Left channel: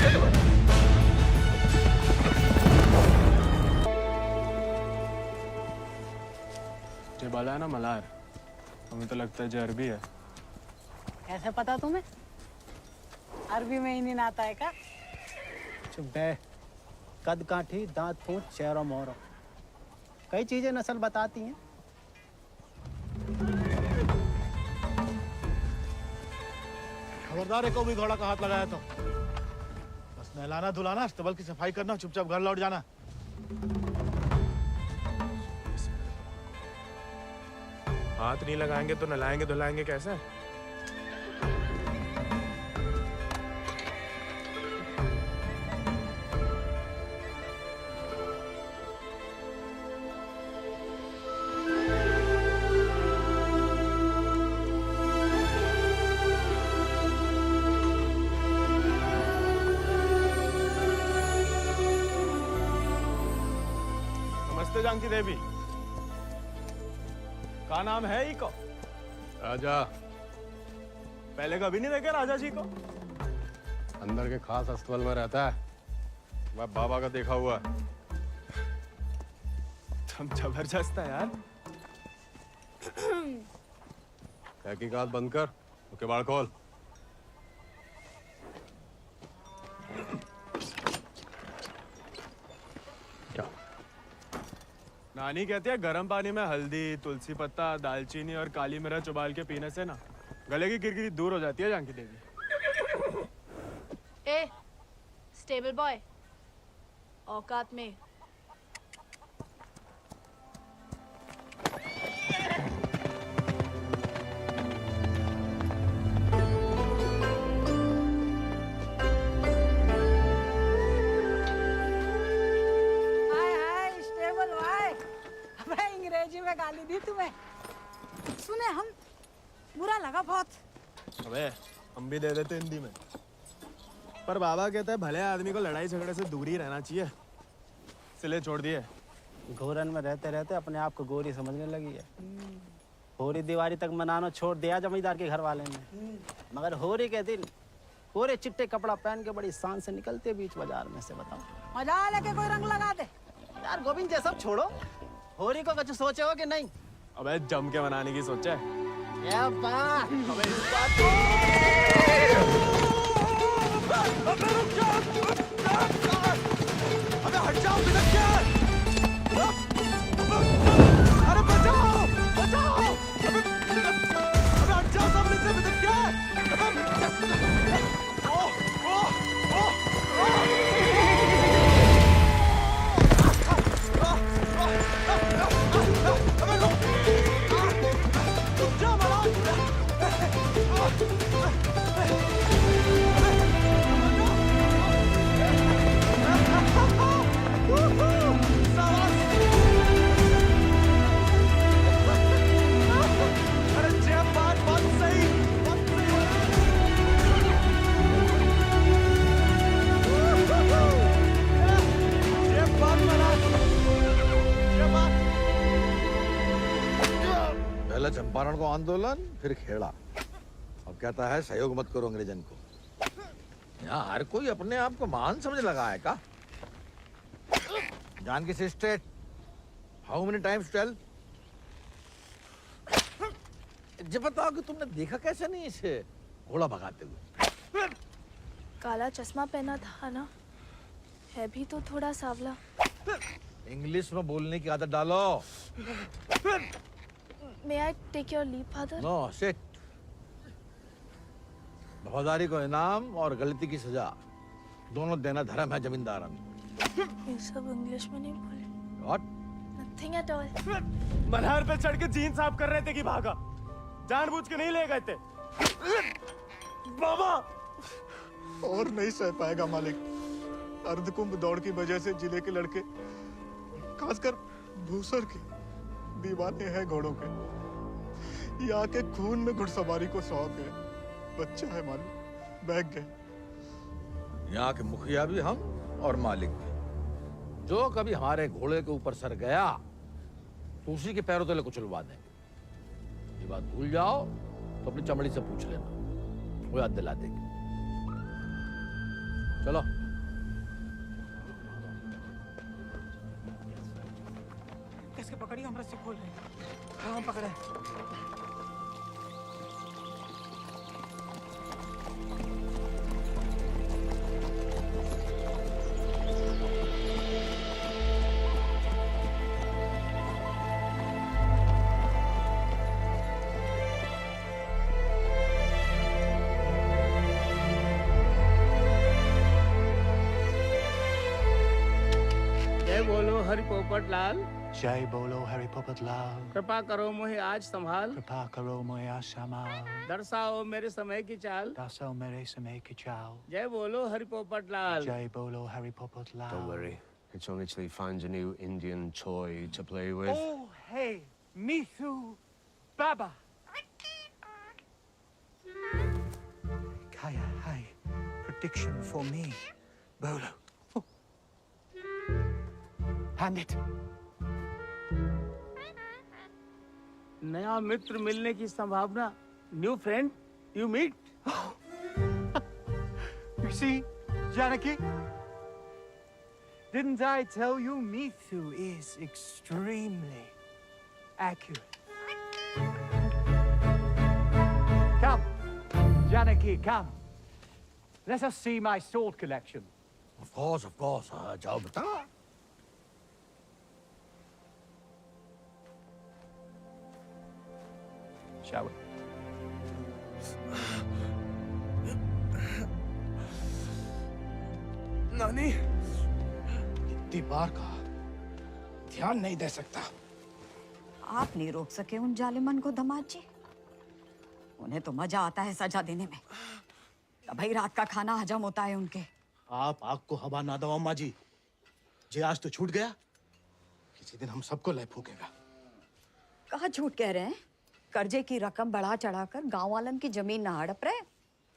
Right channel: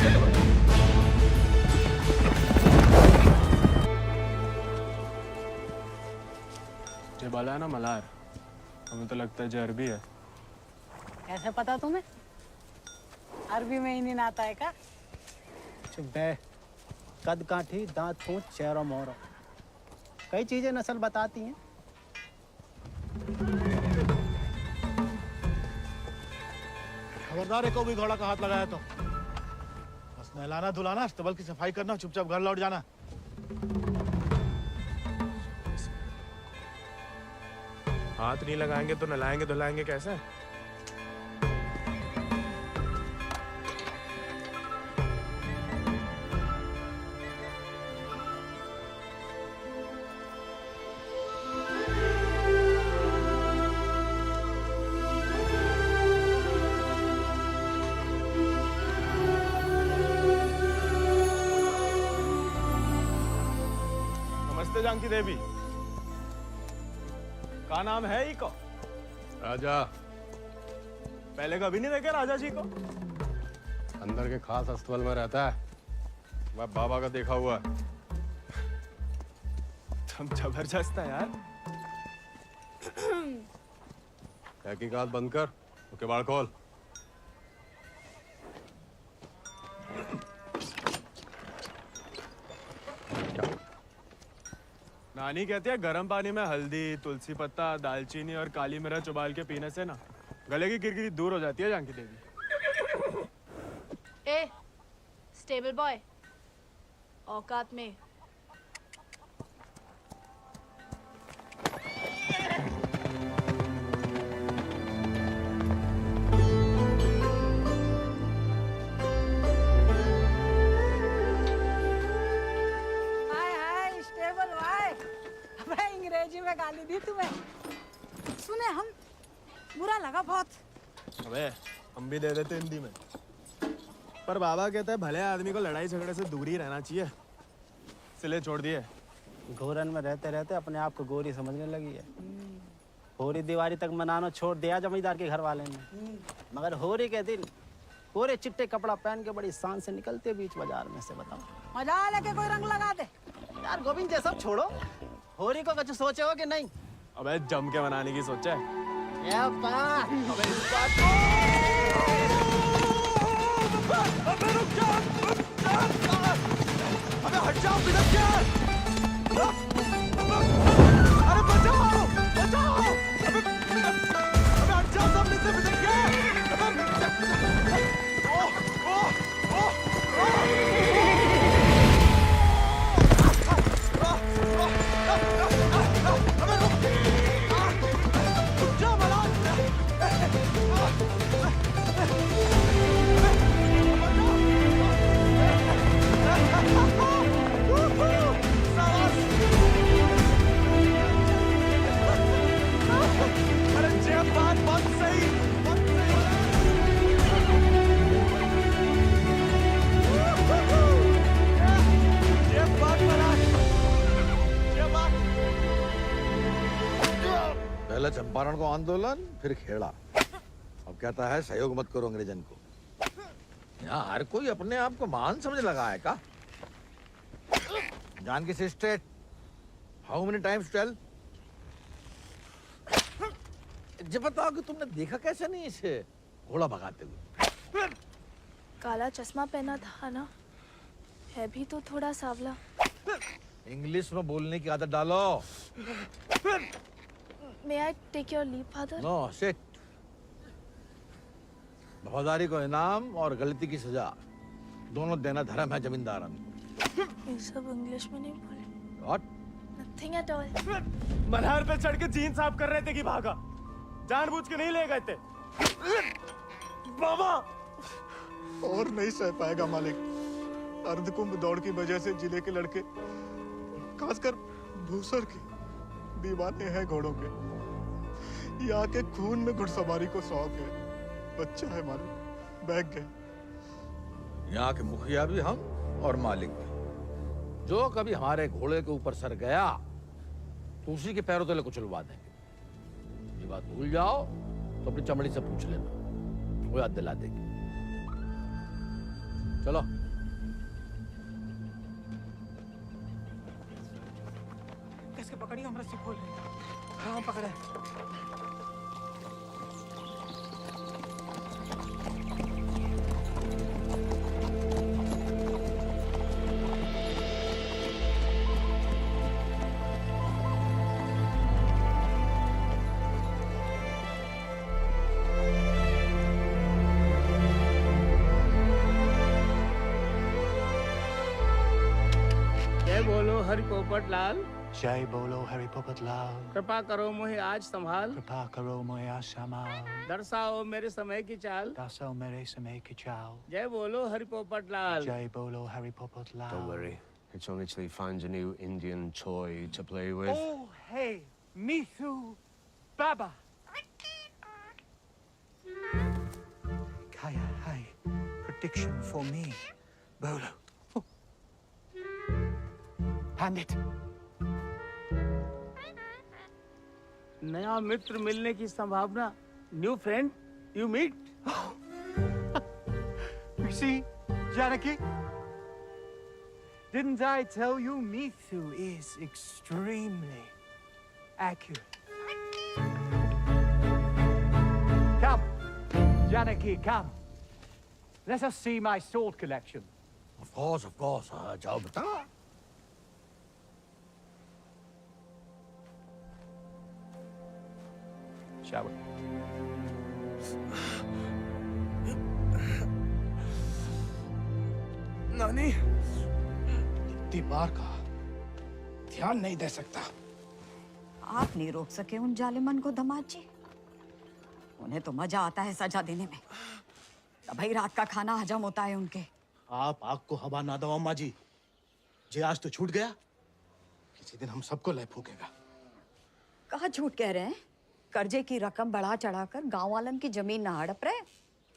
ये बाला है ना मलार, हमें तो लगता है जो अरबी है। कैसे पता तुम्हें? अरबी में ही नहीं आता है क्या? चुप बे। कद काठी, दांत पूंछ, चेहरा मोहरा, कई चीजें नस्ल बताती हैं। खबरदार है, को भी घोड़ा का हाथ लगाया तो बस नहलाना धुलाना, अस्तबल की सफाई करना, चुपचाप घर लौट जाना। हाथ नहीं लगाएंगे तो नहलाएंगे धुलाएंगे कैसे? नमस्ते जानकी देवी, का नाम है ही को? राजा। पहले कभी नहीं देखे राजा जी को? अंदर के खास अस्तबल में रहता है, वह बाबा का देखा हुआ है। तुम जबरदस्त है यार। तहकीकात बंद कर, ओके बाढ़ खोल। नानी कहती है गर्म पानी में हल्दी, तुलसी पत्ता, दालचीनी और काली मिर्च उबाल के पीने से ना गले की किरकिरी दूर हो जाती है जानकी देवी। ए, स्टेबल बॉय, औकात में। अंग्रेजी में गाली दी तुम्हें, सुने हम, बुरा लगा बहुत। अबे हम भी दे देते हिंदी में, पर बाबा कहता है भले आदमी को लड़ाई झगड़े से दूर ही रहना चाहिए, इसलिए छोड़ दिए। घोरन में रहते रहते अपने आप को गोरी समझने लगी है। होरी दिवाली तक मनाना छोड़ दिया जमींदार के घर वाले ने, मगर होरी के दिन पूरे चिट्टे कपड़ा पहन के बड़ी शान से निकलते बीच बाजार में से। बताओ मजा लेके कोई रंग लगा दे यार। गोविंद ये सब छोड़ो, होरी को कुछ सोचे हो कि नहीं? अबे जम के मनाने की सोचा है। या बात। अबे इस बात को अबे रुक जा, अबे हट जाओ, बिदक क्या? अरे बचाओ बचाओ, अबे हट जाओ सामने से, बिदक क्या? अबे रुक जा मलार। अरे जेब बात बहुत सही जेब बात मलार, जेब बात। पहले चंपारण को आंदोलन, फिर खेड़ा, अब कहता है सहयोग मत करो अंग्रेजन को। यहाँ हर कोई अपने आप को महान समझ लगा है का? Janaki sister, how many times tell? जब बताओ कि तुमने देखा कैसे नहीं इसे घोड़ा भगाते हुए? काला चश्मा पहना था ना, है भी तो थोड़ा सावला। इंग्लिश में बोलने की आदत डालो। May I take your leave, father? No sit. वफादारी को इनाम और गलती की सजा दोनों देना धर्म है जमींदार को। ये सब इंग्लिश में नहीं बोले। What? Nothing at all. Malhar पे चढ़ के जीन साफ कर रहे थे कि भागा, जानबूझ के नहीं ले गए थे। बाबा और नहीं सह पाएगा मालिक। अर्धकुंभ दौड़ की वजह से जिले के लड़के, खासकर भूसर के, दीवाने हैं घोड़ों के। यहाँ के खून में घुड़सवारी को शौक है। बच्चा है मालिक, बहक गए। यहाँ के मुखिया भी हम और मालिक भी। जो कभी हमारे घोड़े के ऊपर सर गया तो उसी के पैरों तले कुचलवा देंगे। ये बात भूल जाओ तो अपनी चमड़ी से पूछ लेना, वो याद दिला देगी। चलो। कैसे पकड़ी हम रस्सी खोल रहे? हाँ पकड़े। जय बोलो हरि पोपट लाल। जय बोलो हरि पोपट लाल। कृपा करो मुझे आज संभाल। कृपा करो मुझे संभाल। दर्शाओ मेरे समय की चाल। दर्शाओ मेरे समय की चाल। जय बोलो हरि पोपट लाल। जय बोलो Hari Popat Lal. Don't worry. It's only till he finds a new Indian toy to play with. Oh, hey, Mithu, Baba. Kaya, hi. Prediction for me, Bolo. Hand it. नया मित्र मिलने की संभावना। New friend you meet. You see, Janaki? Didn't I tell you Mithu is extremely accurate? Come, Janaki, come. Let us see my sword collection. Of course, of course. जाओ बता। Shall we? नानी इतनी बार कहा, ध्यान नहीं दे सकता। आप नहीं रोक सके उन जालिमन को दामाद जी। उन्हें तो मजा आता है सजा देने में। तभी रात का खाना हजम होता है उनके। आप आग को हवा ना दो अम्मा जी। जे आज तो छूट गया, किसी दिन हम सबको लय फूकेगा। कहाँ झूठ कह रहे हैं? कर्जे की रकम बढ़ा चढ़ाकर गांव वालन की जमीन ना हड़प रहे।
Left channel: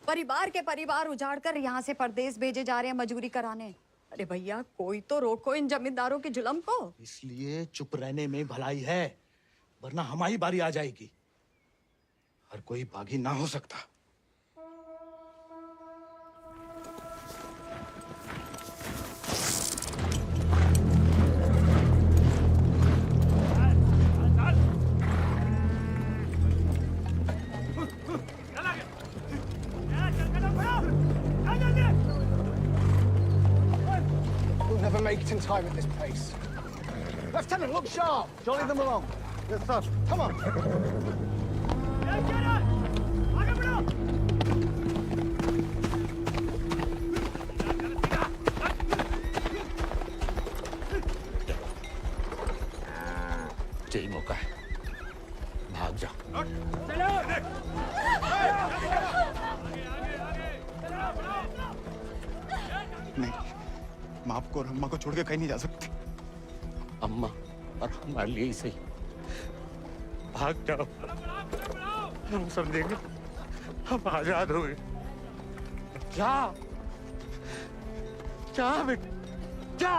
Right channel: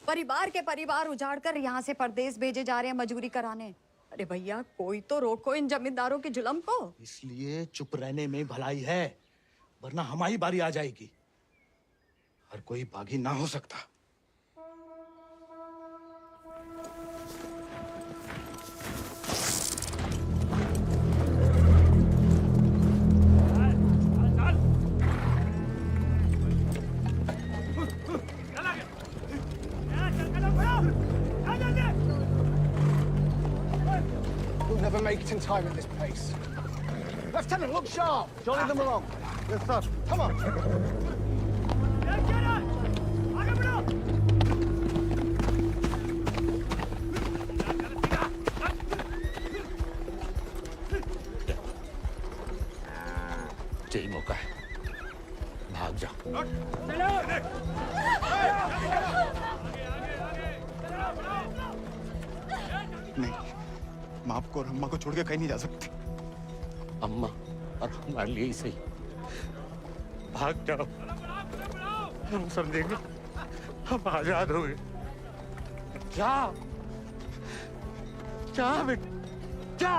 परिवार के परिवार उजाड़कर यहाँ से परदेश भेजे जा रहे हैं मजूरी कराने। अरे भैया, कोई तो रोको इन जमींदारों के जुल्म को। इसलिए चुप रहने में भलाई है, वरना हमारी बारी आ जाएगी। हर कोई बागी ना हो सकता। We'll never make it in time at this pace. Lieutenant, look sharp. Jolly them along. Yes, sir. Come on. यही मौका है। भाग जा। नहीं, मैं आपको और अम्मा को छोड़ के कहीं नहीं जा सकती। अम्मा और हमारे लिए ही सही। भाग जाओ, हम समझेंगे, हम आजाद हो गए। जा, जा बेटा, जा।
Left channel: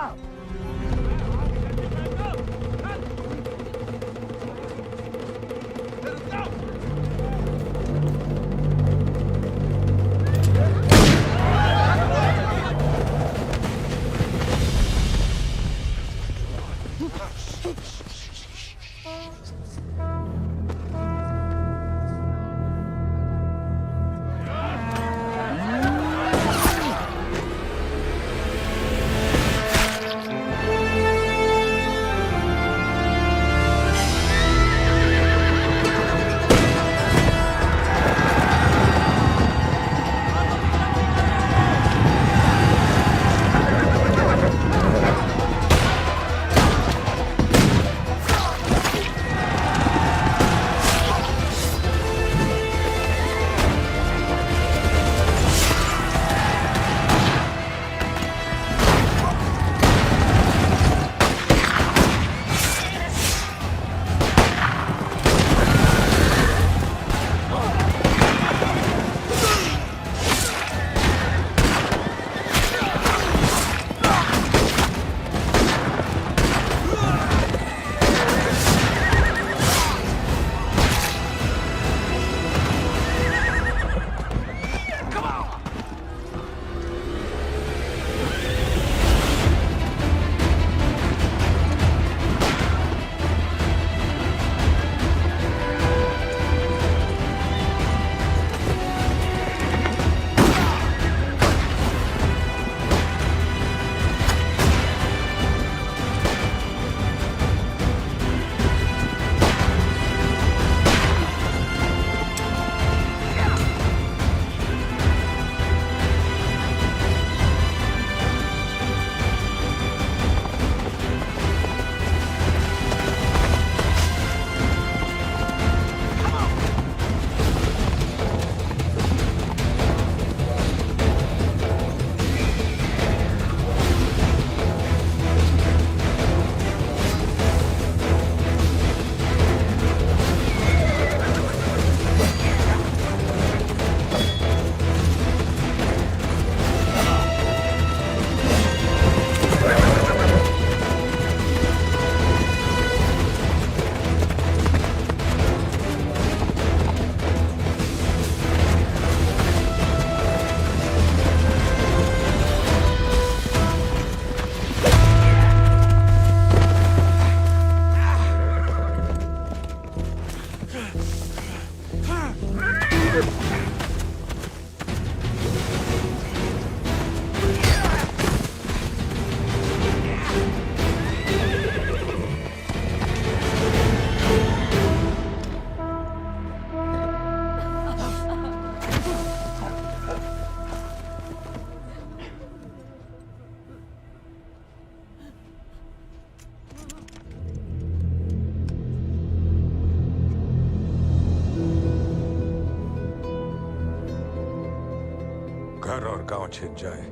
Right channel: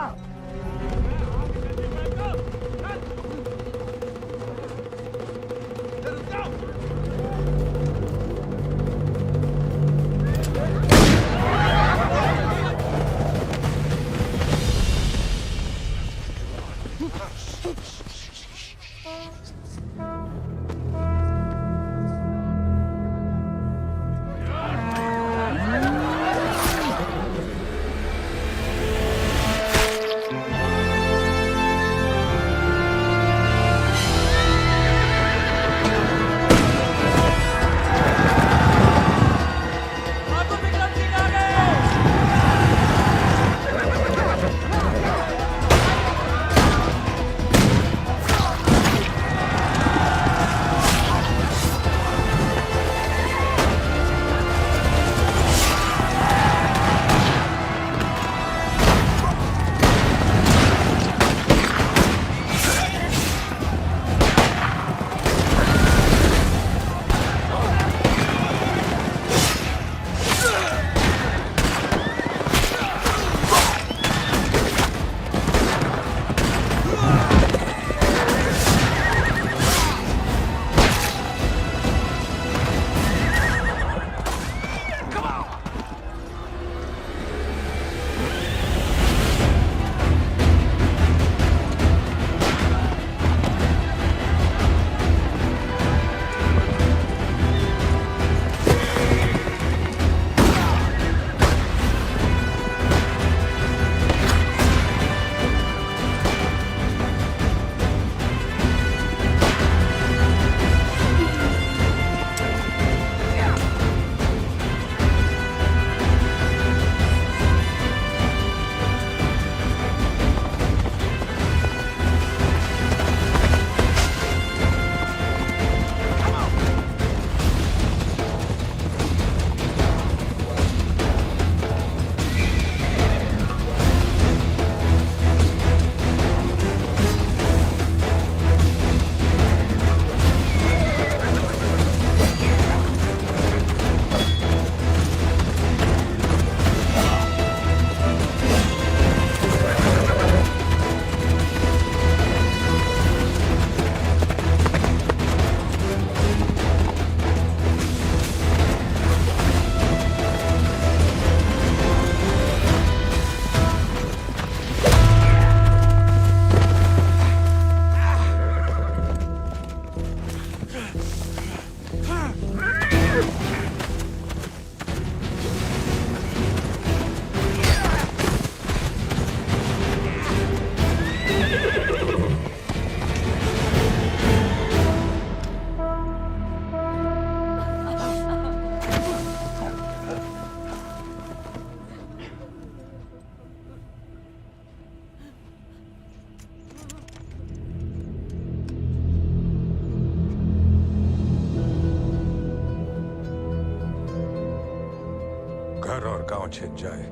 घर और गांव छिन जाए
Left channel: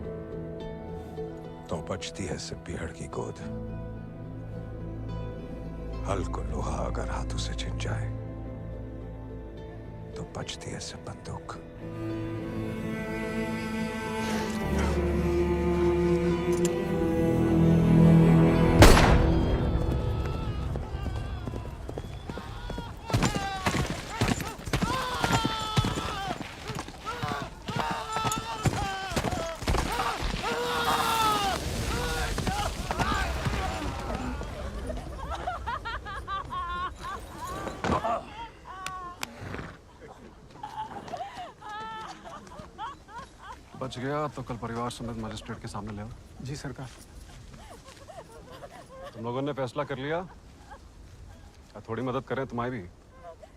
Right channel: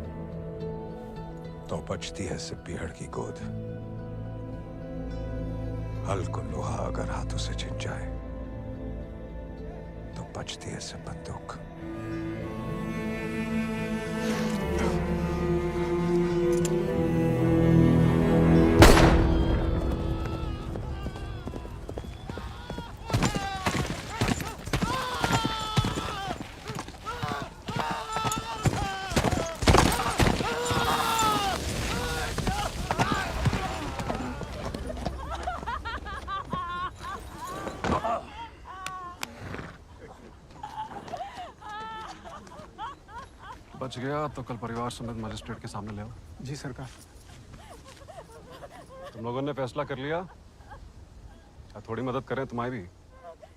तो बचती है सिर्फ पीहड़ की गोद। हल को लोहा अगर हाथों से छिन जाए तो बचती है सिर्फ बंदूक। बच गया तो कल परिवार समेत मजिस्ट्रेट के सामने ले आओ। जी सरकार। तुम लोगों ने फैसला कर लिया, थोड़ी मदद करें तुम्हारी भी।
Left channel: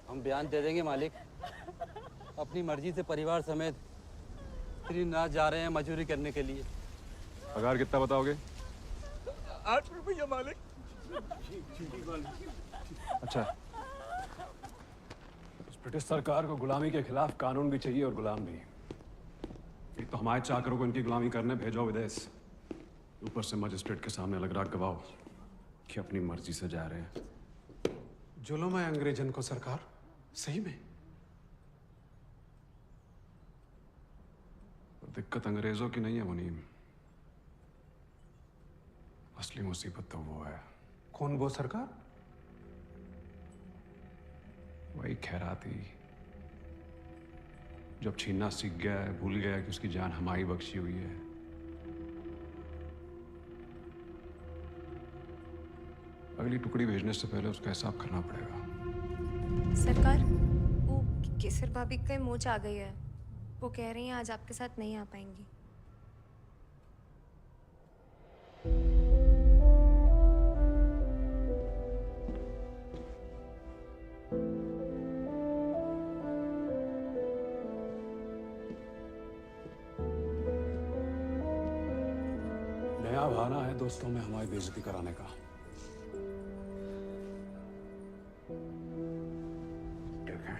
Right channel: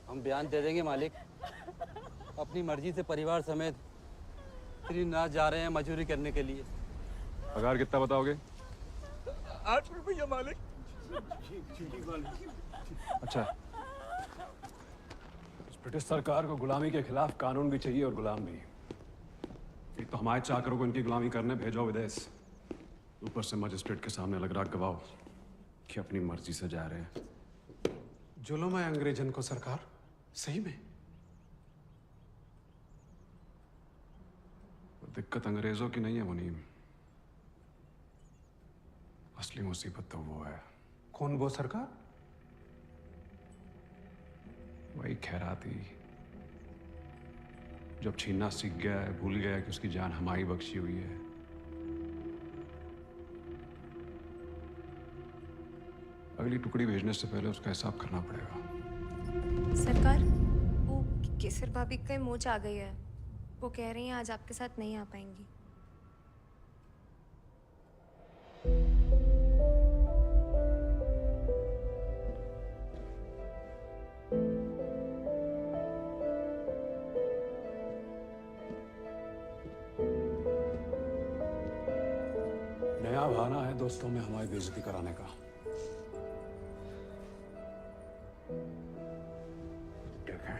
हम बयान दे देंगे मालिक। अपनी मर्जी से परिवार समेत त्रिनाथ जा रहे हैं मजदूरी करने के लिए। पगार कितना बताओगे? 8 रुपया मालिक। अच्छा, इस ब्रिटिश सरकार को गुलामी के खिलाफ कानून भी चाहिए और गुलाम भी। एक तो हमारे चाकरों को इनकी गुलामी करने भेजो विदेश, ऊपर से मजिस्ट्रेट के सामने लग रहा गवाह कि अपनी मर्जी से जा रहे हैं। जुल्म है अंग्रेजन को सरकार, सही में। और दिक्कत अंग्रेजों की नहीं है मुनीम, असली मुसीबत तो वो है। कौन वो सरकार? वही खैराती, जब छीनना सीख गया है, भूल गया कि उसकी जान हमारी बख्शी हुई है। अगली टुकड़ी भेजने से पहले उसका हिसाब करना पड़ेगा। सरकार, वो केसर भाभी का मोच आ गई है। वो कह रही हैं आज आपके साथ नहीं आ पाएंगी। नया बहाना है दोस्तों में हमारी बेइज्जती कराने का। ठीक है,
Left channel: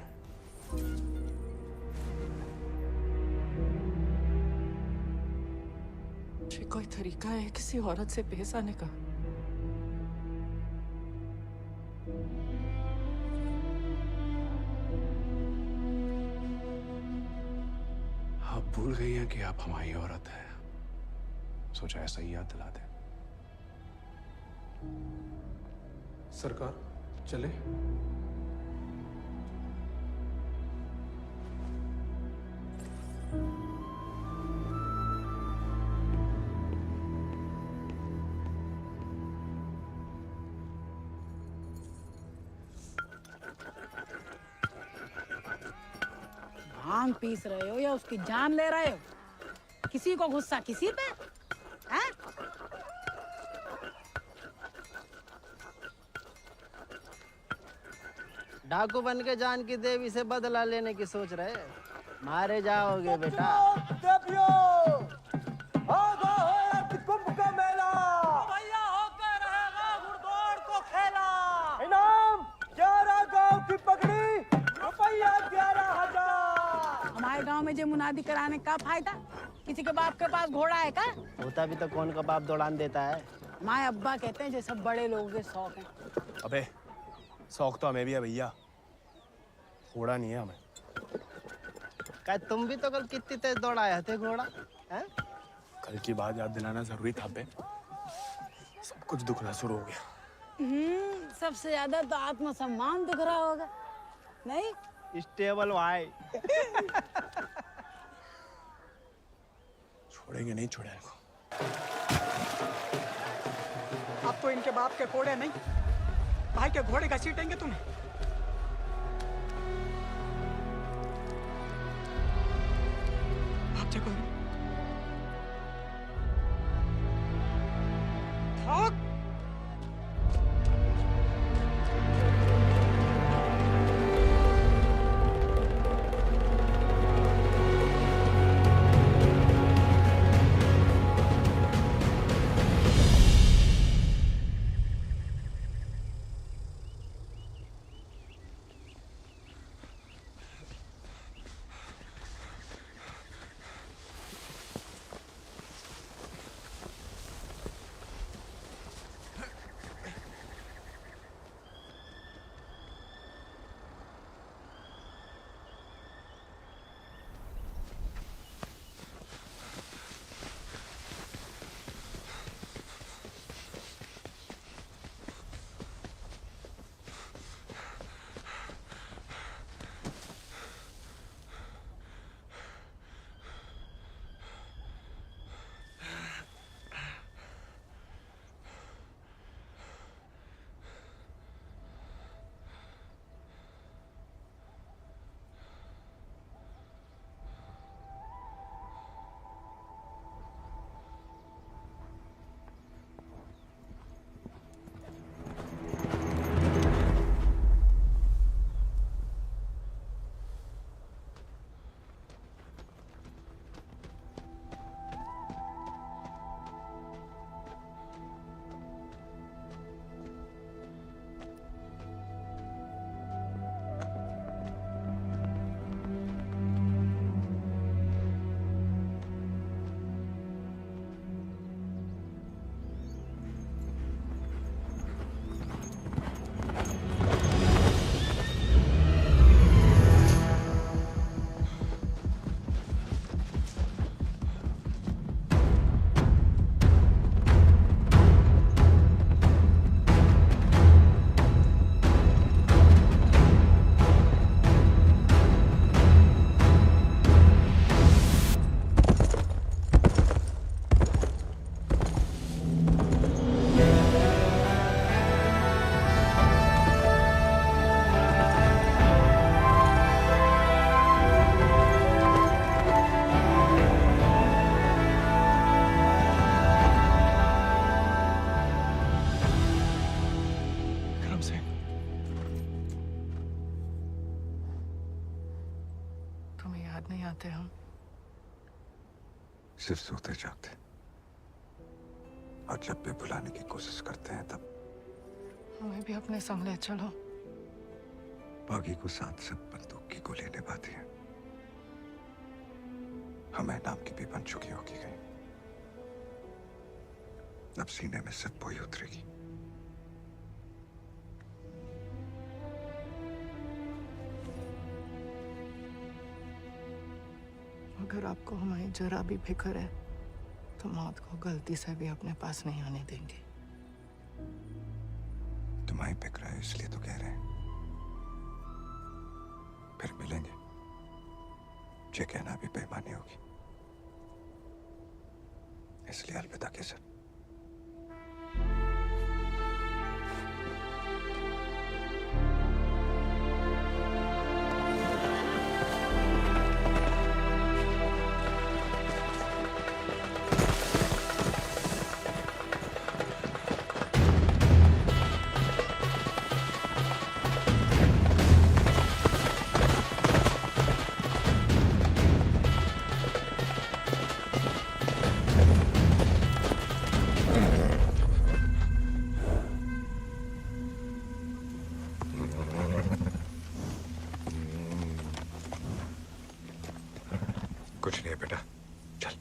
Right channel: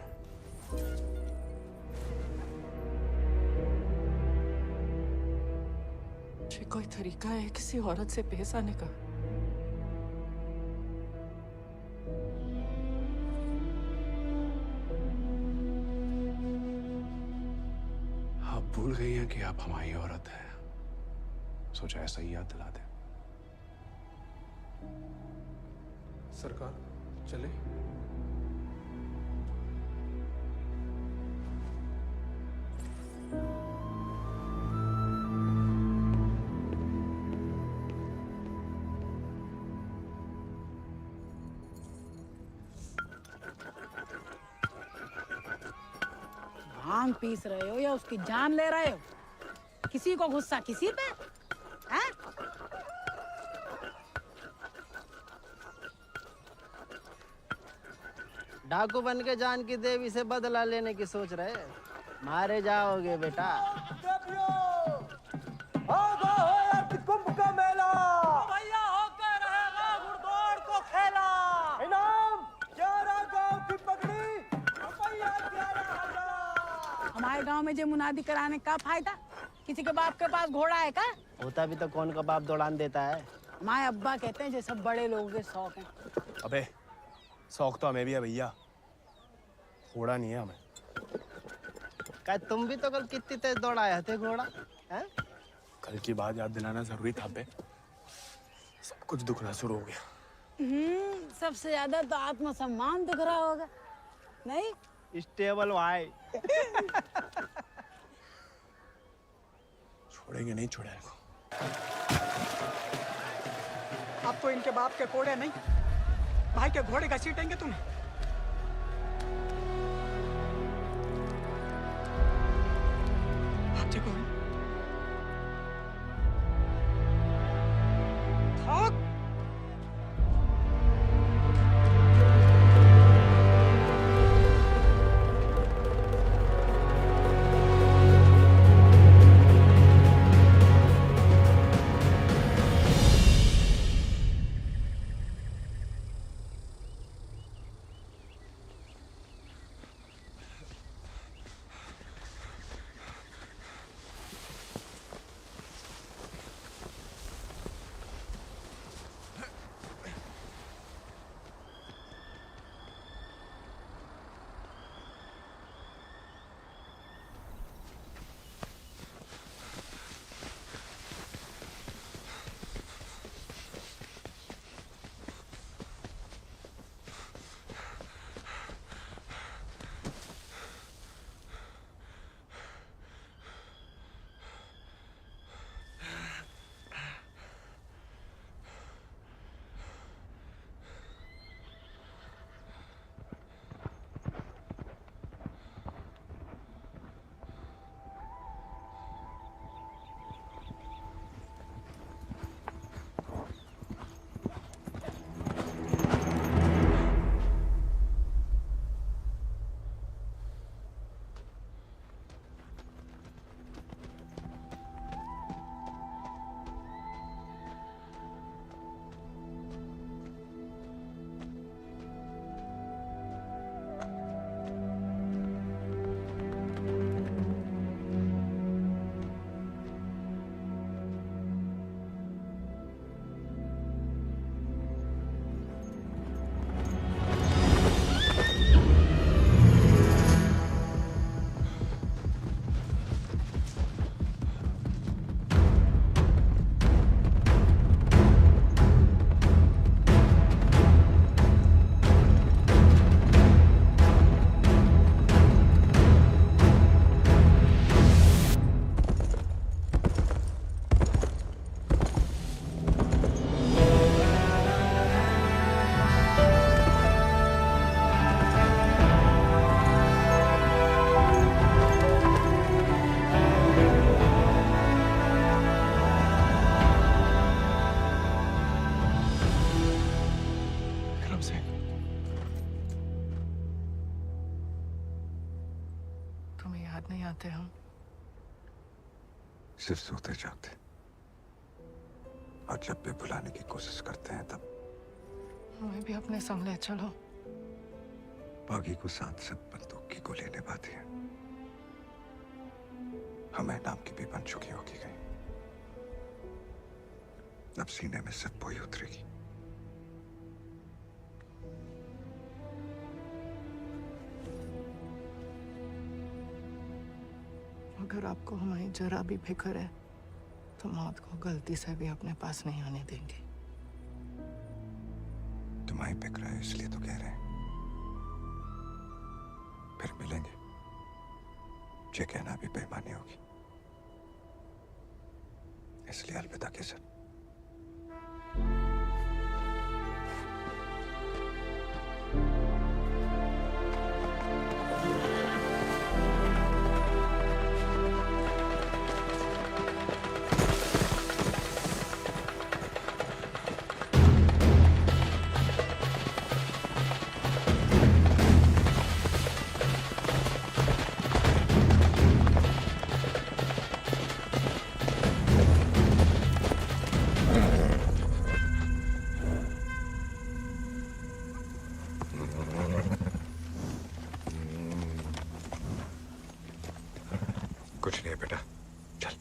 ये कोई तरीका है किसी औरत से पेश आने का? आप भूल गई हैं कि आप हमारी औरत हैं, सोचा ऐसा ही याद दिला दे। सरकार चले? भांग पीस रहे हो या उसकी जान ले रहे हो? किसी को गुस्सा किसी पे? हैं? डाकू बन के जान की देवी से बदला लेने की सोच रहे, मारे जाओगे बेटा। कुंभ का मेला भैया होकर रहेगा घुड़दौड़ को खेला। इनाम 11 गांव की पगड़ी, रुपया 11,000। हमारे गांव में जो मुनादी कराने का फायदा? किसी के बाप के पास घोड़ा है का? होता भी तो कौन का बाप दौड़ान देता है। हमारे अब्बा कहते हैं जो सब बड़े लोगों के शौक हैं। अबे शौक तो हमें भी है भैया, घोड़ा नहीं है हमें। क्या तुम भी तो कल कितनी तेज दौड़ाए थे घोड़ा? हैं? कल की बात याद दिलाना जरूरी था बे, सब कुछ दुखना शुरू हो गया। सबसे ज्यादा तो आत्मसम्मान दिख रहा होगा, नहीं? स्टेबल भाई। छोड़ेंगे नहीं, छोड़े इनको। अब तो इनके बाप के घोड़े नहीं, भाई के घोड़े का सीटेंगे तुम्हें। भाग देखो भाग। जाते हम? सिर्फ सोते जागते, और जब भी बुलाने की कोशिश करते हैं तब हमें भी अपने संग ले चलो। बागी को साथ सब बंदूक की गोली निभाती है, हमें नाम की भी बन चुकी होगी कहीं। अब सीने में सिर्फ वही उतरेगी। अगर आपको हमारी जरा भी फिक्र है तो मौत को गलती से भी अपने पास नहीं आने देंगे। तुम्हारी फिक्र है इसलिए तो कह रहे हैं। फिर मिलेंगे, ये कहना भी बेईमानी होगी, इसलिए अलविदा केसर। कुछ नहीं है बेटा, चल।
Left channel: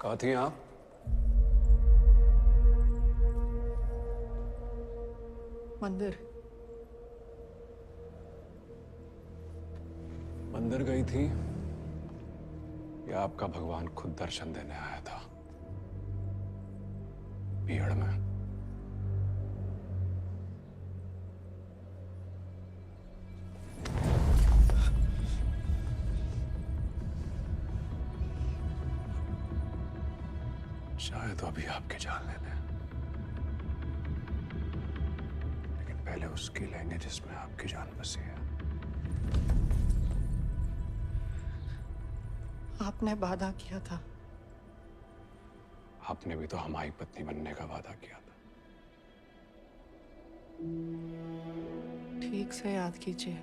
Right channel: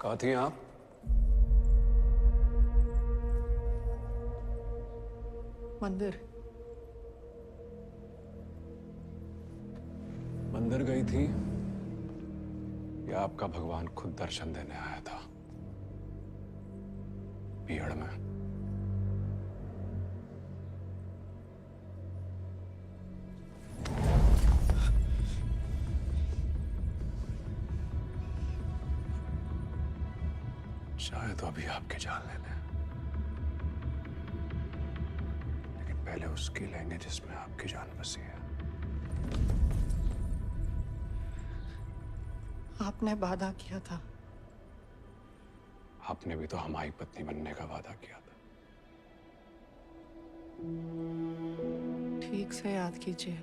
कहाँ थी आप? मंदिर। मंदिर गई थी या आपका भगवान खुद दर्शन देने आया था भीड़ में? शायद तो अभी आपके जान ले लें, लेकिन पहले उसकी लेंगे जिसमें आपकी जान बसी है। आपने वादा किया था। आपने भी तो हमारी पत्नी बनने का वादा किया था। ठीक से याद कीजिए,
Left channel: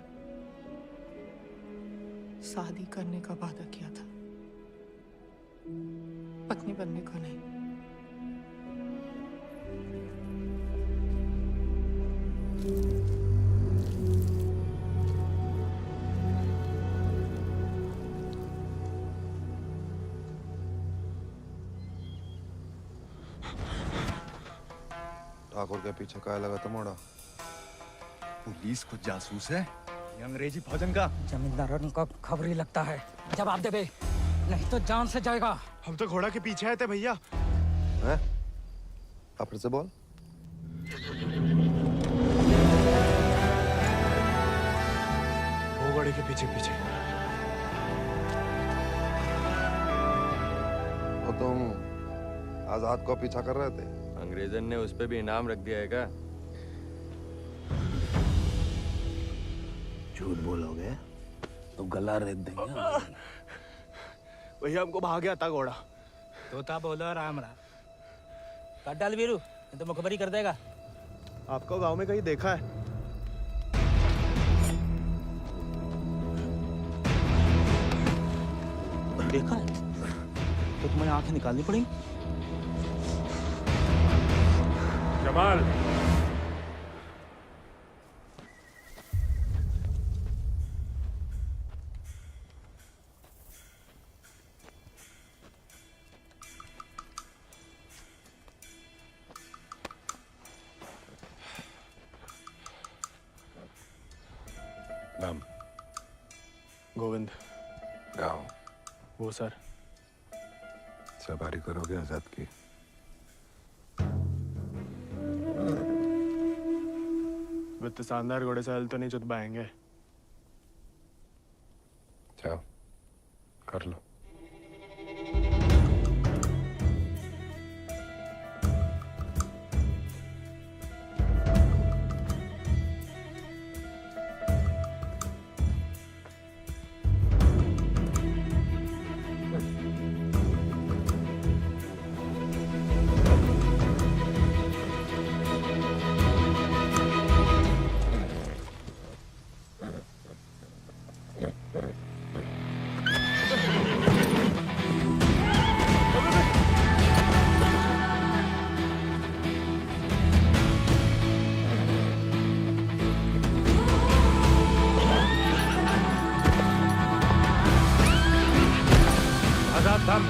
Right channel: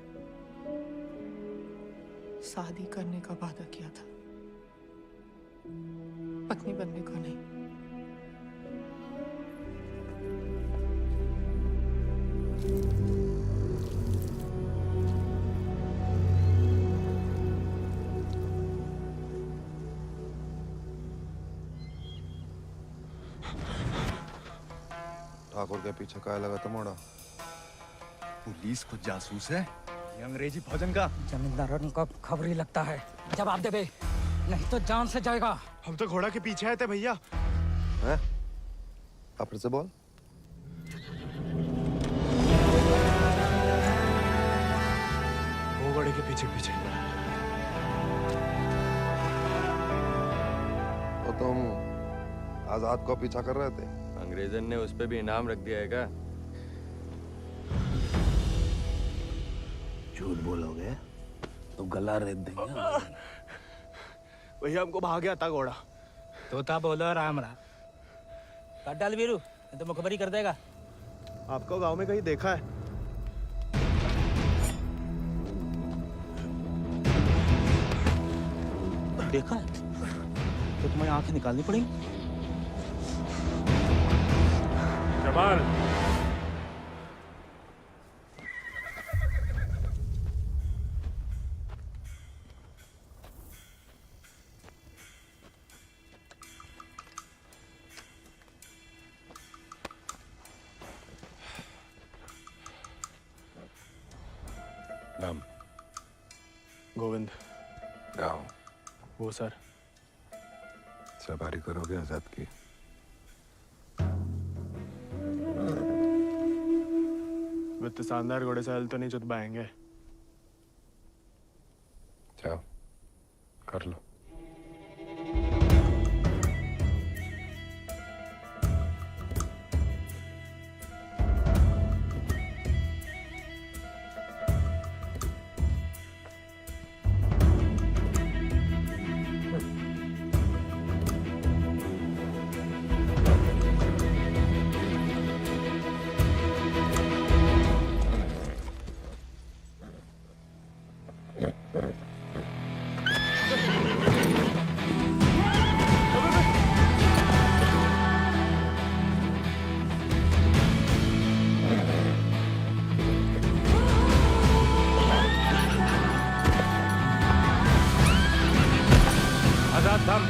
शादी करने का वादा किया था, पत्नी बनने का नहीं। ठाकुर के पीछे काय लगा था मोड़ा? पुलिस खुद जासूस है, ये अंग्रेजी फौजन का। जमींदारों को खबर ही लगता है। जवाब दे बे, नहीं तो जान से जाएगा। हम तो घोड़ा के पीछे आए थे भैया। हैं? आप फिर से बोल। वो घोड़े के पीछे पीछे। तो तुम आजाद को पीछा कर रहे थे? अंग्रेजन ने उस पे भी इनाम रख दिया है क्या? झूठ बोलोगे तो गला रेत देंगे। भैया हमको भाग गया था घोड़ा। तोता बोलो राम राम। काट डाल वीरू, नहीं तो मुखबरी कर देगा। आपको गांव में कहीं देखा है? देखा है तो तुम्हें आंखें निकालनी पड़ेंगी। जमाल, नाम? गोविंद। गाँव? वो सर। सवारी करोगे आजाद की? वित्त शानदार घोड़े से हल तो नहीं चुतवाएंगे। जाओ कर लो। आजाद थम।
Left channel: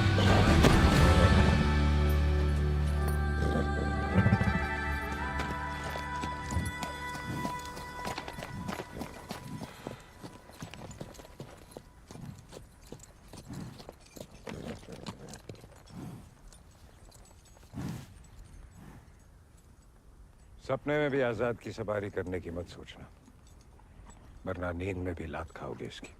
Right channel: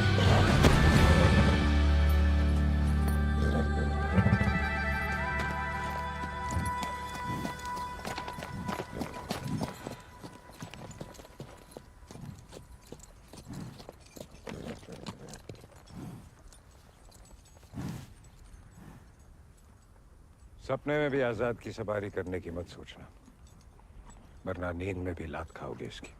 सपने में भी आजाद की सवारी करने की मत सोचना, वरना नींद में भी लात खाओगे इसकी।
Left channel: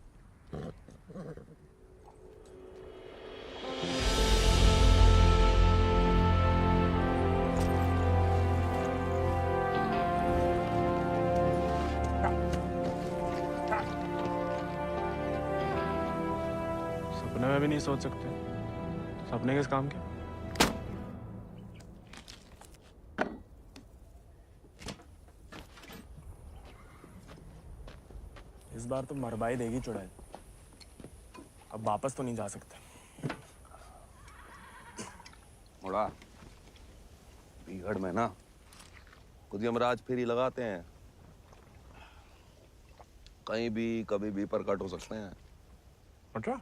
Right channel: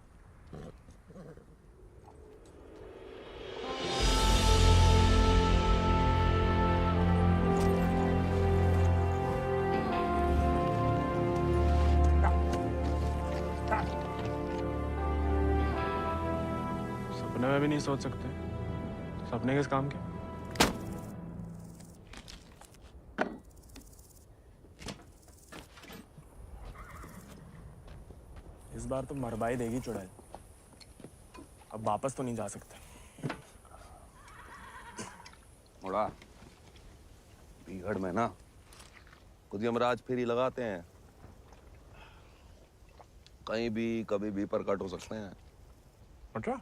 सपने में भी नहीं सोच सकते, सपने किस काम के? इस बार तो मरवाई देगी चुड़ैल। अब वापस तो नहीं जा सकते। मुड़ा बीघड़ में ना खुद यमराज फेरी लगाते हैं, कहीं भी कभी भी प्रकट हो सकते हैं। अच्छा?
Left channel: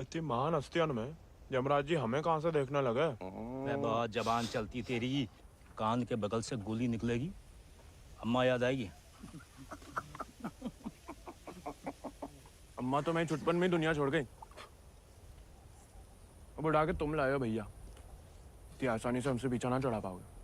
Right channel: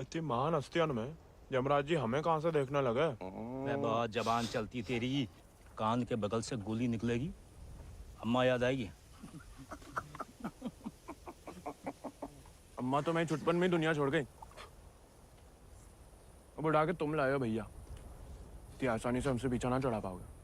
इतनी महान हस्तियों में यमराज जी हमें कहाँ से देखने लगे? मैं बहुत जबान चलती तेरी, कान के बगल से गोली निकलेगी, अम्मा याद आएगी। अम्मा तो मैं छुटपन में ही दुनिया छोड़ गई। अब उड़ा के तुम लाए हो भैया, इतनी आसानी से हमसे पीछा ना चढ़ा पाओगे।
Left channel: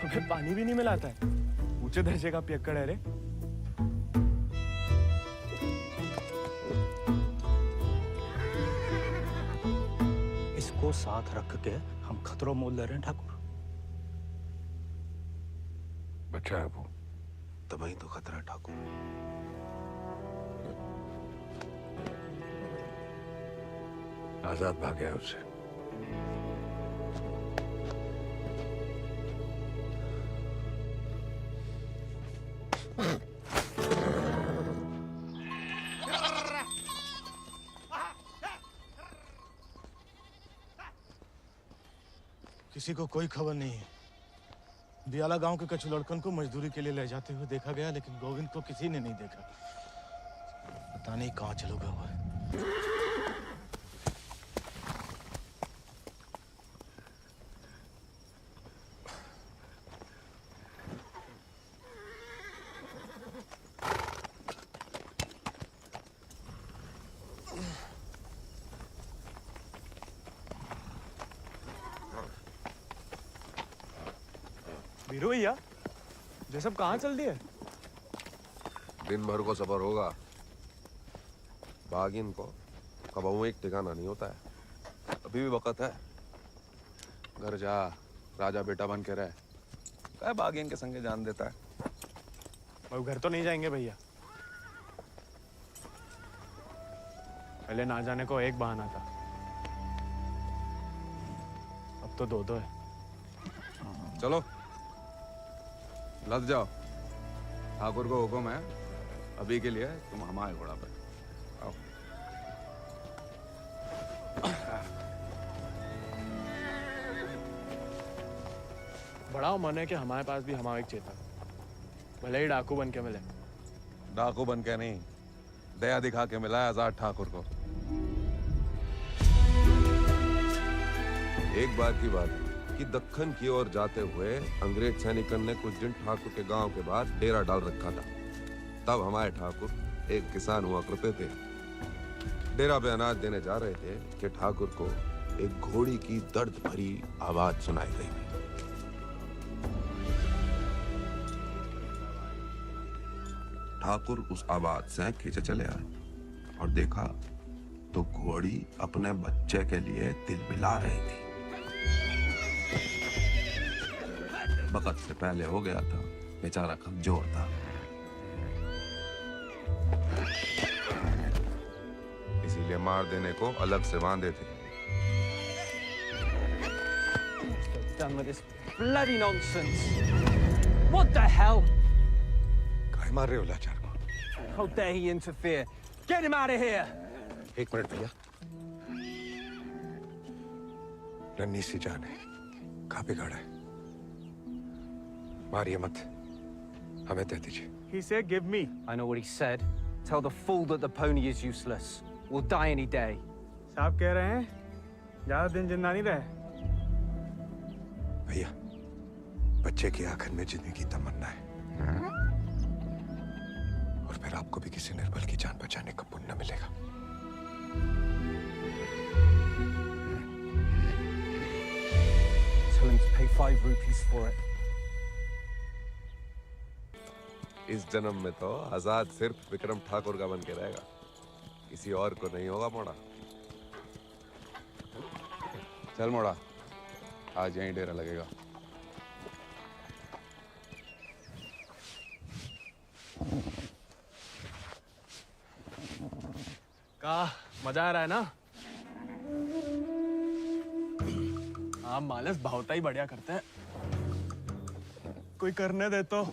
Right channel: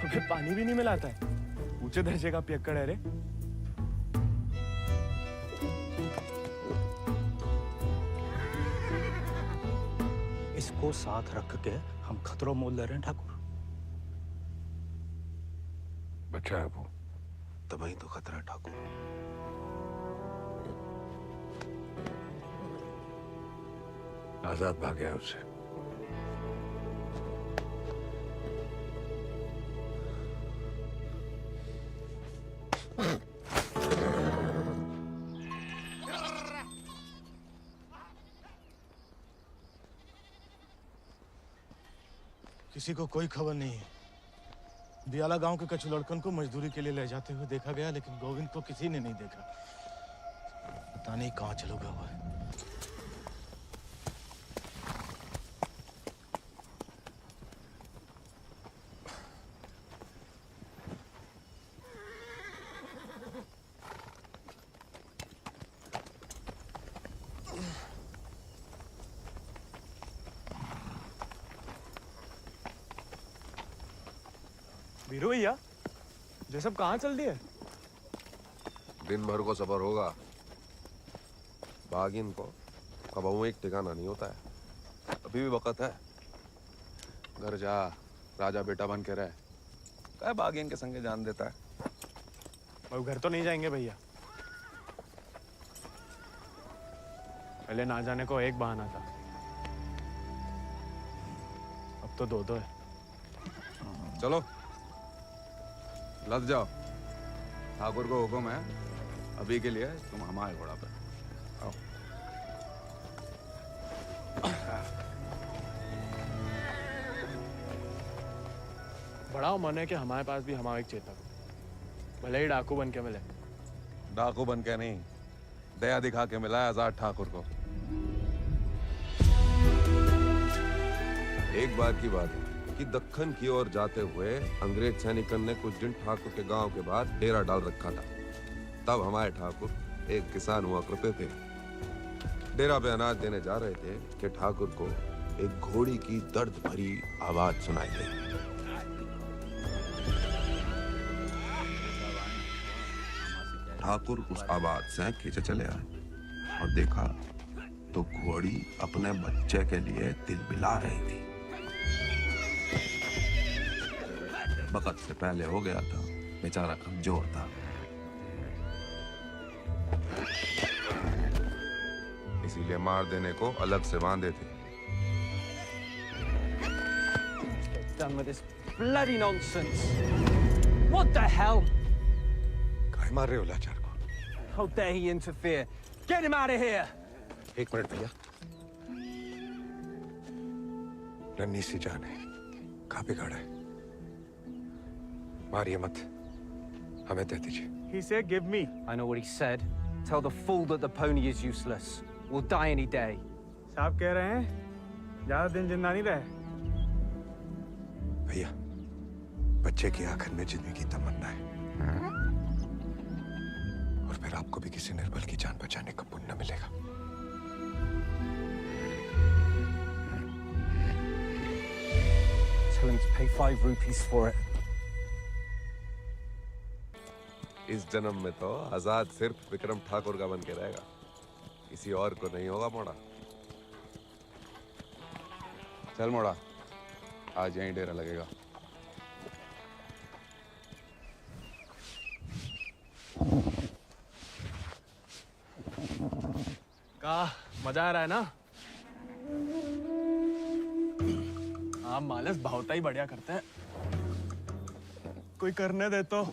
हमें पानी भी नहीं मिलाता है, ऊंचे दर्जे का पियक्कड़ है रे। इसको साथ रख के हम खतरों मोल ले रहे हैं ठाकुर। बच्चा है वो, तभी तो खतरा है ठाकुर। आजाद भाग गया उससे। किसी को कोई खबर नहीं है। दियाला गांव के कछु लड़कन को मजदूरी के लिए ले जाते हुए देखा गया, लेकिन गोविंद को किसी ने नहीं देखा। पता नहीं कहाँ चलो गया हुआ है। वीरू भैया, ये सब कहाँ चल दिए? दिन भर को सफर होगा, बागिन को कबहू एक ठिकाना नहीं होता है। अभी भी वक्त है, घर जा, राजा बेटा बन के रहे। क्या बागिन के संगे जान देता है। वो घर तो नहीं जाएंगे भैया, पहले ना जाने को एक बहाना था, अब तो दो है। चलो लद जाओ, ठाकुर को हुक्म है, अभी के लिए तुम हमारे घोड़ा पे आओ। बड़ा मन है कि हमारे पास भी हमारा एक चेतक, भले ही डाकू बन के मिले। डाकू बन के नहीं, दया दिखा के मिला है आजाद ठाकुर को। एक बार की बात है कि दक्कन की ओर जाते हुए अंग्रेज सैनिकों ने कुछ दिन ठाकुर के गांव के बाहर डेरा डाल रखा था। तब हमारे ठाकुर एक किसान हुआ करते थे। डेरा पे अनाज देने जा रहे थे कि ठाकुर को एक घोड़ी की दर्द भरी आवाज सुनाई दी। ठाकुर उस आवाज से खींचे चले आए और देखा तो घोड़ी अपने बच्चे के लिए तिलबिला रही थी। वक्त से पहले हो गया था, बेचारा कमजोर था। इसीलिए मार देने को अलग से बांधे थे। Done with this bloody nonsense. What the hell? काहे मार रहे हो लाचार को? How dare he interfere? Get him out of here! एक मिनट भैया। नन्ही सी जान है, कहाँ बिगाड़ा है? मारिए मत, हमें दे दीजिए। He said, "Give me." I know what he said. Tell the fool that the pony is useless. We'll die any day. साहब कह रहे हैं ज्यादा दिन जिंदा नहीं रहे। भैया, बच्चे की आंखन में जिंदगी की तमन्ना है, और फिर आपको भी किसी निर्बल की जान बचाने का पुण्य मिलेगा। Tell him to pay 5 rupees for it. इस जन्म में तो आजाद सिर्फ विक्रम ठाकुर का बन के रहेगा, किसी और को नहीं होगा मोड़ा। चल मोड़ा, आज यहीं डेरा लगेगा। का मजा आ रहा है ना? आप मालस भावता ही बढ़िया करते हैं। कोई करने दे तो।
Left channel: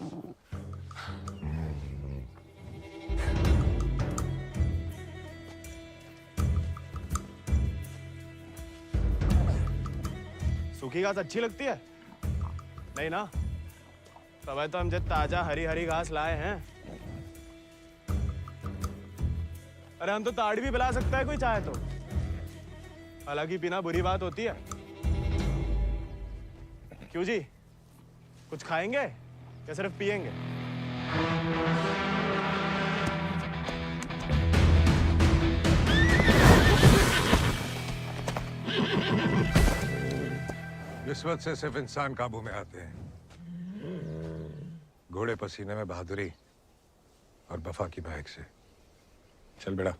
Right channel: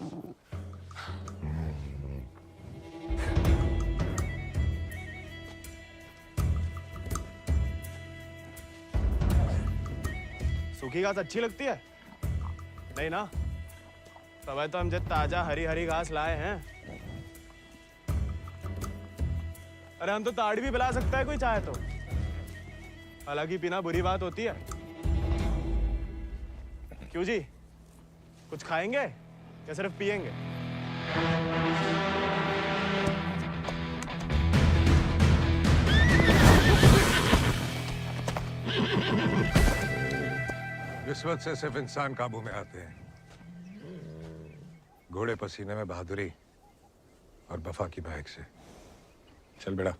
सूखी घास अच्छी लगती है? नहीं ना? तब तो हम जब ताजा हरी हरी घास लाए हैं। अरे हम तो ताड़ी भी पिला सकता है कोई चाहे तो। हालांकि पीना बुरी बात होती है। क्यों जी? कुछ खाएंगे या सिर्फ पिएंगे? रिश्वत से सिर्फ इंसान काबू में आते हैं। घोड़े पसीने में बहादुरी और वफा की महक से। चल बेटा।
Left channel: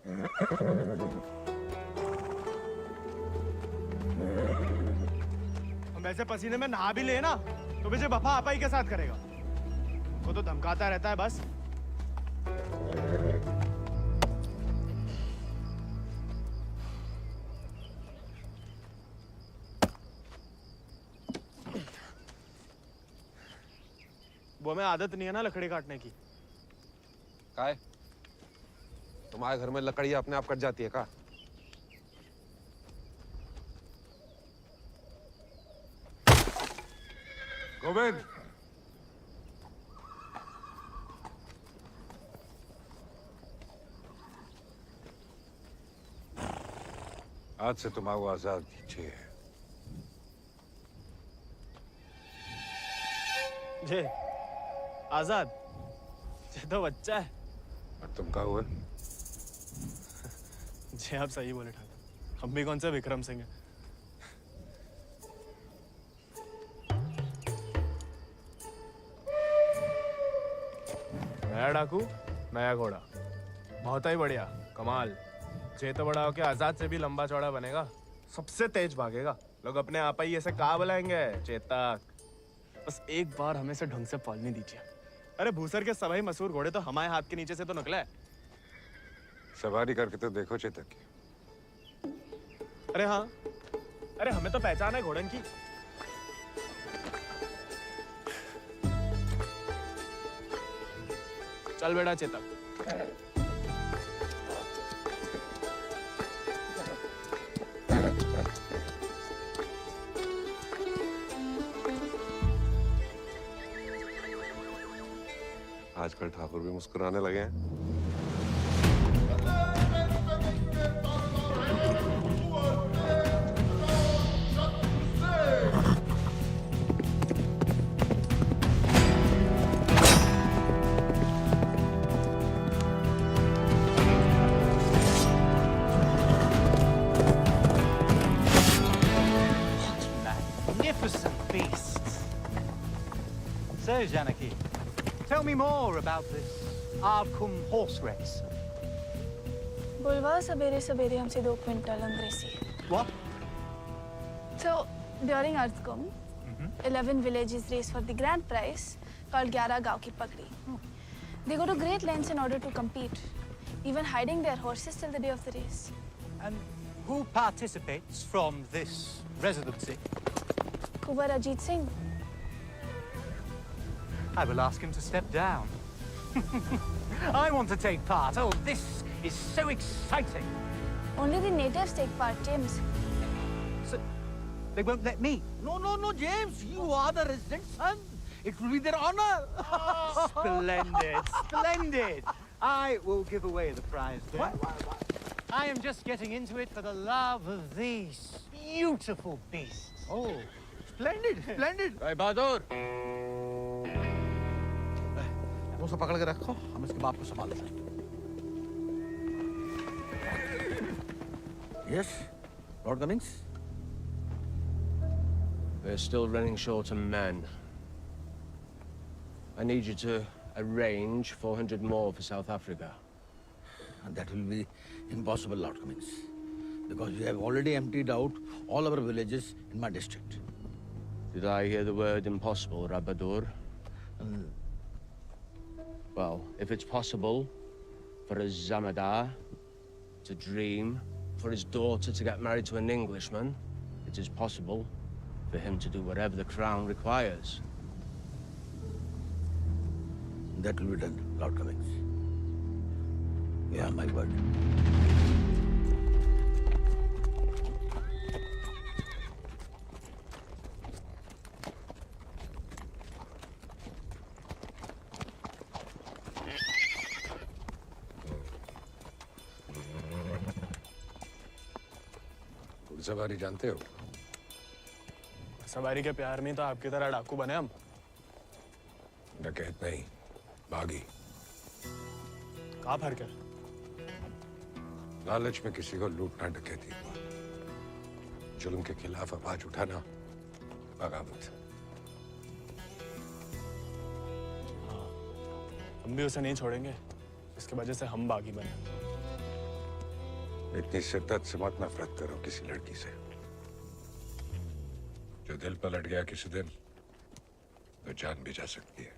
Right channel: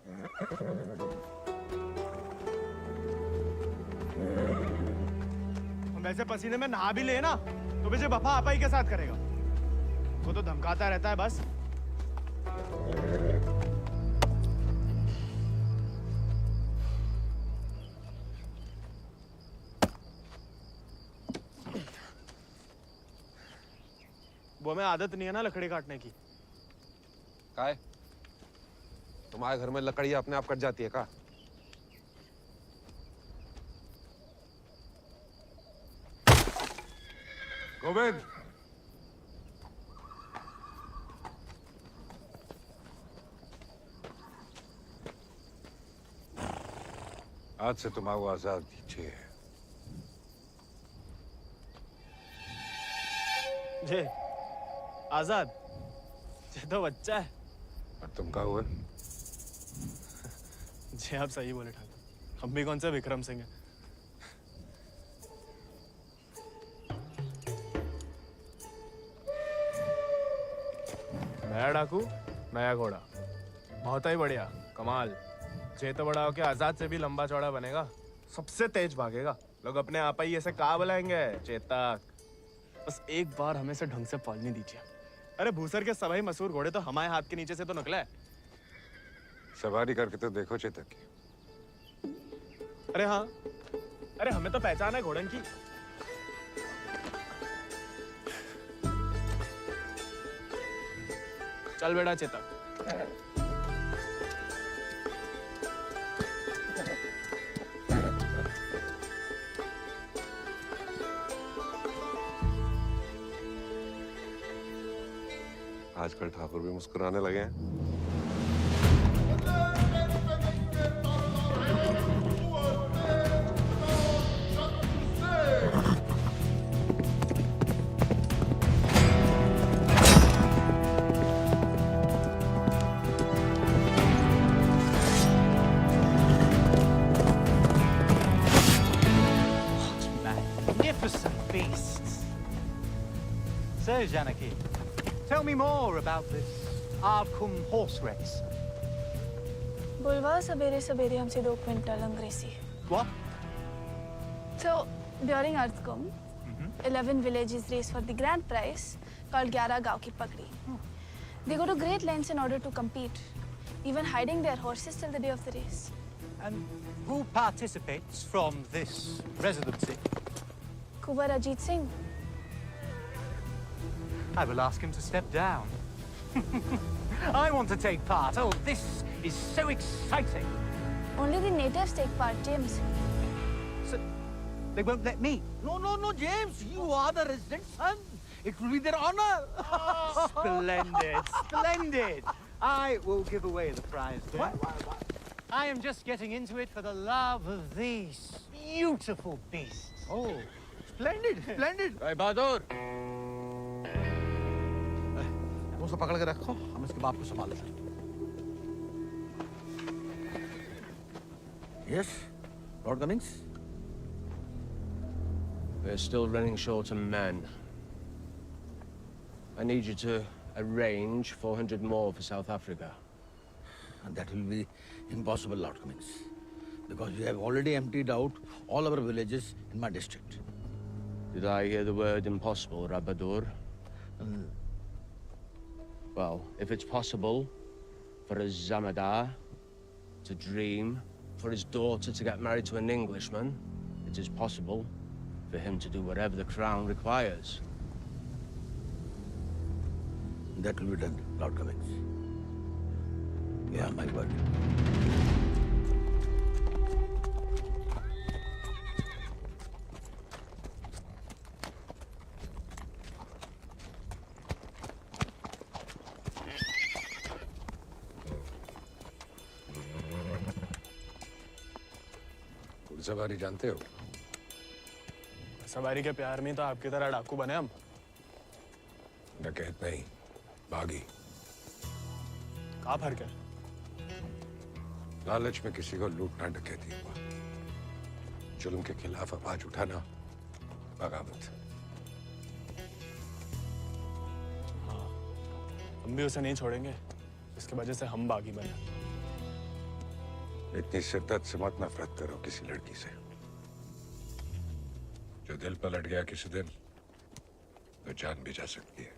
हम ऐसे पसीने में नहा भी ले ना तो मुझे वफा आपा ही के साथ करेगा। वो तो धमकाता रहता है बस। वो हमें आदत नहीं है ना लकड़ी काटने की। काय? तुम्हारे घर में लकड़ियां अपने आप कट जाती है का? गोविंद, आज से तुम आओ आजाद दीजिए। जे आजाद, ये तो बच्चा है। और तुम कहा हुआ? जी आप सही बोले ठाकुर, हम भी कौन से विक्रम सिंह हैं। नया डाकू, नया घोड़ा, बहुत ही बढ़िया, कमाल। जे तो बड़ा होके आजाद से भी लंबा चौड़ा बनेगा, सबसे तेज भागेगा। लोग अपने आप ही ऐसे कहा बुलाएंगे, चेतक। बस एक बार हमें से ढंग से पालने दीजिए। अरे भूसर के सभी मशहूर घोड़े तो हमारे हाथ के नीचे से तो निकला है। सवारी करके तो देखो चेतक की। अरे हाँ, अरे हमें तो पहचान है घोड़न की। चल बेटा चेतक। आजकल ठाकुर भी मुस्कुराने लगे हैं। Magnificent beasts. So, Janaki, tell me more about this Ardcumbe horse race. बुलवा सवेरे सवेरे हमसे 2 क्विंटल अंग्रेजी. What? So, during Ardcumbe, 11 villages race for the grand prize called 11 गांव की पगड़ी. They go to great lengths in order to compete, even hiding their horses till the day of the race. And who participates from this residency? Kuwar Ajit Singh. I will ask him to step down. I want to take part. Oh, this is so exciting. Only the natives take part, James. So, they won't let me? No, James. You are the resident son. It will be their honor. Splendid. I will give away the prize then. What? I am just getting into it for the love of these beautiful beasts. Oh, splendid. भाई बहादुर, मुझसे पकड़ के रखो, हम इसके बाप को संभाल लेंगे। Yes, Lord Cummings. We're still running short on men. I need you to arrange 400 more for South Africa. And that will be impossible, Lord Cummings, because we have already emptied out all our villages in my district. Did I hear the word impossible, Rabadur? Well, if it's possible for a Zamadar to dream, for his daughter to get married to an Englishman, it is possible for him to do whatever the crown requires. That will be done, Lord Cummings. Yeah, my word. घुड़सवारी जानते हो? सवारी के प्यार में तो आपकी तरह डाकू बने हम। डकैत नहीं, बागी। क्या फर्क है? लालच में किसी को लूटना डकैती हुआ। जुल्म के खिलाफ आवाज उठाना बगावत। हाँ, हम भी उसे नहीं छोड़ेंगे, इसके वजह से हम बागी बने। इतनी शिद्दत से मत नफरत करो किसी लड़की से। जो दिल पर लट गया किसी दिन, तो जान भी जा सकती है।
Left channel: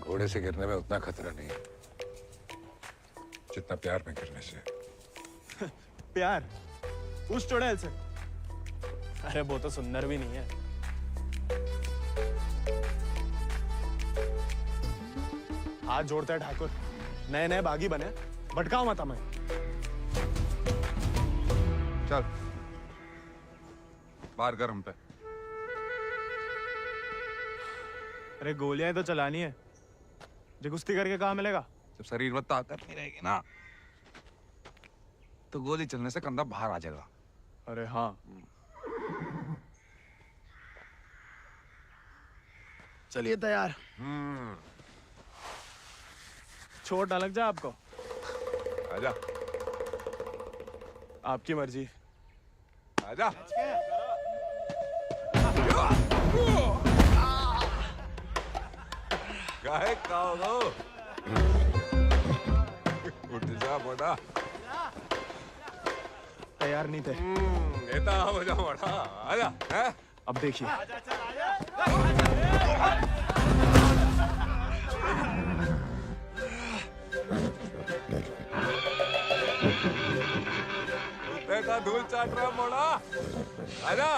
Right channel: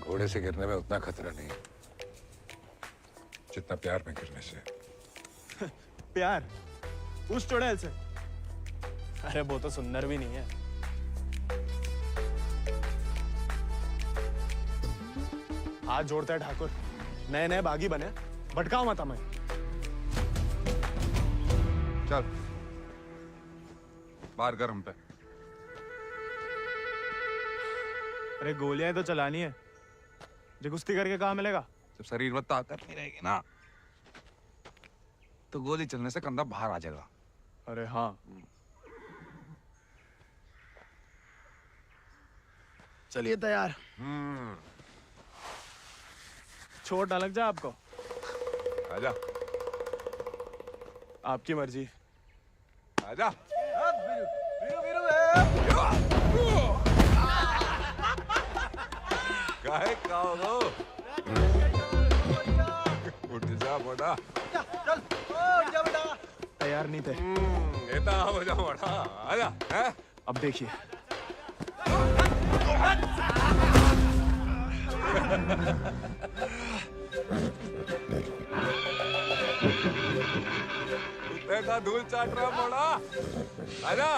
घोड़े से गिरने में उतना खतरा नहीं है जितना प्यार में गिरने से। प्यार? उस चुड़ैल से? अरे वो तो सुंदर भी नहीं है। हाथ जोड़ते हैं ठाकुर, नए नए बागी बने, भटकाओ मत हमें। चल बाहर कर हम पे। अरे गोलियां तो चलानी है, जो कुश्ती करके कहाँ मिलेगा? जब शरीर में ताकत नहीं रहेगी ना, तो गोली चलने से कंधा बाहर आ जाएगा। अरे हाँ, चलिए तैयार। चोट ना लग जाए आपको। आजा। आपकी मर्जी। आजा। काहे खाओ? उठ जा बड़ा। तैयार नहीं थे। नेता हो जा बड़ा। आजा। हैं? अब देखिए। देखा धूल चाट रहा मोड़ा। आजा।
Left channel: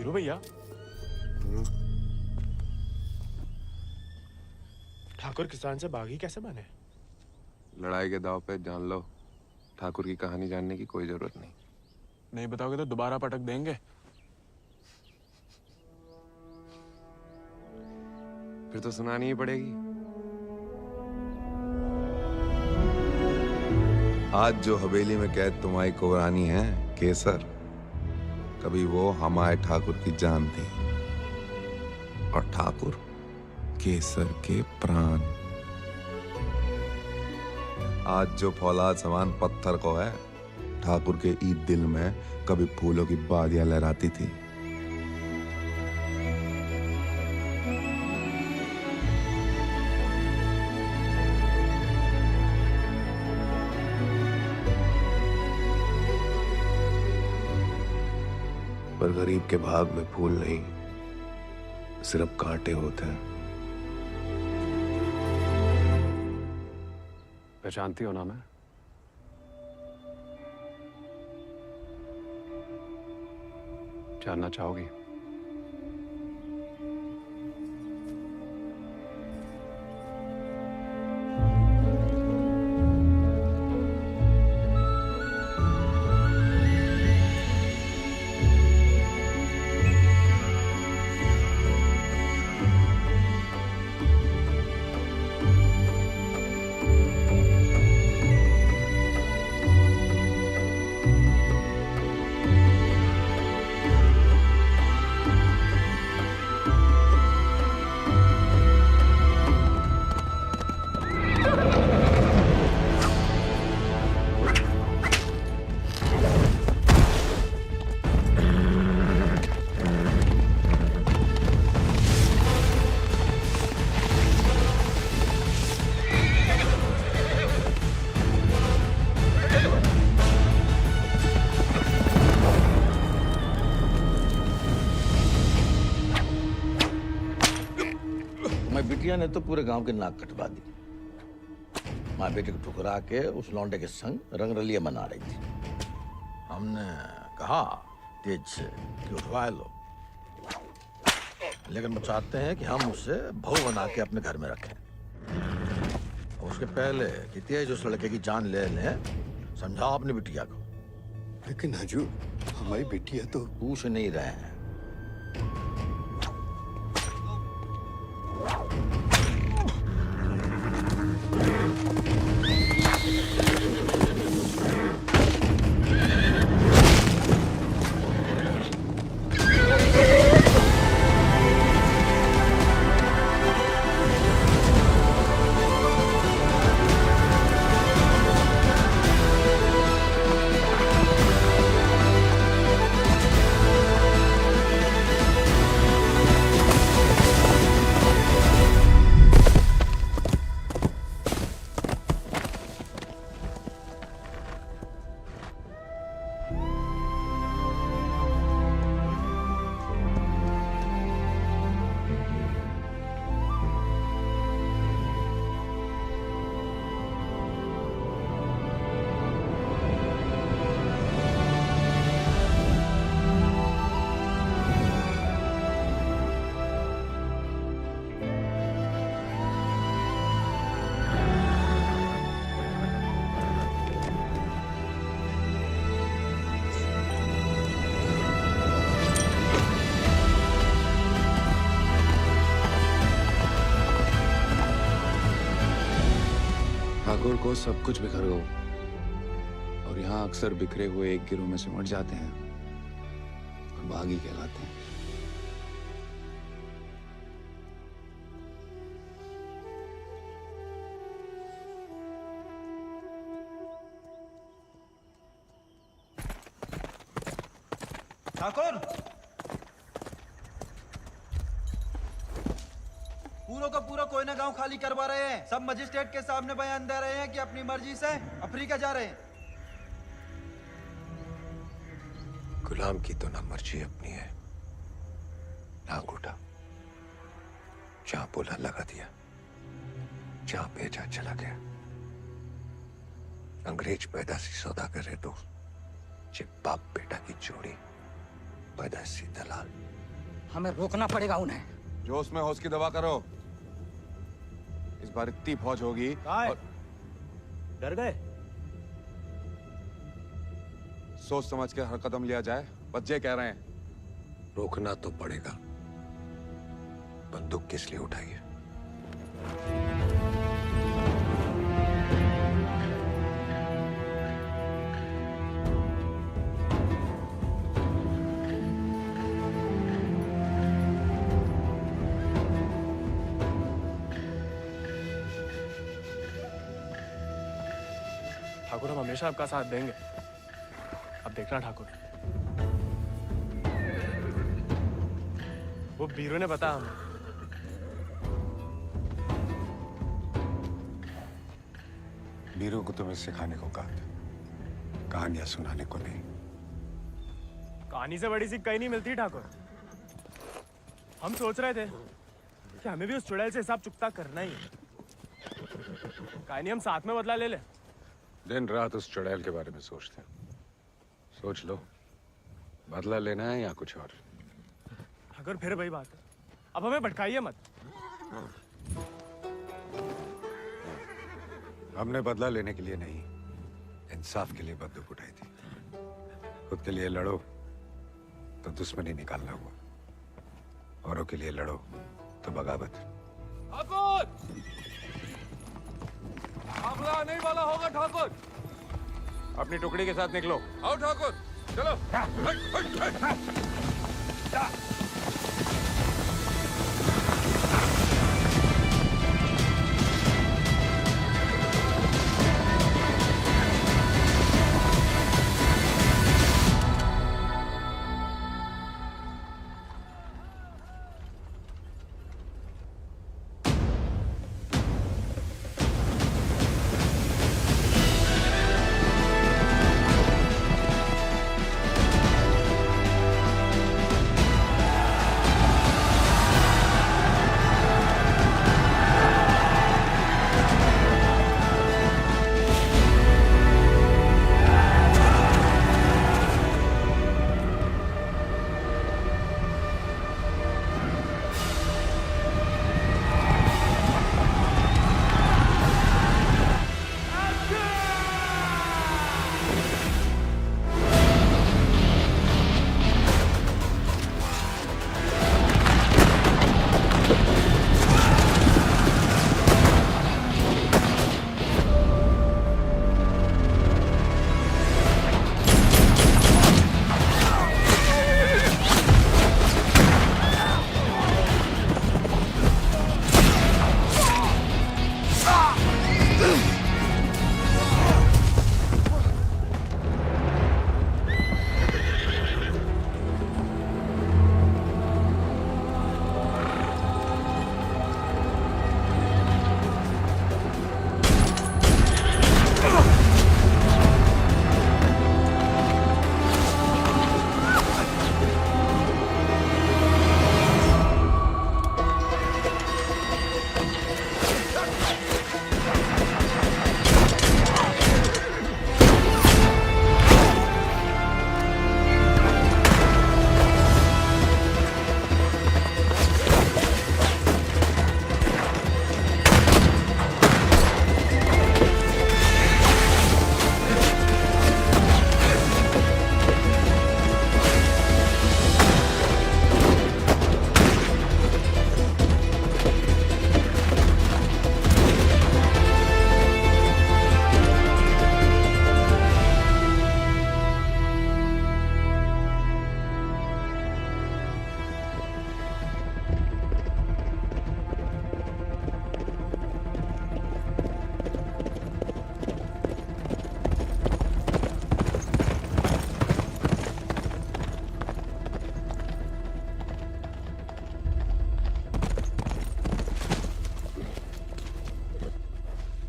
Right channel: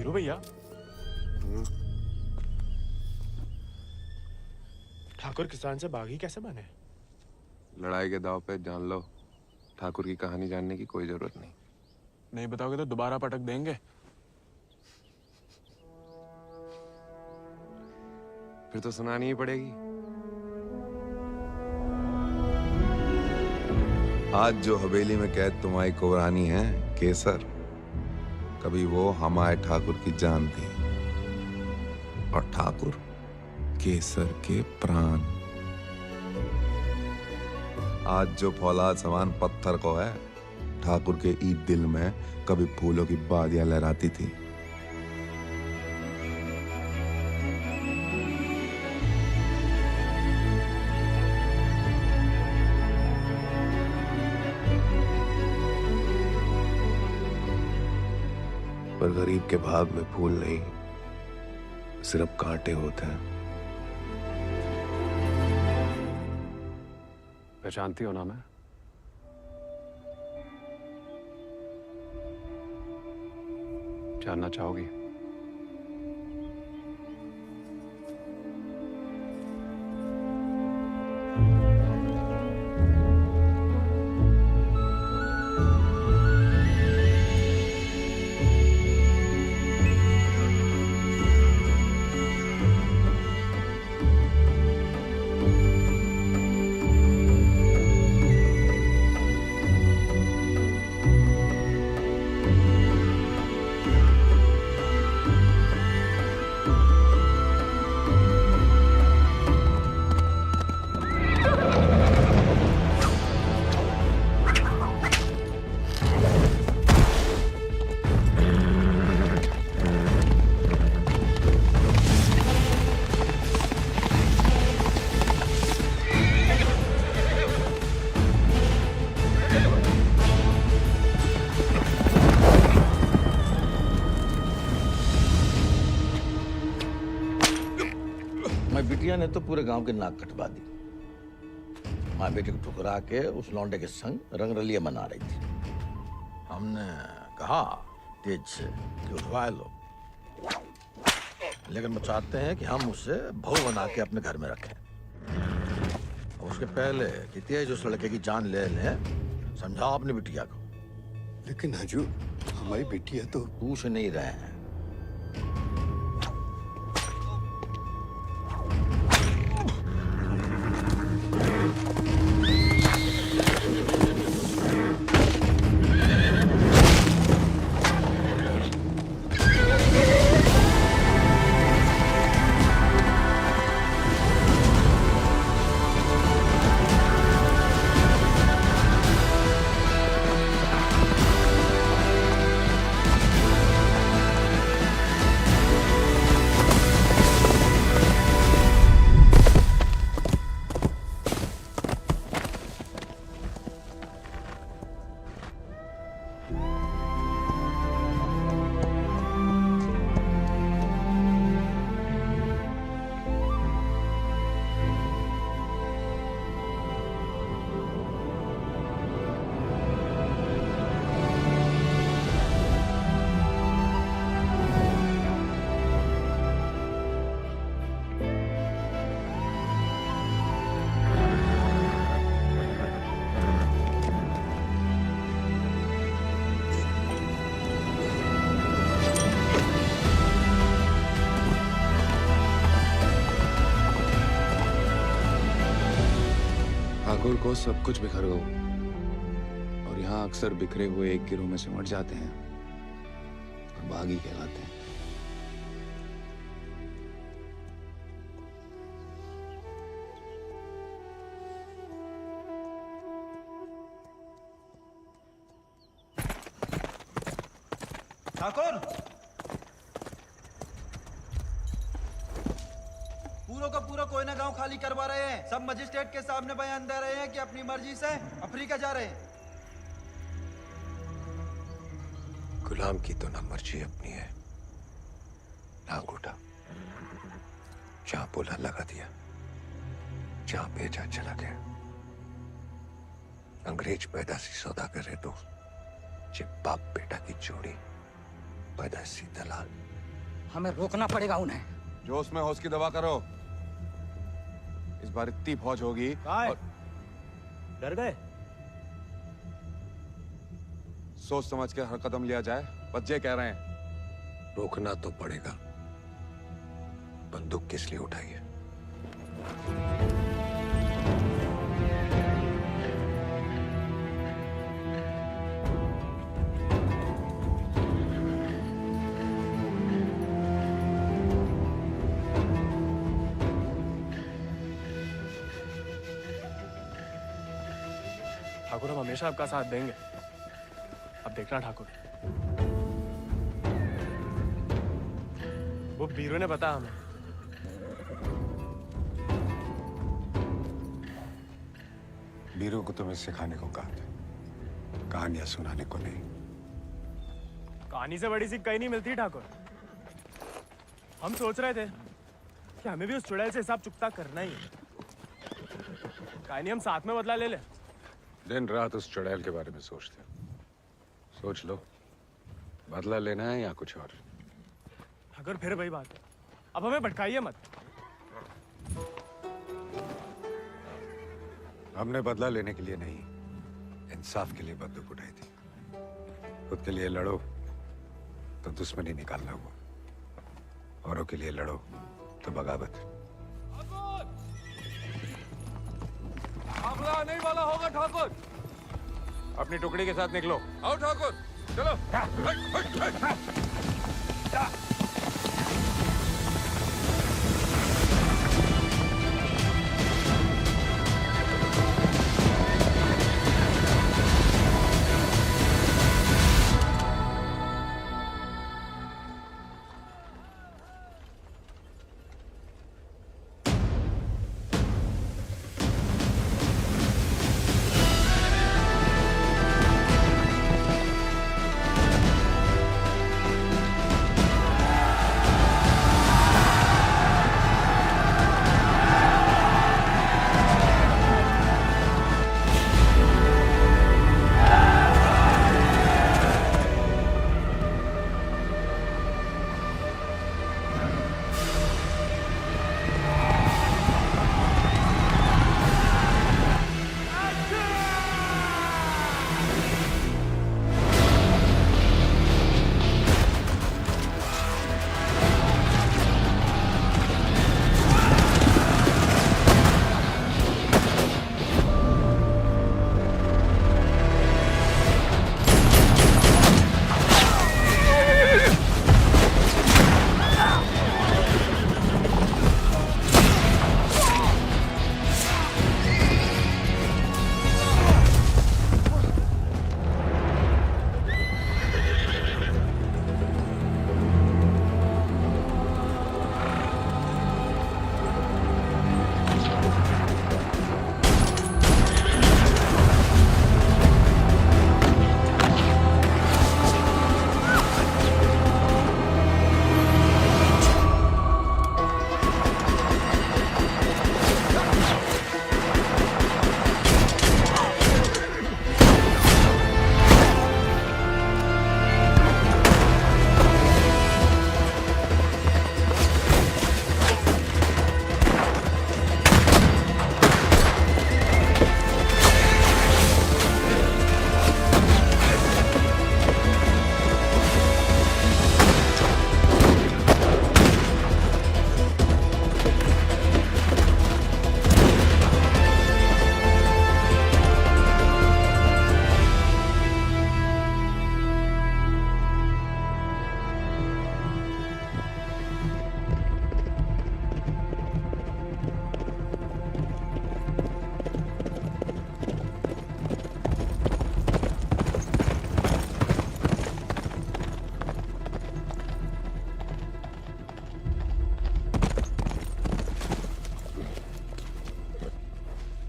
वीरू भैया, ठाकुर किसान से बागी कैसे बने? लड़ाई के दाव पे जान लो, ठाकुर की कहानी जानने की कोई जरूरत नहीं। नहीं बताओगे तो दोबारा पटक देंगे। फिर तो सुनानी ही पड़ेगी। आज जो हवेली में कैद तुम्हारी कुबरानी है केसर, कभी वो हमारे ठाकुर की जान थी, और ठाकुर केसर के प्राण। आज जो फौलाद समान पत्थर को है, ठाकुर के ईद दिल में कभी फूलों की बादियां लहराती थी। पर गरीब के भाग में फूल नहीं, सिर्फ कांटे होते हैं। पहचानती हो ना मैं? जानना चाहोगी? मैं बिटिया ने तो पूरे गांव की नाक कटवा दी। माँ बेटे को ठुकरा के उस लौंडे के संग रंगरलिया मना रही थी। हमने कहा तेज से कि उठवा लो, लेकिन वो चाहते हैं कि हम उसे बहू बना के अपने घर में रखें। और उसके पहले कि तेज उस लड़के की जान ले लें, समझाओ अपनी बिटिया को। लेकिन हजूर, हमारी बिटिया तो पूछ नहीं रहे हैं। ठाकुर को सब कुछ बिखर गया, और यहाँ अक्सर बिखरे हुए एक गिरोह में सिमट जाते हैं और बागी कहलाते हैं। ठाकुर, पूरा का पूरा कोयना गांव खाली करवा रहे हैं। सब मजिस्ट्रेट के सामने बयान दे रहे हैं कि अपनी मर्जी से अफ्रीका जा रहे हैं। गुलाम की तो ना मर्जी अपनी है ना अंगूठा। जहां बोला लगा दिया, जहां भेजा चला गया। अंग्रेज पैदाशी सौदागर है तो बाप बेटा की जोड़ी पैदाशी दलाल। हमें रोकना पड़ेगा उन्हें। जोश में होश की दवा करो। इस बार इतनी फौज होगी और डर गए? सोच समझ के हर कदम लिया जाए, बच्चे कह रहे हैं। रोकना तो पड़ेगा। बंदूक किस लिए उठाई है? ठाकुर, हम हमेशा आपका साथ देंगे। अब देखना ठाकुर, वो बीरू ने बताया हमें। बीरू को तुम्हें सिखाने को कहा था, कहानियां सुनाने को नहीं। कहानी से बड़ी सीख कहीं नहीं मिलती ठाकुर। हम सोच रहे थे कि हमें भी उस चुड़ैल से हिसाब चुकता करना ही है। कहानी हम साथ में बदला ले ले। दिन रात उस चुड़ैल के बारे में सोचते हैं। सोच लो, बदला लेना है या कुछ और। अगर फिर वही बात है, अब हमें भटकाइए मत। हमने बदला लेने के लिए नहीं, इंसाफ के लिए बंदूक उठाई थी। खुद के लिए लड़ो तो दुश्मनी निकालना हुआ, औरों के लिए लड़ो तो बगावत। हमला नहीं वाला होगा ठाकुर। अपनी टुकड़ी के साथ निकलो। आओ ठाकुर, चलो।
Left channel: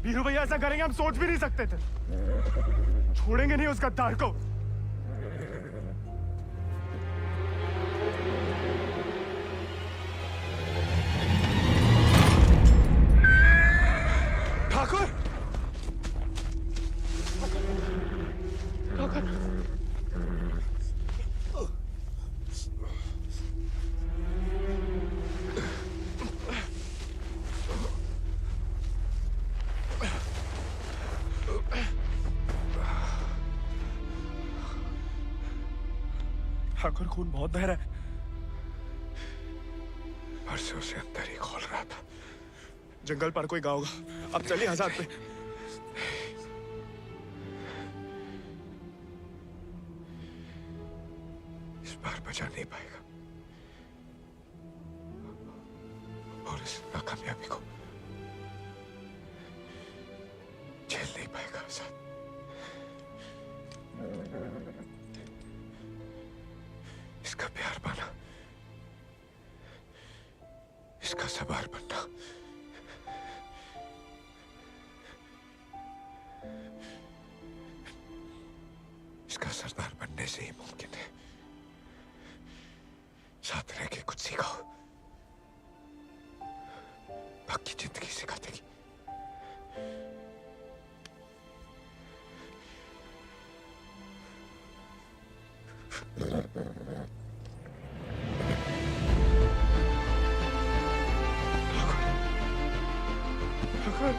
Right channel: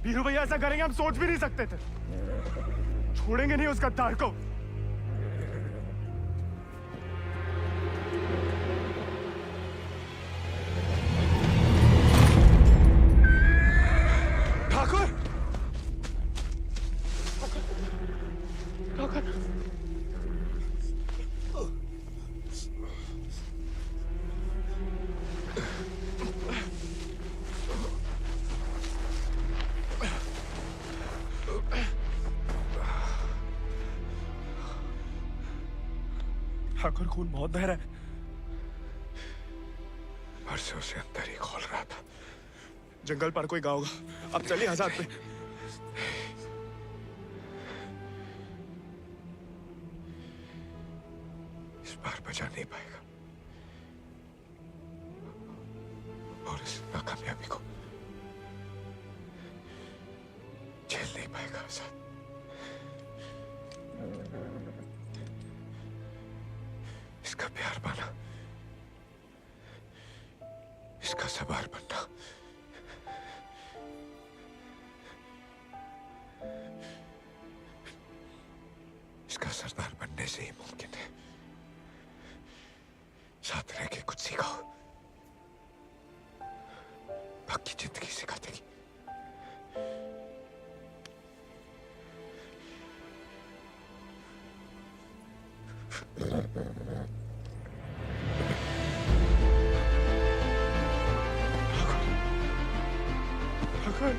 वीरू भैया ऐसा करेंगे हम सोच भी नहीं सकते थे। छोड़ेंगे नहीं उस गद्दार को। ठाकुर, ठाकुर, ठाकुर खून बहुत बह रहा है। परसों से अंदर ही खोल रहा था। जंगल पर कोई गाँव होगा। अब चलिए आजाद पे। इस बार बचा नहीं पाएगा और इस नाकामयाबी को झेल नहीं पाएगा आजाद। इसका प्यार पाना, इसका सवार बनना इसका सरदार बनने से ही मुमकिन है। साथ रह के कुछ सिखाओ, बाकी जिंदगी सिखा देगी। ठाकुर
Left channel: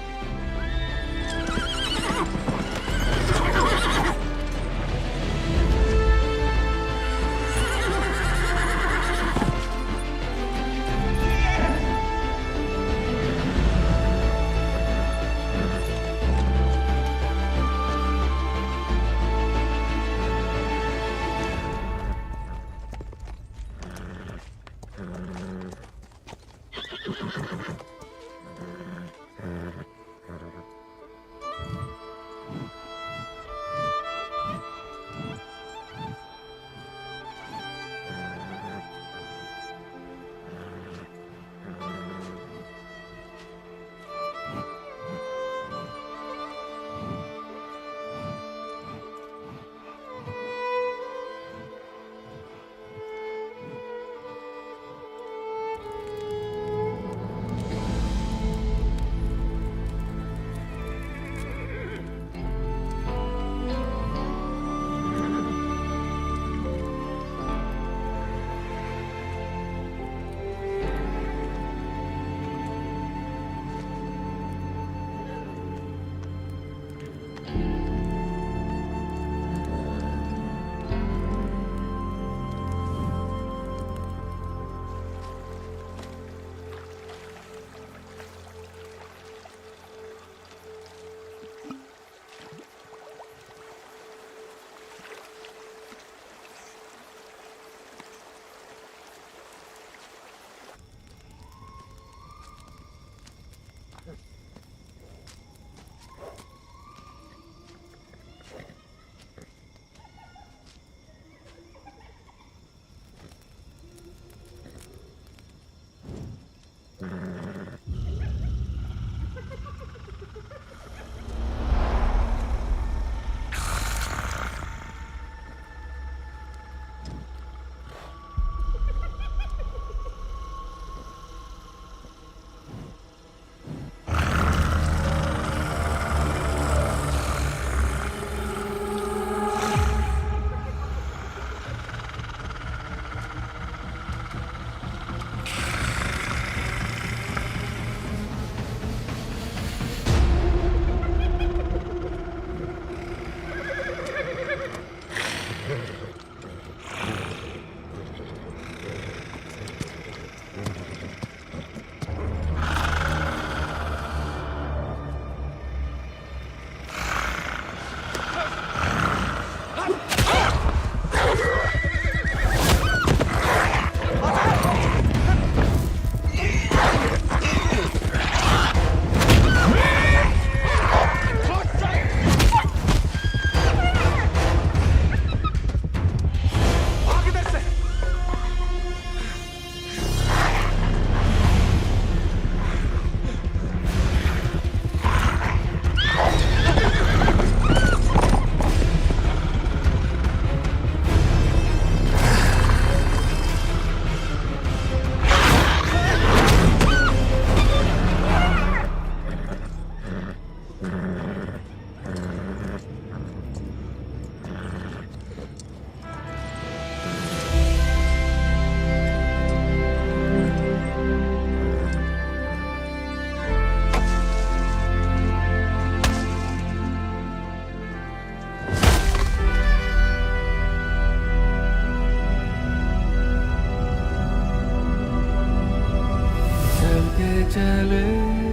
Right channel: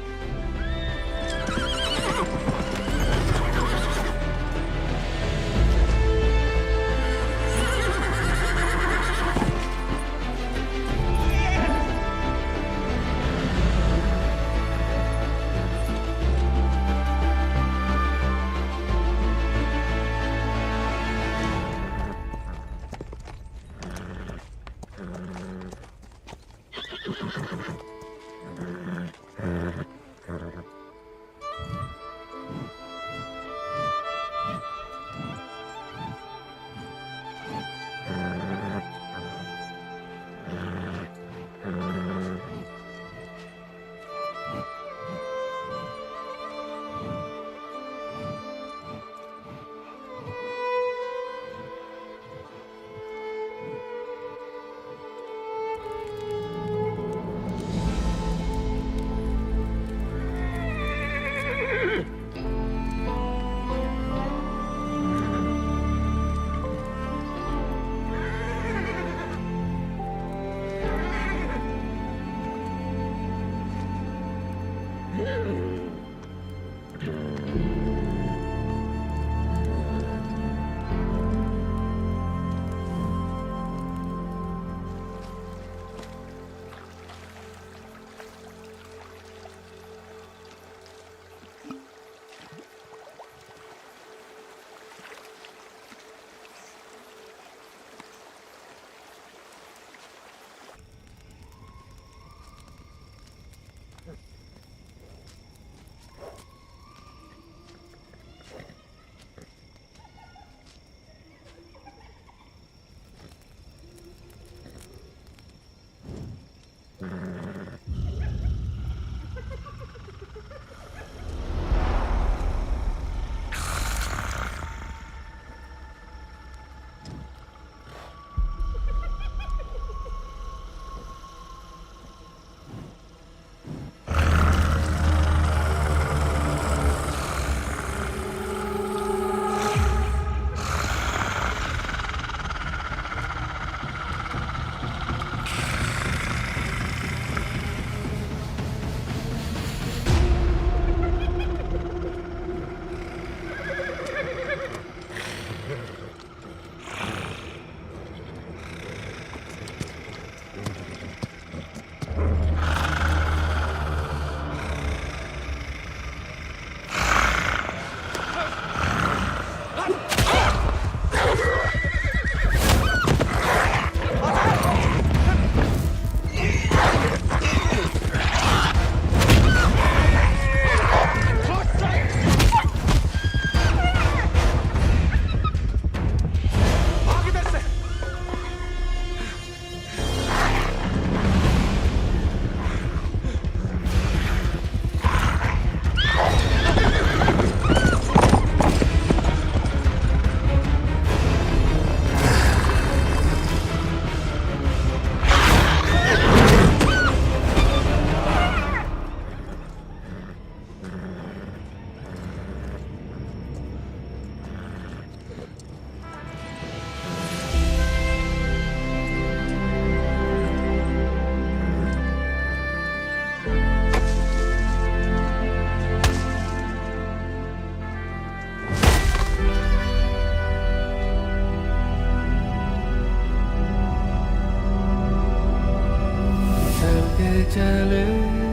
चले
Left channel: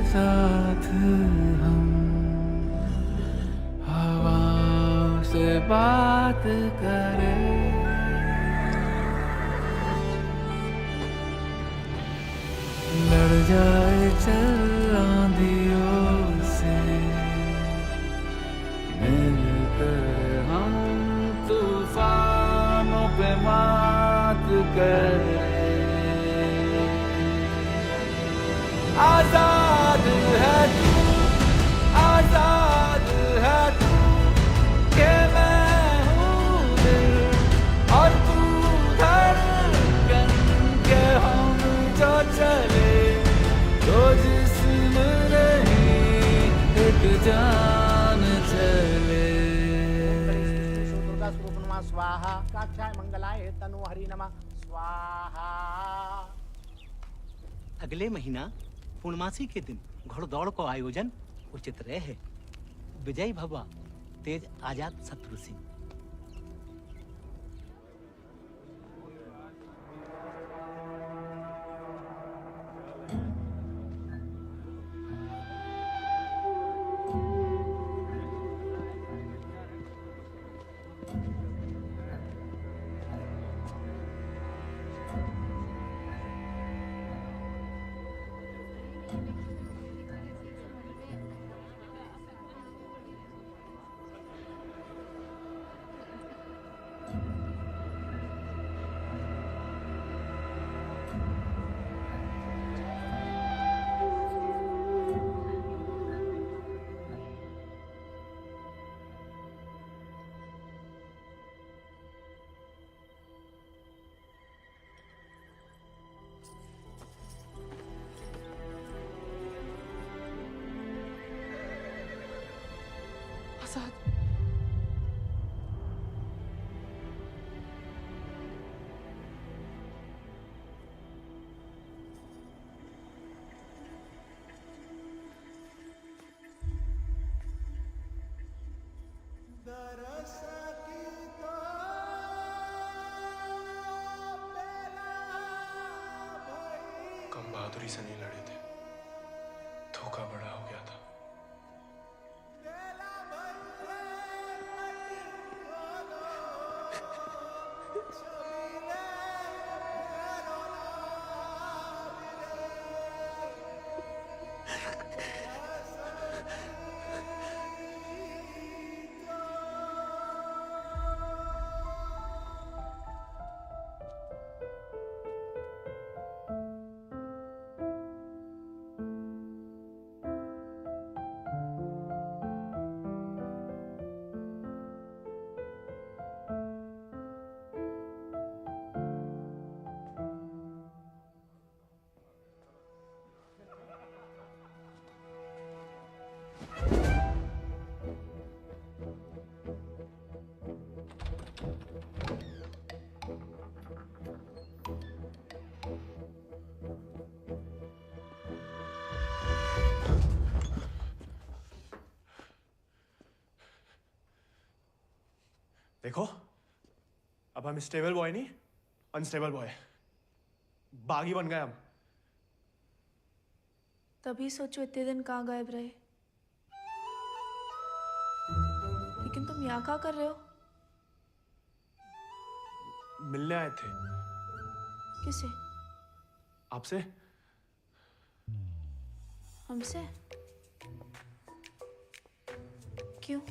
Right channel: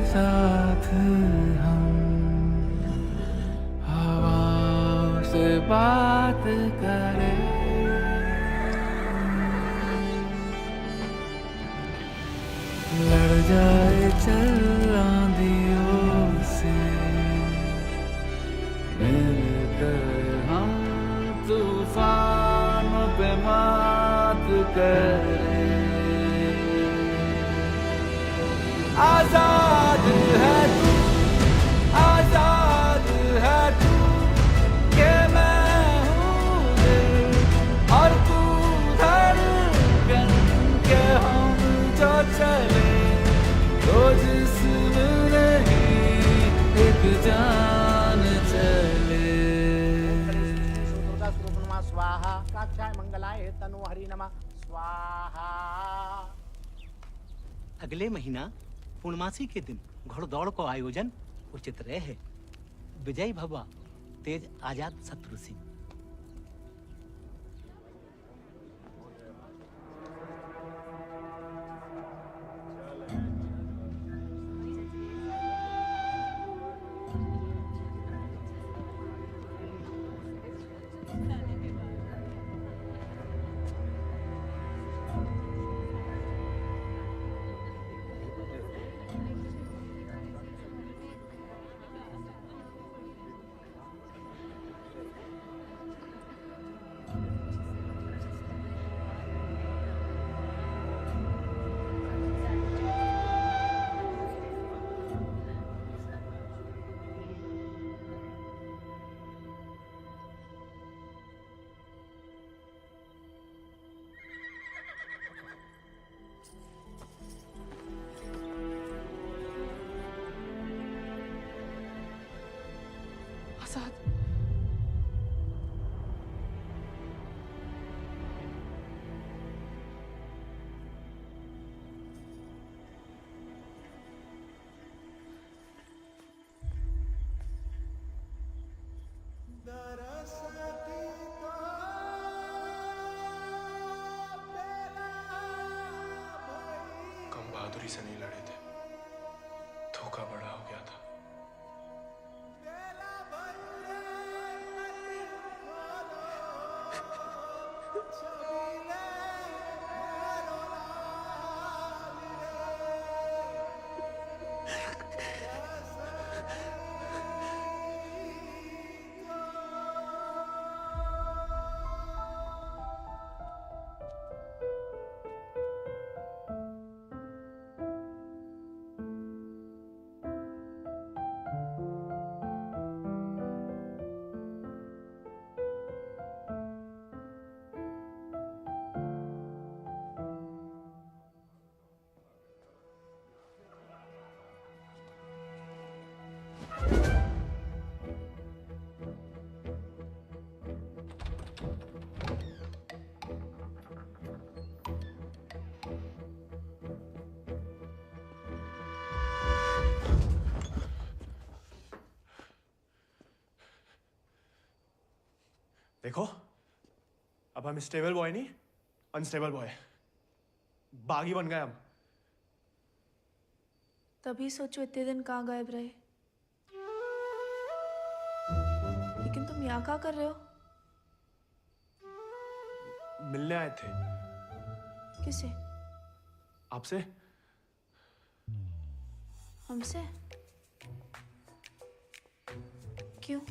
साथ हम, हवा से बात करें, लड़ जाए चल आंधियों से, मिलकर हम तूफानों पे मात करें। आजाद है तू, आजाद है तू, के मैं हूँ दिल और तू धड़कन, के हम जो चले तो जिस्म नहीं एक जान चले। दुर्गा स्वरूप नमः स्वाहा, काक्षाय मंगलाय तनु हरि नमः स्वाहा। अगले महीना पूर्णमासी के दिन घोड़दौड़ को आयोजन उचित रहे। विजय भवा तेज आजाद शत्रु सिंह। आजाद, कम बहादुरी से नहीं लड़े थे, धोखा बड़ा हो गया था। देखो, अब हम स्टेबल बॉय नहीं, अनस्टेबल बॉय, बागी बन गए हम। तभी सोचो इतने दिन कहाँ गायब रहे। लेकिन तुम यहाँ क्या कर रहे हो? मिलने आए थे। किसे? आपसे। हमसे? क्यों?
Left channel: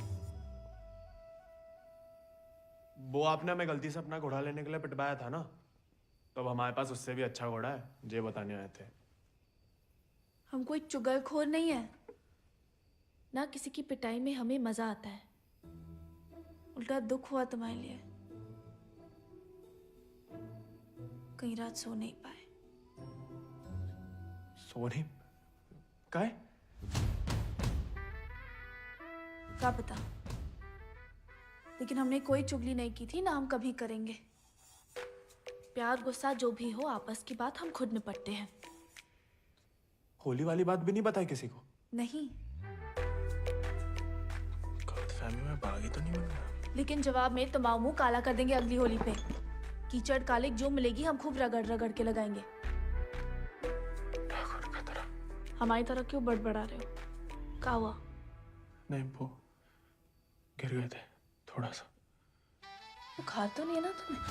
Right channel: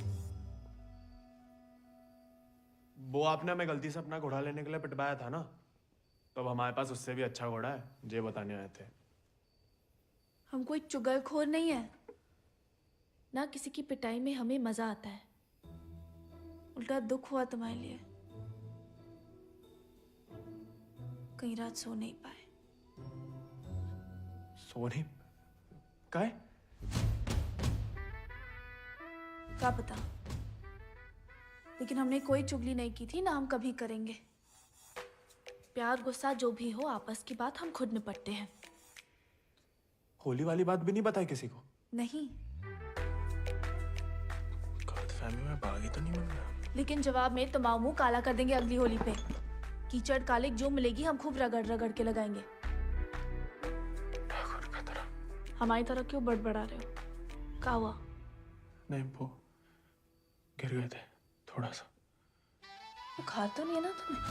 वो आपने हमें गलती से अपना घोड़ा लेने के लिए पिटवाया था ना, तो अब हमारे पास उससे भी अच्छा घोड़ा है, ये बताने आए थे। हम कोई चुगलखोर नहीं है ना, किसी की पिटाई में हमें मजा आता है, उल्टा दुख हुआ तुम्हारे लिए। कई रात सो नहीं पाए। सो नहीं काहे? क्या पता, लेकिन हमने कोई चुगली नहीं की थी ना हम कभी करेंगे। प्यार गुस्सा जो भी हो, आपस की बात हम खुद निपटते हैं। होली वाली बात भी नहीं बताई किसी को? नहीं। गलतफहमी में बागी तो नहीं बन गया? लेकिन जवाब में तुम्हारा मुंह काला कर देंगे अगली होली पे। कीचड़ कालिक जो मिलेगी हम खूब रगड़ रगड़ के लगाएंगे। ठाकुर का तरह। हमारी तरह क्यों बड़बड़ा रहे हो? क्या हुआ? नहीं, वो गिर गए थे थोड़ा सा। बुखार तो नहीं है ना तुम्हें?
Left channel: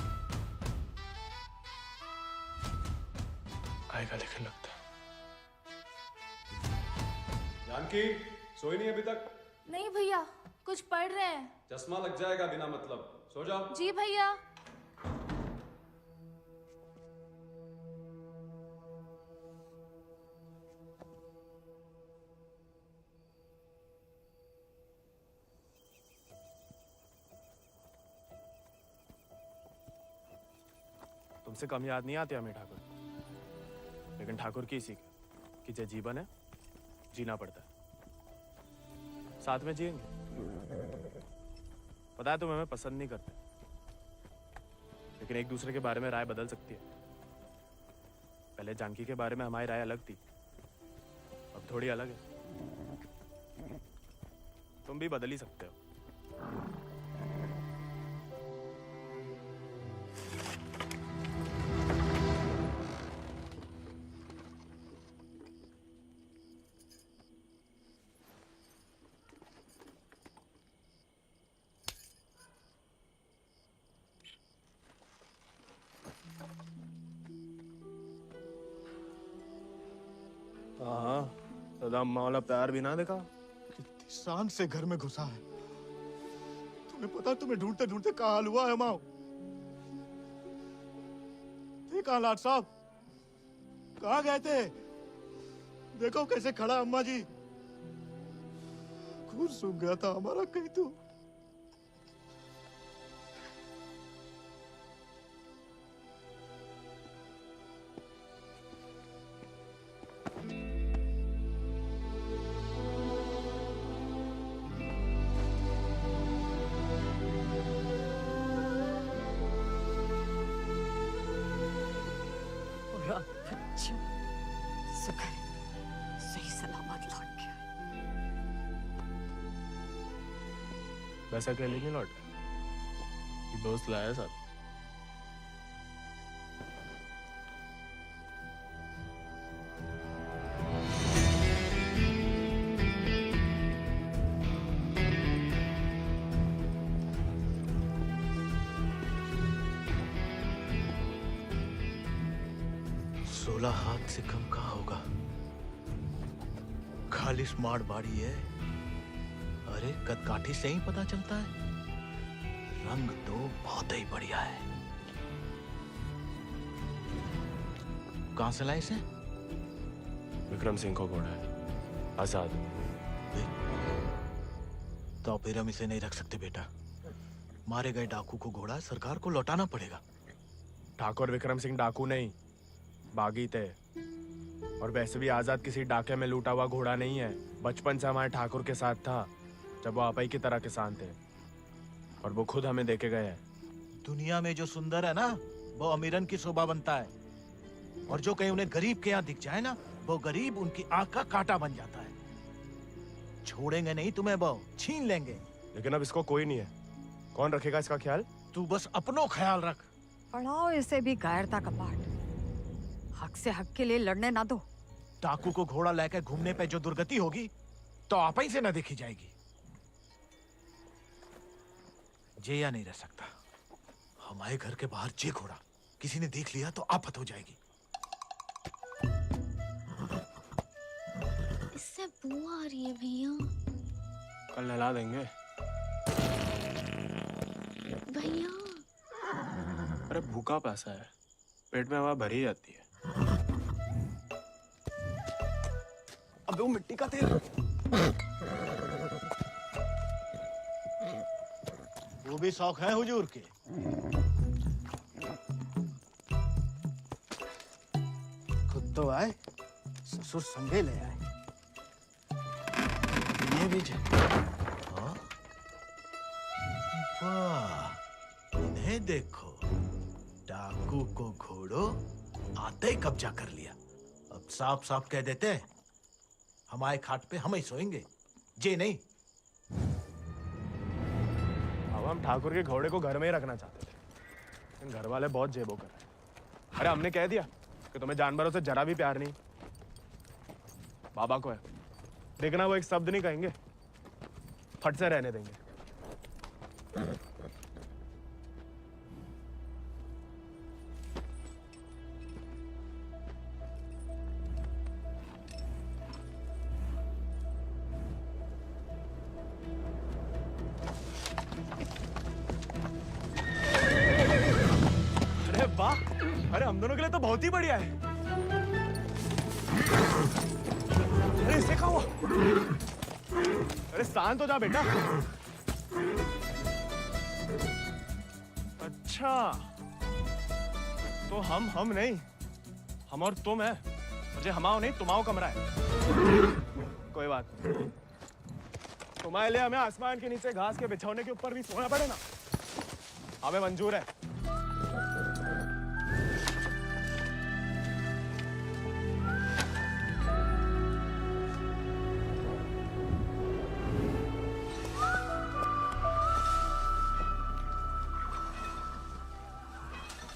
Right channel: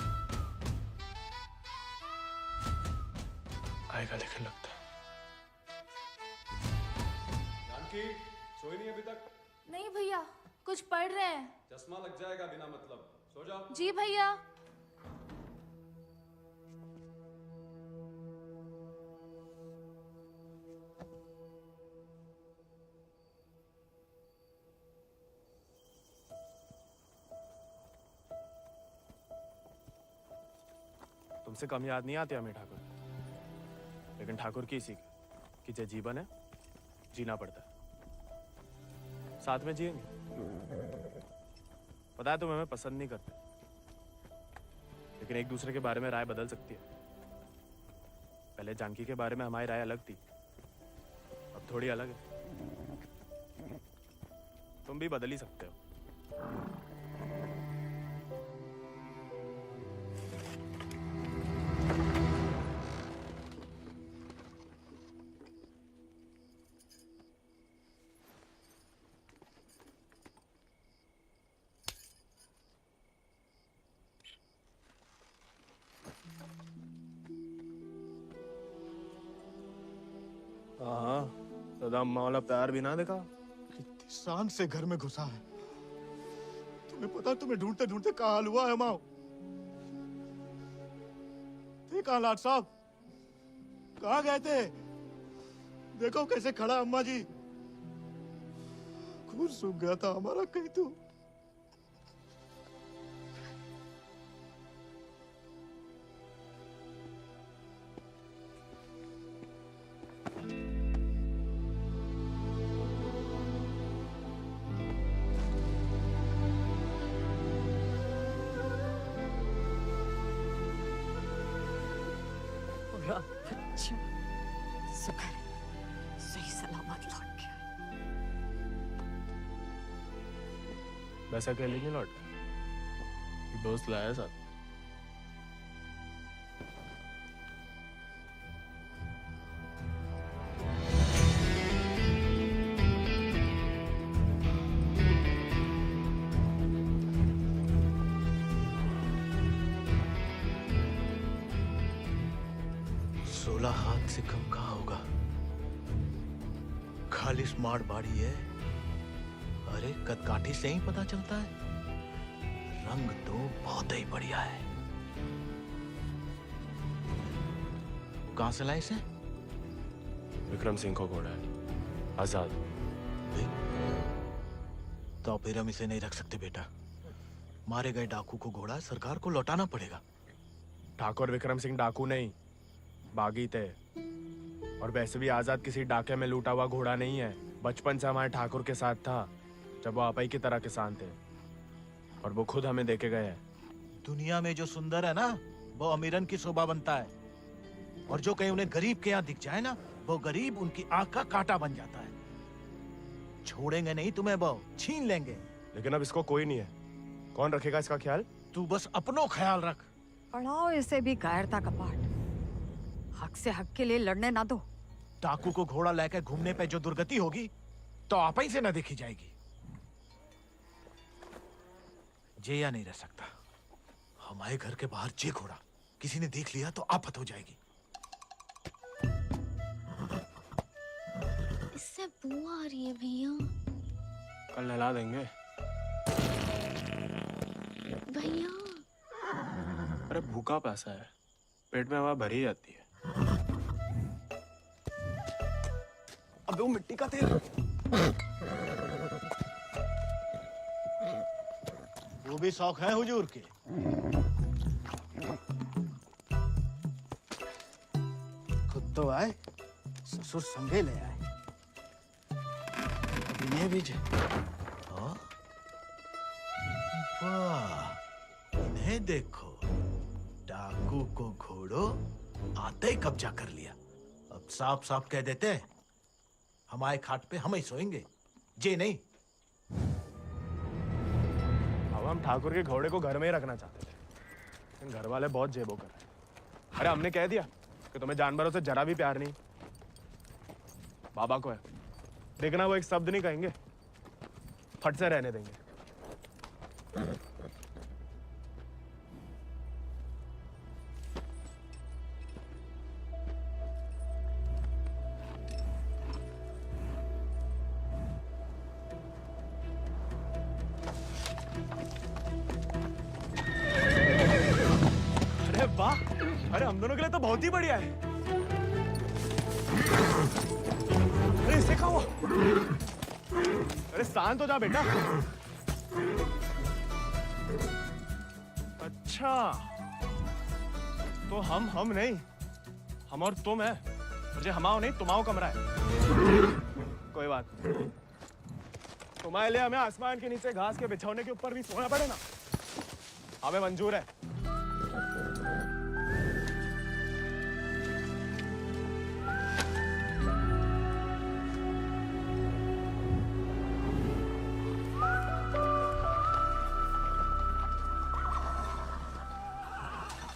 आएगा लेकिन लगता है। जानकी सोई नहीं अभी तक? नहीं भैया, कुछ पढ़ रहे हैं। चश्मा लग जाएगा बिना मतलब, सो जाओ। जी भैया। तुमसे कम याद नहीं आती हमें ठाकुर, लेकिन ठाकुर की सीख कि जो जीवन है जीना पड़ता है, साथ में जिएंगे। पता है तुम हमें पसंद नहीं करते, लेकिन एक दूसरे के बारे में राय बदल सकती है। पहले जानकी के बारे में हमारी राय अलग थी, अब थोड़ी अलग है। तुम भी बदल ही सकते हो। हाँ, दादा अम्मा वाला प्यार भी ना देखा। कितनी शान से घर में घुसा है। तुम्हें पता, तुम्हें ढूंढते ढूंढते कहाँ हाल हुआ है माओ। थे कहाँ लाट साहब? कहाँ गए थे? देखो कैसे खड़ा अम्मा जी। खून सूख गया था हमारा कहीं तो। शुक्र है, सही सलामत लौट गया। वैसा अकेले नहीं लौट गया, दोस्त लाया साथ। हाथ से कम कहाँ होगा? खाली स्मार्ट बाड़ी है। अरे कदकाठी से ही पता चलता है, रंग तो बहुत ही बढ़िया है। कहां से लाए इसे? विक्रम सिंह को घोड़ा है, आजाद। तो फिर हम इसे नहीं रख सकते बेटा। मारे गए डाकू को घोड़ा सरकार को लौटाना पड़ेगा। ठाकुर विक्रम सिंह डाकू नहीं, बागी थे। और वैसे भी आजाद किसी डाके में लूटा हुआ घोड़ा नहीं है। बचपन से हमारे ठाकुर के साथ था, जब वो आपई की तरह किसान थे, और वो खुद हमें देके गए हैं। दुनिया में जो सुंदर है ना, वो अमीरन की शोभा बनता है, और जो कहीं उन्हें गरीब के यहाँ दिख जाए ना, वो गरीब उनकी आंख का कांटा बन जाता है। छोड़ेंगे नहीं तुम्हें, वो छीन लेंगे। लेकिन अब इसको कोई नहीं है, कौन रखेगा इसका ख्याल? तू बस अपनो ख्याल रख। पढ़ाओ इसे भी कायरता का पाठ। हक से हक के लिए लड़ने ना दो। डाकू को घोड़ा लेकर घूमने पे जो दुर्गति होगी तो आप ही से न देखी जाएगी। जेया नहीं रह सकता। हमारे घर के बाहर जे घोड़ा किसी ने देख लिया तो आफत हो जाएगी। इससे बू आ रही है भैया। कल नहला देंगे भैया। अरे भूखा पैसा है, पेट में हवा भरी जाती है। अबे वो मिट्टी का तेल। वो भी शौक है हुजूर के। खुद तो आए, ससुर संगे ले आए। ये भी वाह, इन्हें देखो, डाकू को घोड़ो आते ही कब्जा कर लिया। अब साफ साफ कह देते हैं, हमारे खाट पे हम ही सोएंगे, जे नहीं। अब हम ठाकुर के घोड़े को घर में ही रखना चाहते थे, लेकिन घर वाले बहुत जेबो कर रहे हैं। अरे हमने कह दिया कि तुम्हें जानवरों से जरा भी प्यार नहीं। बाबा को है, देखना वो एक शब्द नहीं कहेंगे, फट से रहने देंगे। अरे वाह, अरे हम दोनों के लिए तो बहुत ही बढ़िया है। अरे इससे क्या हुआ? अरे शांत हो जा बेटा। अच्छा, तो हम नहीं, हम और तुम है, मुझे हमाओ नहीं तुम्हाओ कमरा है। कोई बात नहीं, तुम्हारे लिए हमें आसमान के नीचे घास के बिछौने के ऊपर भी सोना पड़े ना, हमें मंजूर है।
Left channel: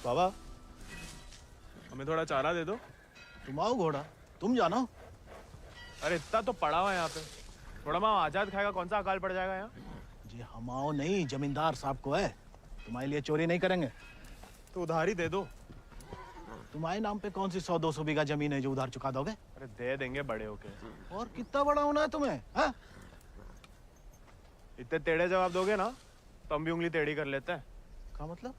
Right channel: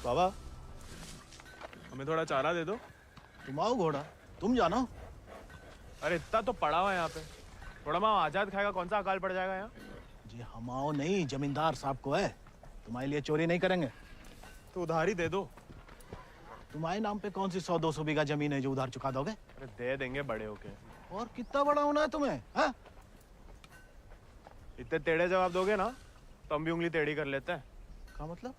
बाबा, हमें थोड़ा चारा दे दो। तुम आओ घोड़ा, तुम जानो। अरे इतना तो पड़ा हुआ है यहाँ पे, थोड़ा माँ आजाद खाएगा, कौन सा अकाल पड़ जाएगा यहाँ? जी हम आओ नहीं, जमींदार साहब को है, तुम्हारे लिए चोरी नहीं करेंगे। तो उधार ही दे दो। तुम्हारे नाम पे कौन सी 100-200 बीघा जमीन है जो उधार चुका दोगे? अरे दे देंगे बड़े होके। और कितना बड़ा होना है तुम्हें? हाँ? इतने टेढ़े जवाब दोगे ना तो हम भी उंगली टेढ़ी कर लेते हैं। क्या मतलब?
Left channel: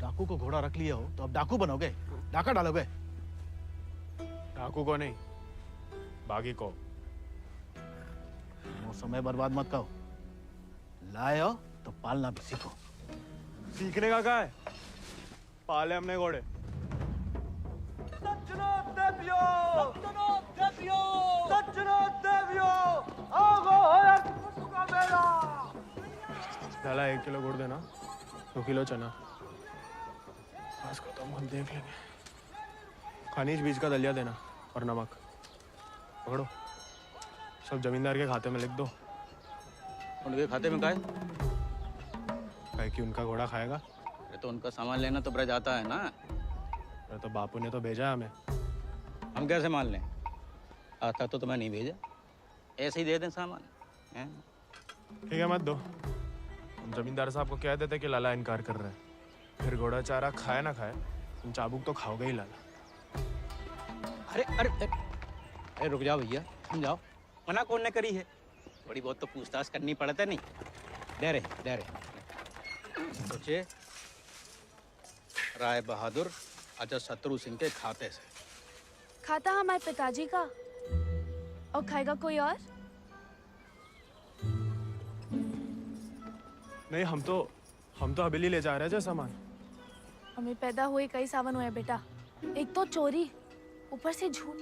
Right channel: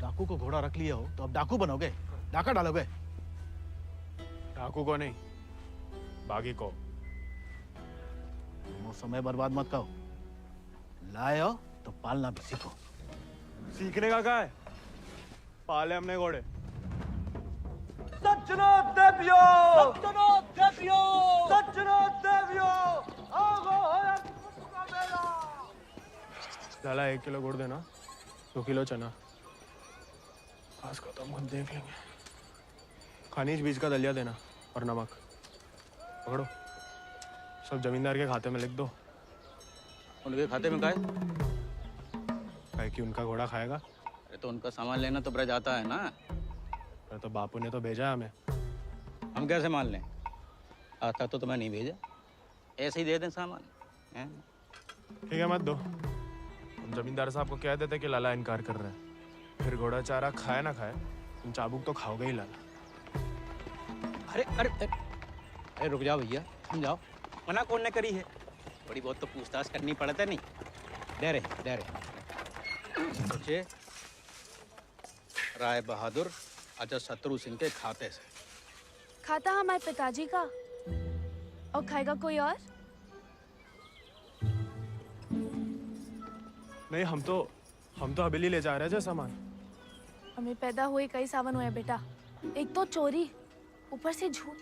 डाकू को घोड़ा रख लिया हो तो अब डाकू बनोगे, डाका डालोगे? डाकू को नहीं, बागी को। वो समय बर्बाद मत करो, लाए हो तो पालना भी सीखो। सीखने का क्या है, पाले हमने घोड़े। सज्जनो देवियो, सज्जनो देवियो, सज्जनो देवियो, आगो होया कुटुका मेरा। डाला 1 किलो गुड़ देना, 2 किलो चना। बस खत्म, हम देख लेंगे। खनिज बीज का दलिया देना और नमक। पकड़ो, सब जमींदार के खाते में लिख दो। उनके खाते में काहे? काहे कि उनका घोड़ा खाएगा। अरे तो उनका सामान लेना तो ब्रज आता है ना। अरे तो बापू ने तो भेजा हमें। हम कैसे मान लें? आता तो तुम्हें नहीं भेजा, ऐसे ही दे दें सामान हैं? ठीक है मत दो, हम जमींदार साहब को कह देते कि लाला इनकार कर रहा है, फिर घोड़ा चारा खाए ना खाए, तुम चाबुक तो खाओगे ही लाला। अरे अरे अरे रुक जाओ भैया, समझाओ, मना कौन ने करी है? बड़ी बहुत तो पूछताछ करनी पड़ता नहीं। दे रहे सोचे राय बहादुर अजय शत्रु सिंह के खाते से। खाता हमारे पिताजी का, और खाएगा कोई और? नहीं, हम तो हवेली ले जा रहे हैं सामान। हमें पैदा हुए कई सावन हुए बेटा, एक तो चोरी, ऊपर से झूठ।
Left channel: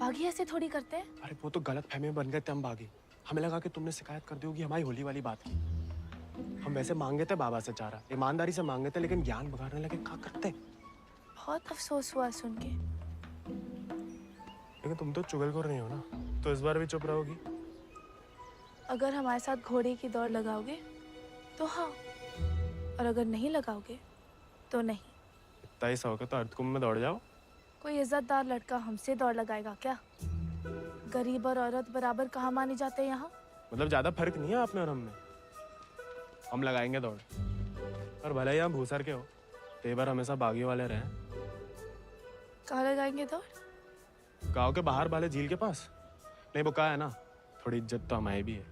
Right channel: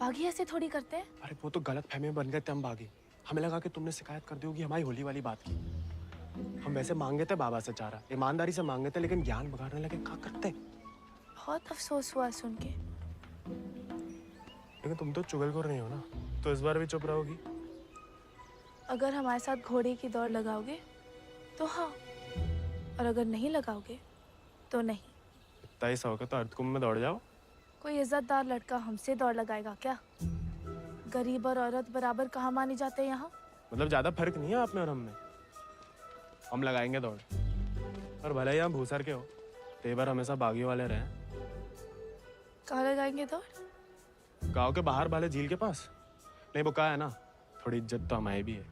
बागी ऐसे थोड़ी करते हैं। अरे वो तो गलत फहमी में बन गए थे हम बागी, हमें लगा कि तुमने शिकायत कर दी होगी हमारी होली वाली बात की। हम वैसे मांगे थे बाबा से चारा, ईमानदारी से मांगे थे, लेकिन ज्ञान बगाड़ने लगे, क्या करते? बहुत अफसोस हुआ सुन के। लेकिन तुम तो चुगलखोर नहीं हो ना, तो इस बार भी चुप रहोगी? अगर हमारे साथ घोड़े की दौड़ लगाओगे तो हाँ, और अगर नहीं लगाओगे तो नहीं। इतना ही सौ के तो अर्धकुंभ में दौड़ जाओ। कोई इज्जतदार लड़का हमसे दौड़ लगाएगा क्या? गरीब और औरत बराबर कहाँ माने जाते हैं यहाँ? मतलब ज्यादा फर्क नहीं है आप में और हम में। हम लगाएंगे दौड़, और भले ही हम भूसर के हो, तेवर हमेशा बागी वाले रहे। कहाँ लगाएंगे दौड़? गांव के बाहर वाले झील के पास। नहीं वो कहा है ना, थोड़ी इज्जत तो हमारी भी है।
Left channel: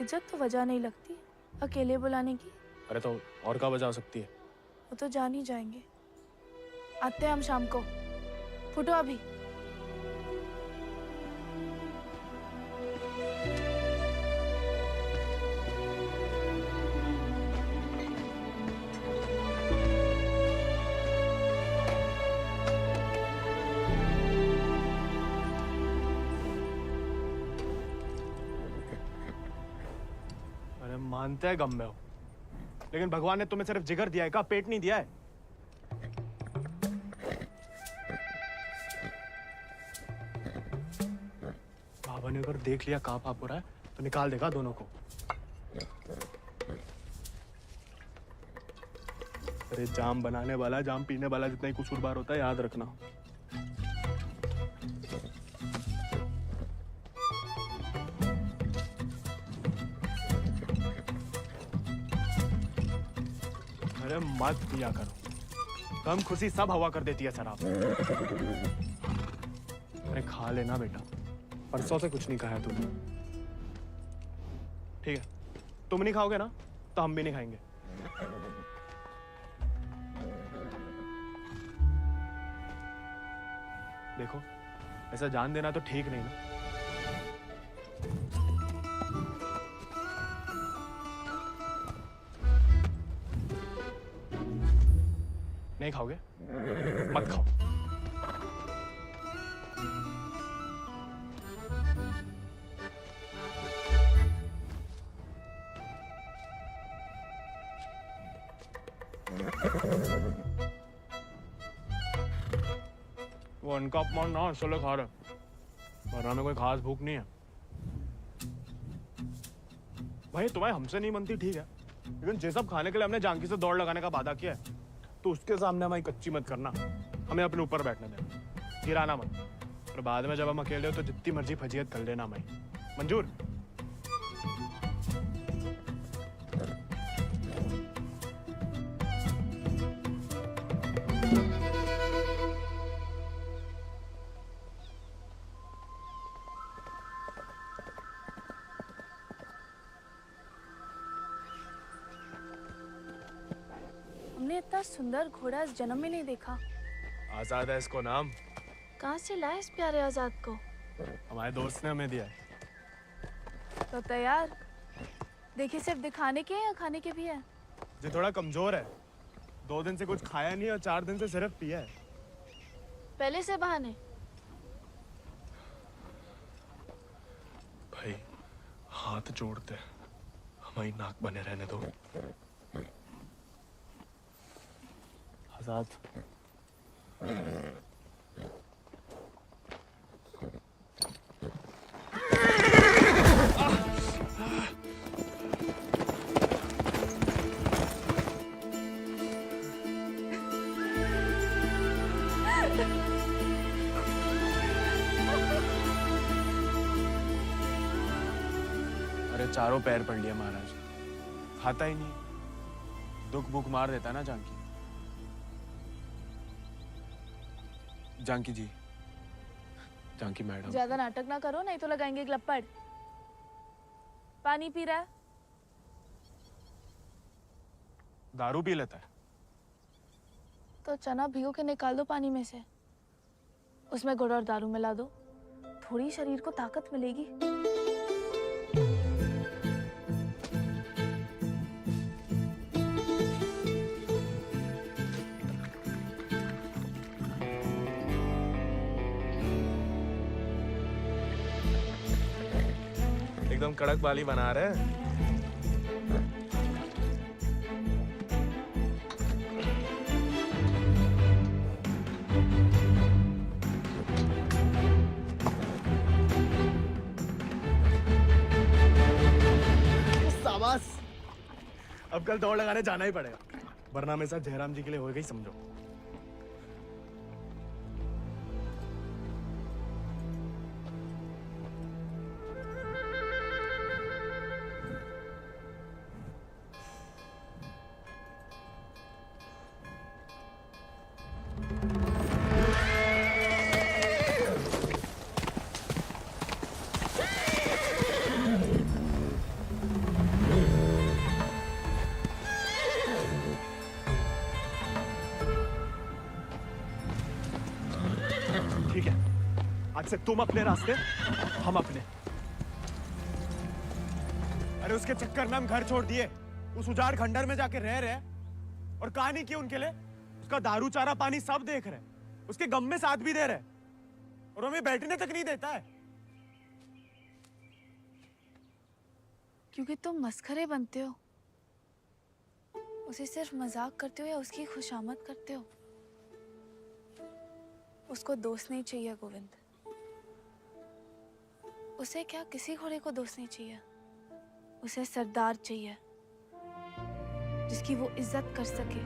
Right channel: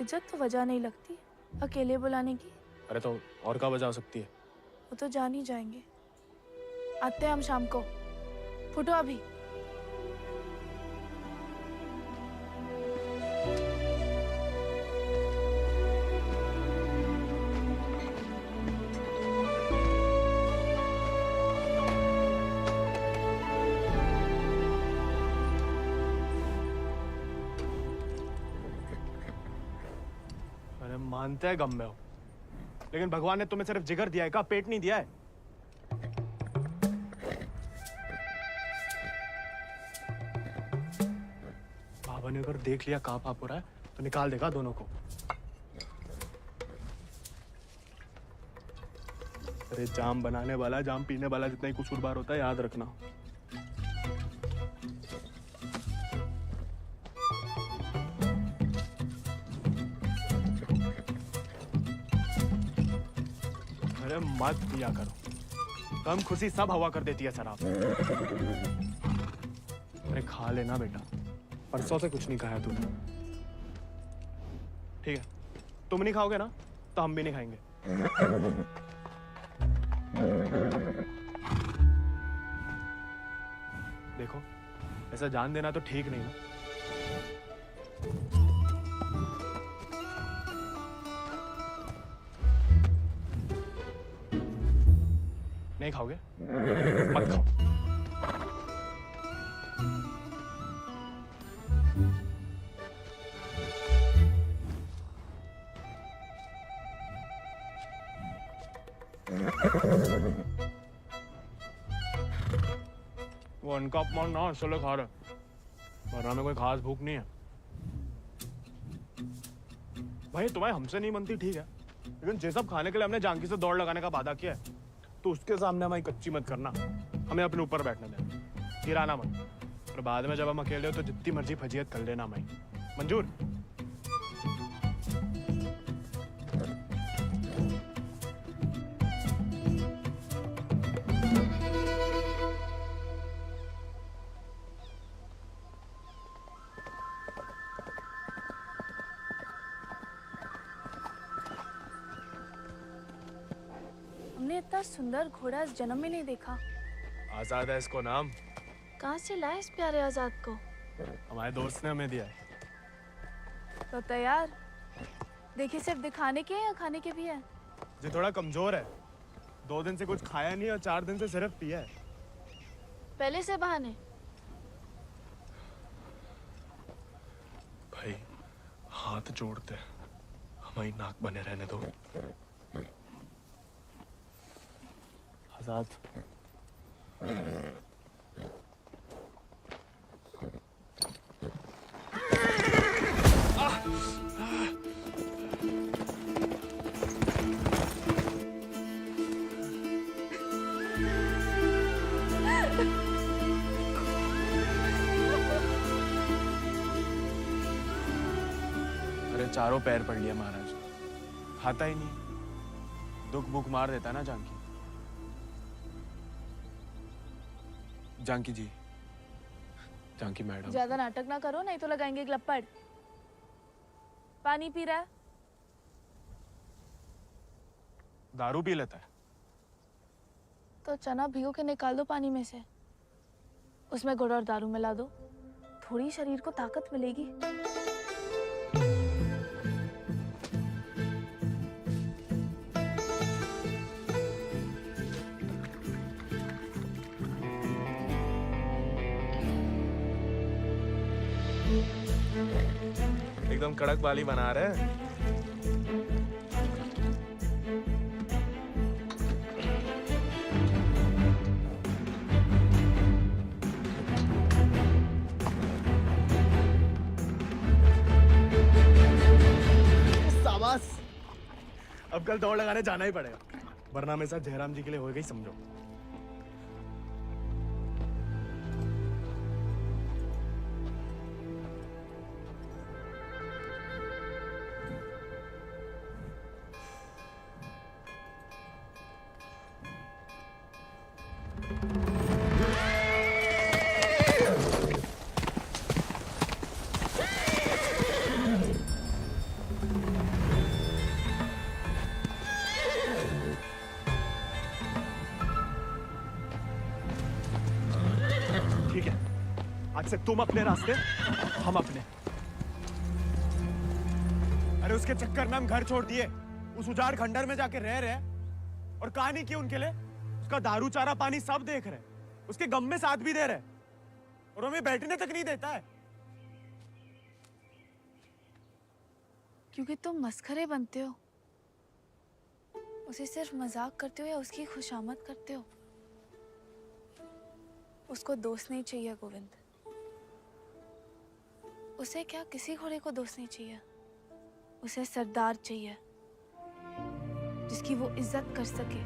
इज्जत तो वजह नहीं लगती अकेले बुलाने की। अरे तो और क्या वजह हो सकती है? वो तो जान ही जाएंगे। आते हैं हम शाम को, फुटो अभी। अरे मानते हैं गम में हो, लेकिन भगवान ने तुम्हें सिर्फ जिगर दिया है, का पेट नहीं दिया है। बाबा ने अगर देख लिया कहाँ पाप हो रहा है तो निकाल देगा दोनों को। अरे जाम बनाने वाला जाम पीने वाला जितना ही कसूरवार होता है, याद रखना। अरे मत पिया करो, कम खुशी सब हवा कर देती है शराब। अरे खा लेना बेटा, परसों से कुछ नहीं खाया तूने। ठीक है, तुम नहीं खाओगे ना तो हम भी नहीं खाएंगे। देखो, ऐसा जान देना तो ठीक नहीं ना। नहीं खाओगे? मत खाओ। वो अनका अपमान ना इसलिए खा रहे, वरना में कोई खास भूख नहीं है। भाई तुम्हें हमसे नहीं बनती ठीक है, लेकिन जे सब खाने के लिए हमने जानकी से दौड़ लगाने का वादा किया है, तो उसके सामने हमारी कच्ची मत करना। हमें अपने ऊपर बैठने देना, गिराना मत। और बाद में जब हम अकेले हो तो जितनी मर्जी फजीयत कर लेना हमारी। मंजूर? हमने इतना सुंदर घोड़ा इस जन्म में नहीं देखा। आजाद है इसको नाम। कहाँ से लाए इस प्यारे आजाद को? हमारे दोस्त ने हमें दिया है। तो तैयार? देखिए सिर्फ दिखाने के या खाने के भी है? जो थोड़ा कमजोर है, 2 दिन से कुछ खाया नहीं और 4 दिन से सिर्फ पिया है। पहले से बहाने। भाई हाथ जोड़ते हमारी नाक बने रहने दो। आजाद, अरे चारों पैर पड़ लिया महाराज, खाता ही नहीं। दुख भूख मार देता ना जानकी। जानकी जी, जानकी मैडम, ज्यादा नाटक ना करो नहीं तो लगाएंगे ग्लप्पड़। पानी पी रहा है? दारू पी लेता है। तो चना भिगो के निकाल दो पानी में से, उसमें गुड़ और दारू मिला दो, थोड़ी शरीर को ताकत मिलेगी। एकदम कड़क बाली बना रहे हैं। शाबाश, अब कल दौड़ लगाने जाना ही पड़ेगा, वरना मेरे साथ जयराम जी के लिए हो गई समझो। ठीक है, आज से तुम अपने रास्ते, हम अपने। अरे उसके चक्कर में हम घर छोड़ दिए, उस उजाड़ खंडर में जाके रह रहे और कहानी की उनके लिए। उसका दारू चारा पानी सब देख रहे, उसके गम में साथ भी दे रहे, और हमें बैठने तक नहीं देता है। क्योंकि तुम मस्खरे बनते हो, उसे सिर्फ मजाक करते हो या उसकी खुशामद करते हो। उसको दोस्त नहीं चाहिए गोविंद, उसे क्या किसी घोड़े को दोस्त नहीं चाहिए। उसे सरदार चाहिए, जिसकी वो इज्जत कर सके,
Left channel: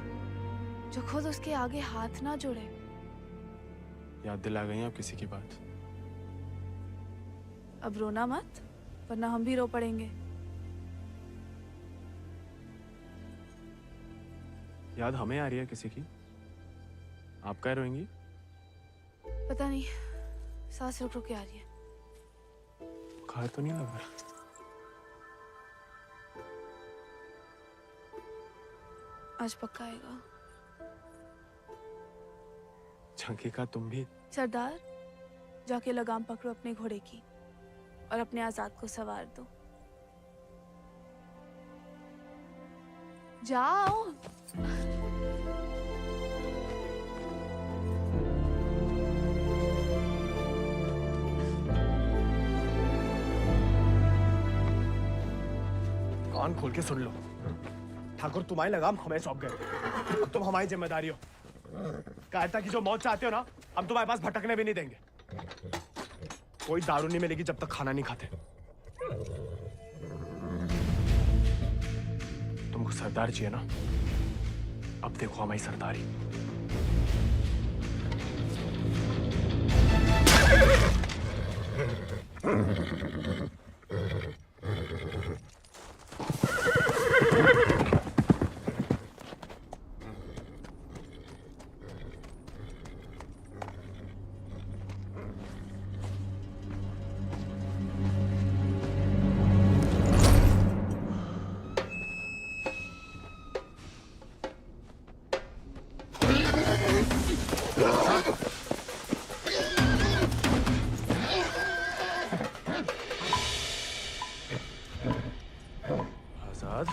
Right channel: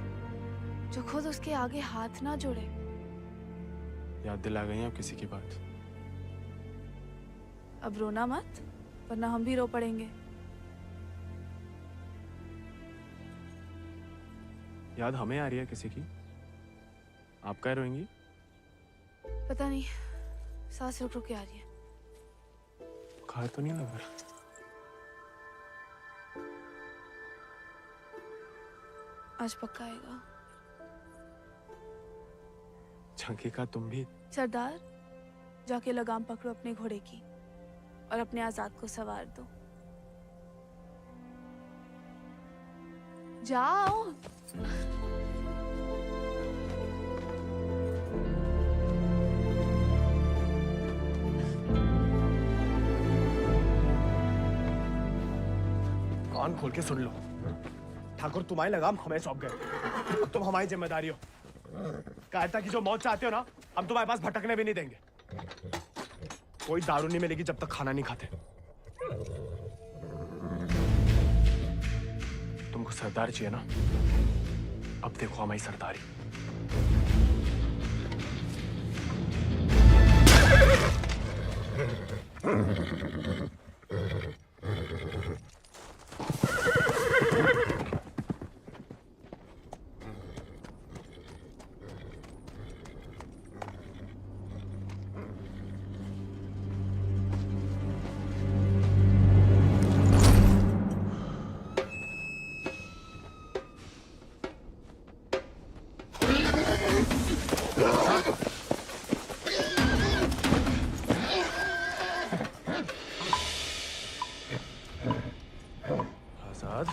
जो खुद उसके आगे हाथ ना जोड़े। याद दिला गई आप किसी की बात। अब रोना मत, वरना हम भी रो पड़ेंगे। याद हमें आ रही है किसी की? आप क्या रोएंगी? पता नहीं, सांस रुक रुक के आ रही है। बुखार तो नहीं लग रहा? आज पक्का आएगा। झंकी का तुम भी? सरदार, जाके लगाम पकड़ो अपने घोड़े की और अपने आजाद को सवार दो। जाओ। कान खोल के सुन लो, ठाकुर तुम्हारी लगाम हमें सौंप गए। अब तुम हमारी जिम्मेदारी हो। कायरता की जो मौत चाहते हो ना, हम तुम्हारे पास भटकने भी नहीं देंगे। कोई दारू नहीं मिलेगी जब तक खाना नहीं खाते। तुमको सरदार चाहिए ना? अब देखो हमारी सरदारी। आजाद,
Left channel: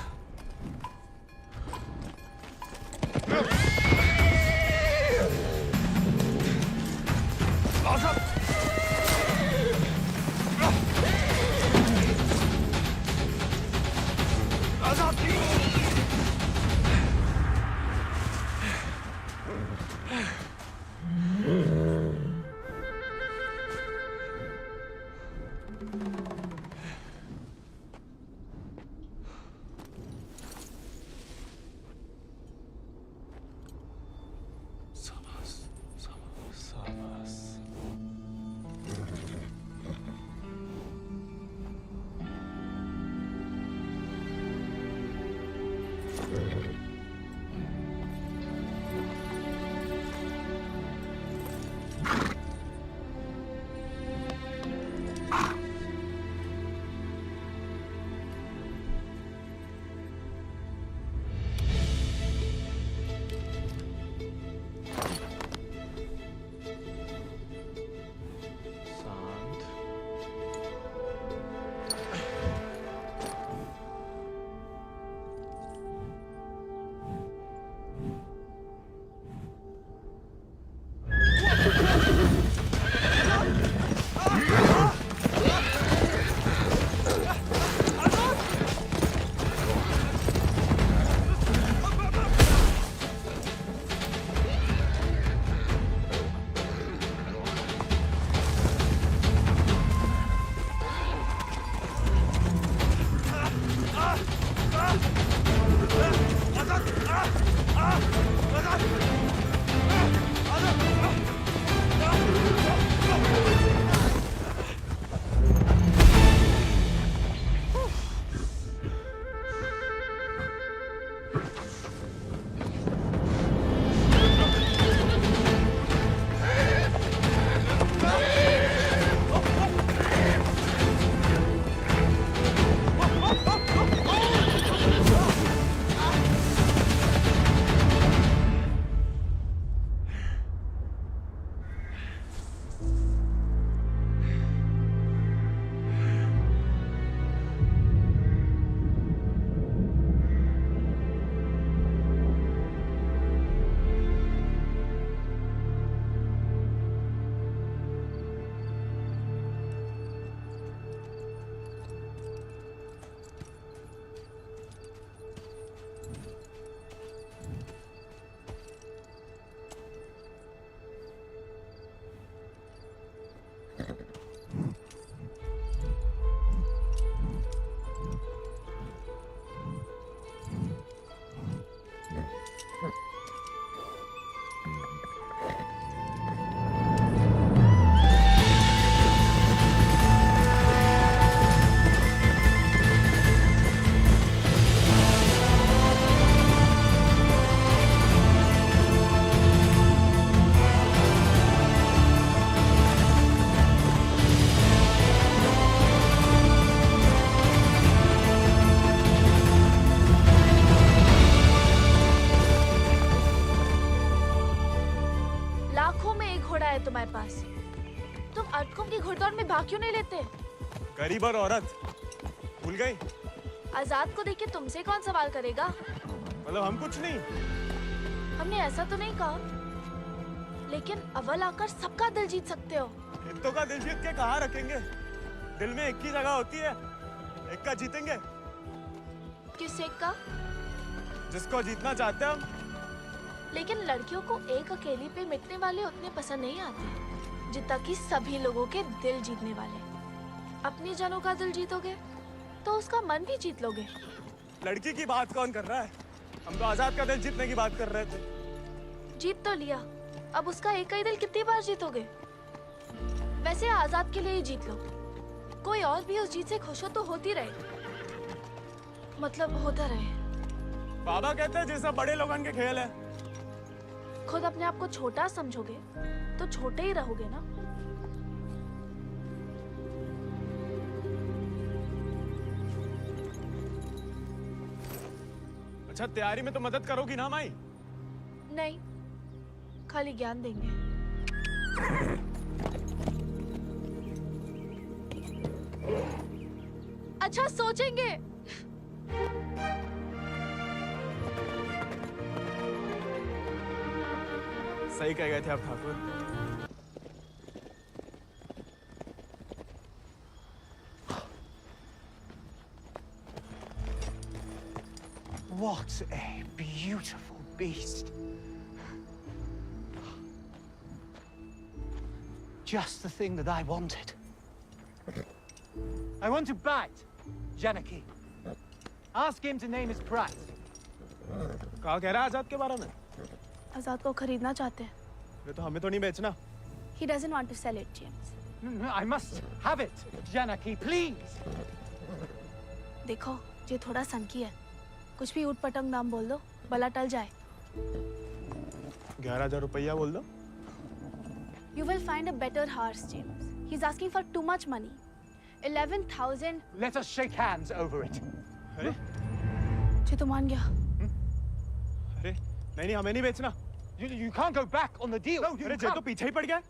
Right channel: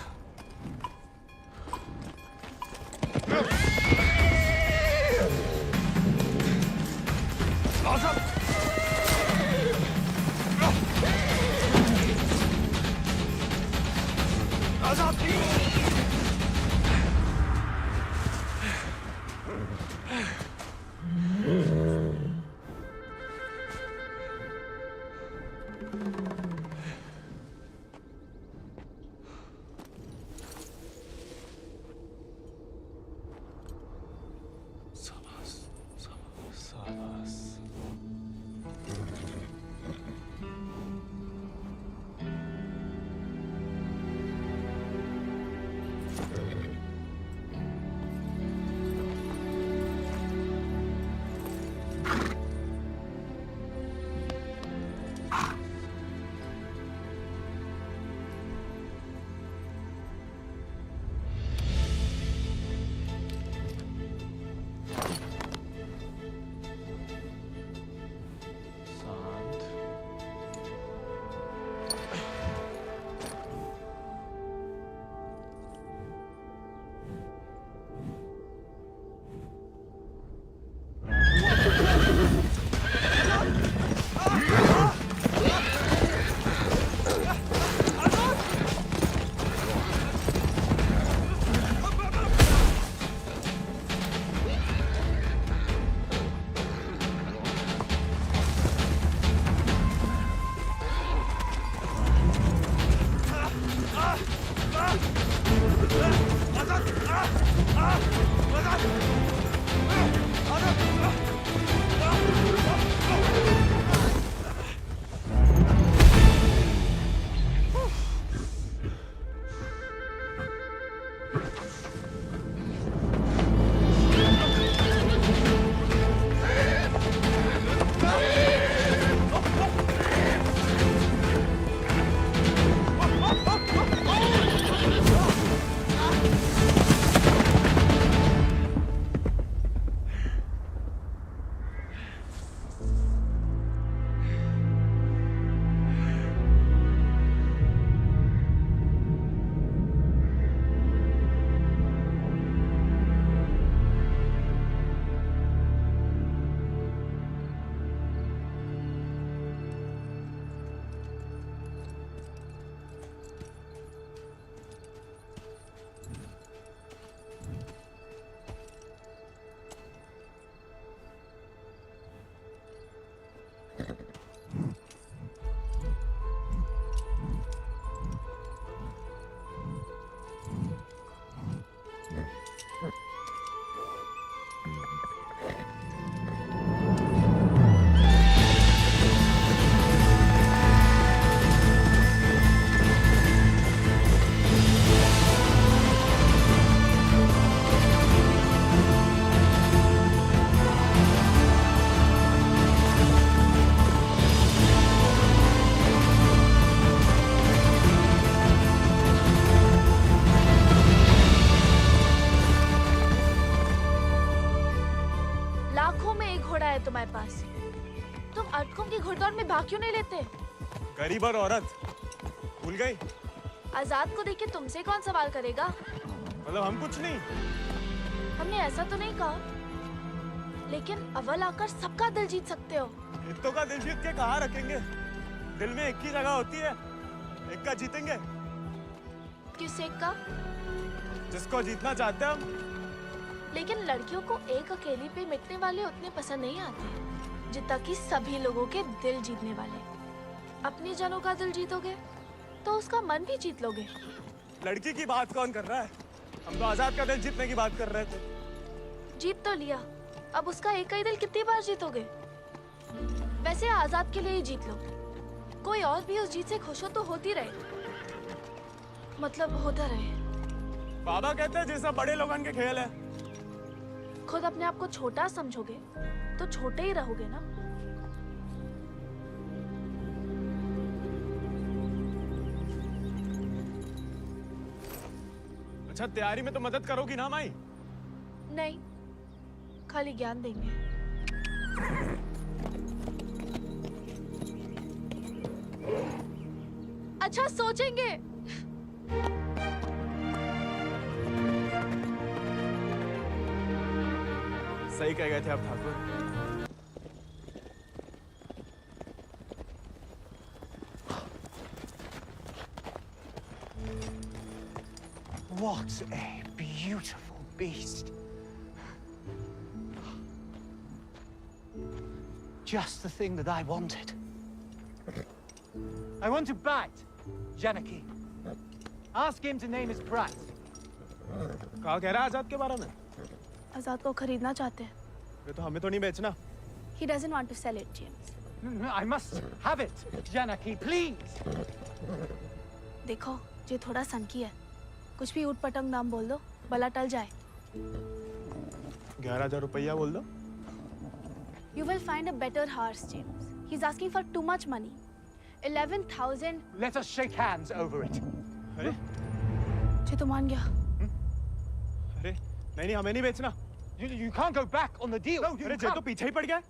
घोड़ा है तुम्हारे पास? तुम अर्धकुंभ की घुड़दौड़ में भाग क्यों नहीं लेते? गरीब और औरत भूल गई? आजाद को देख के तुमसे कौन सवाल करेगा? मतलब हम कुछ नहीं? हमने ऐसा तो नहीं कहा, लेकिन अव्वल आकर सबका दिल जीत सकते हो। इत्तो का दिल जीत के कहाँ रखेंगे? दिल में एक ही जगह होती है, एक का जीतेंगे। किस एक का? जिसको जीतना चाहते हैं हम। लेकिन लड़कियों को एक अकेली पे मिटने वाले उतने पसंद नहीं आते जितना कि सभी लोगों के दिल जीतने वाले। अपनी जनों का दिल जीतोगे तो उसका मन भी जीत लोगे। लड़की की बात कौन कर रहा है? हम तो आजाद का दिल जीतने की बात कर रहे थे। जीत तो लिया, अब उसका एक ही दिल कितनी बार जीतोगे? वैसे आजाद के लिए ही जीत लो। कोई और भी उस जीत से खुश हो तो होती रहे, मतलब होता रहे। बाबा कहते हैं जैसा बड़े लोगों के खेल है। खुद अपने आप को छोटा समझोगे तो छोटे ही रहोगे ना। अच्छा, तैयारी में तो मदद करोगी ना माई? नहीं, खाली ज्ञान देंगे। अच्छा, सोचेंगे। सही कह गए थे आप Thakur. What a beautiful beast. Just the thing that I wanted. I want to bite Janaki. Ask him to name his price. कहा कह रहा है आजाद के बारे में? आजाद को खरीदना चाहते हैं। ये तो हमें तो नहीं बेचना। He doesn't want to sell it, James. No, I must have it, Janaki, please. देखो, ये थोड़ा सनकी है। कुछ भी ऊट पटंग नाम बोल दो, भला टल जाए। 11,000 रुपया बोल दो। You will find a better horse, James. He's asking for too much money. 11,000. Let us shake hands over it. अरे? ये तो मान गया। अरे, नहीं हमें नहीं बेचना। You can't go back on the deal. No, अरे जे तो पीछे ही पड़ गया।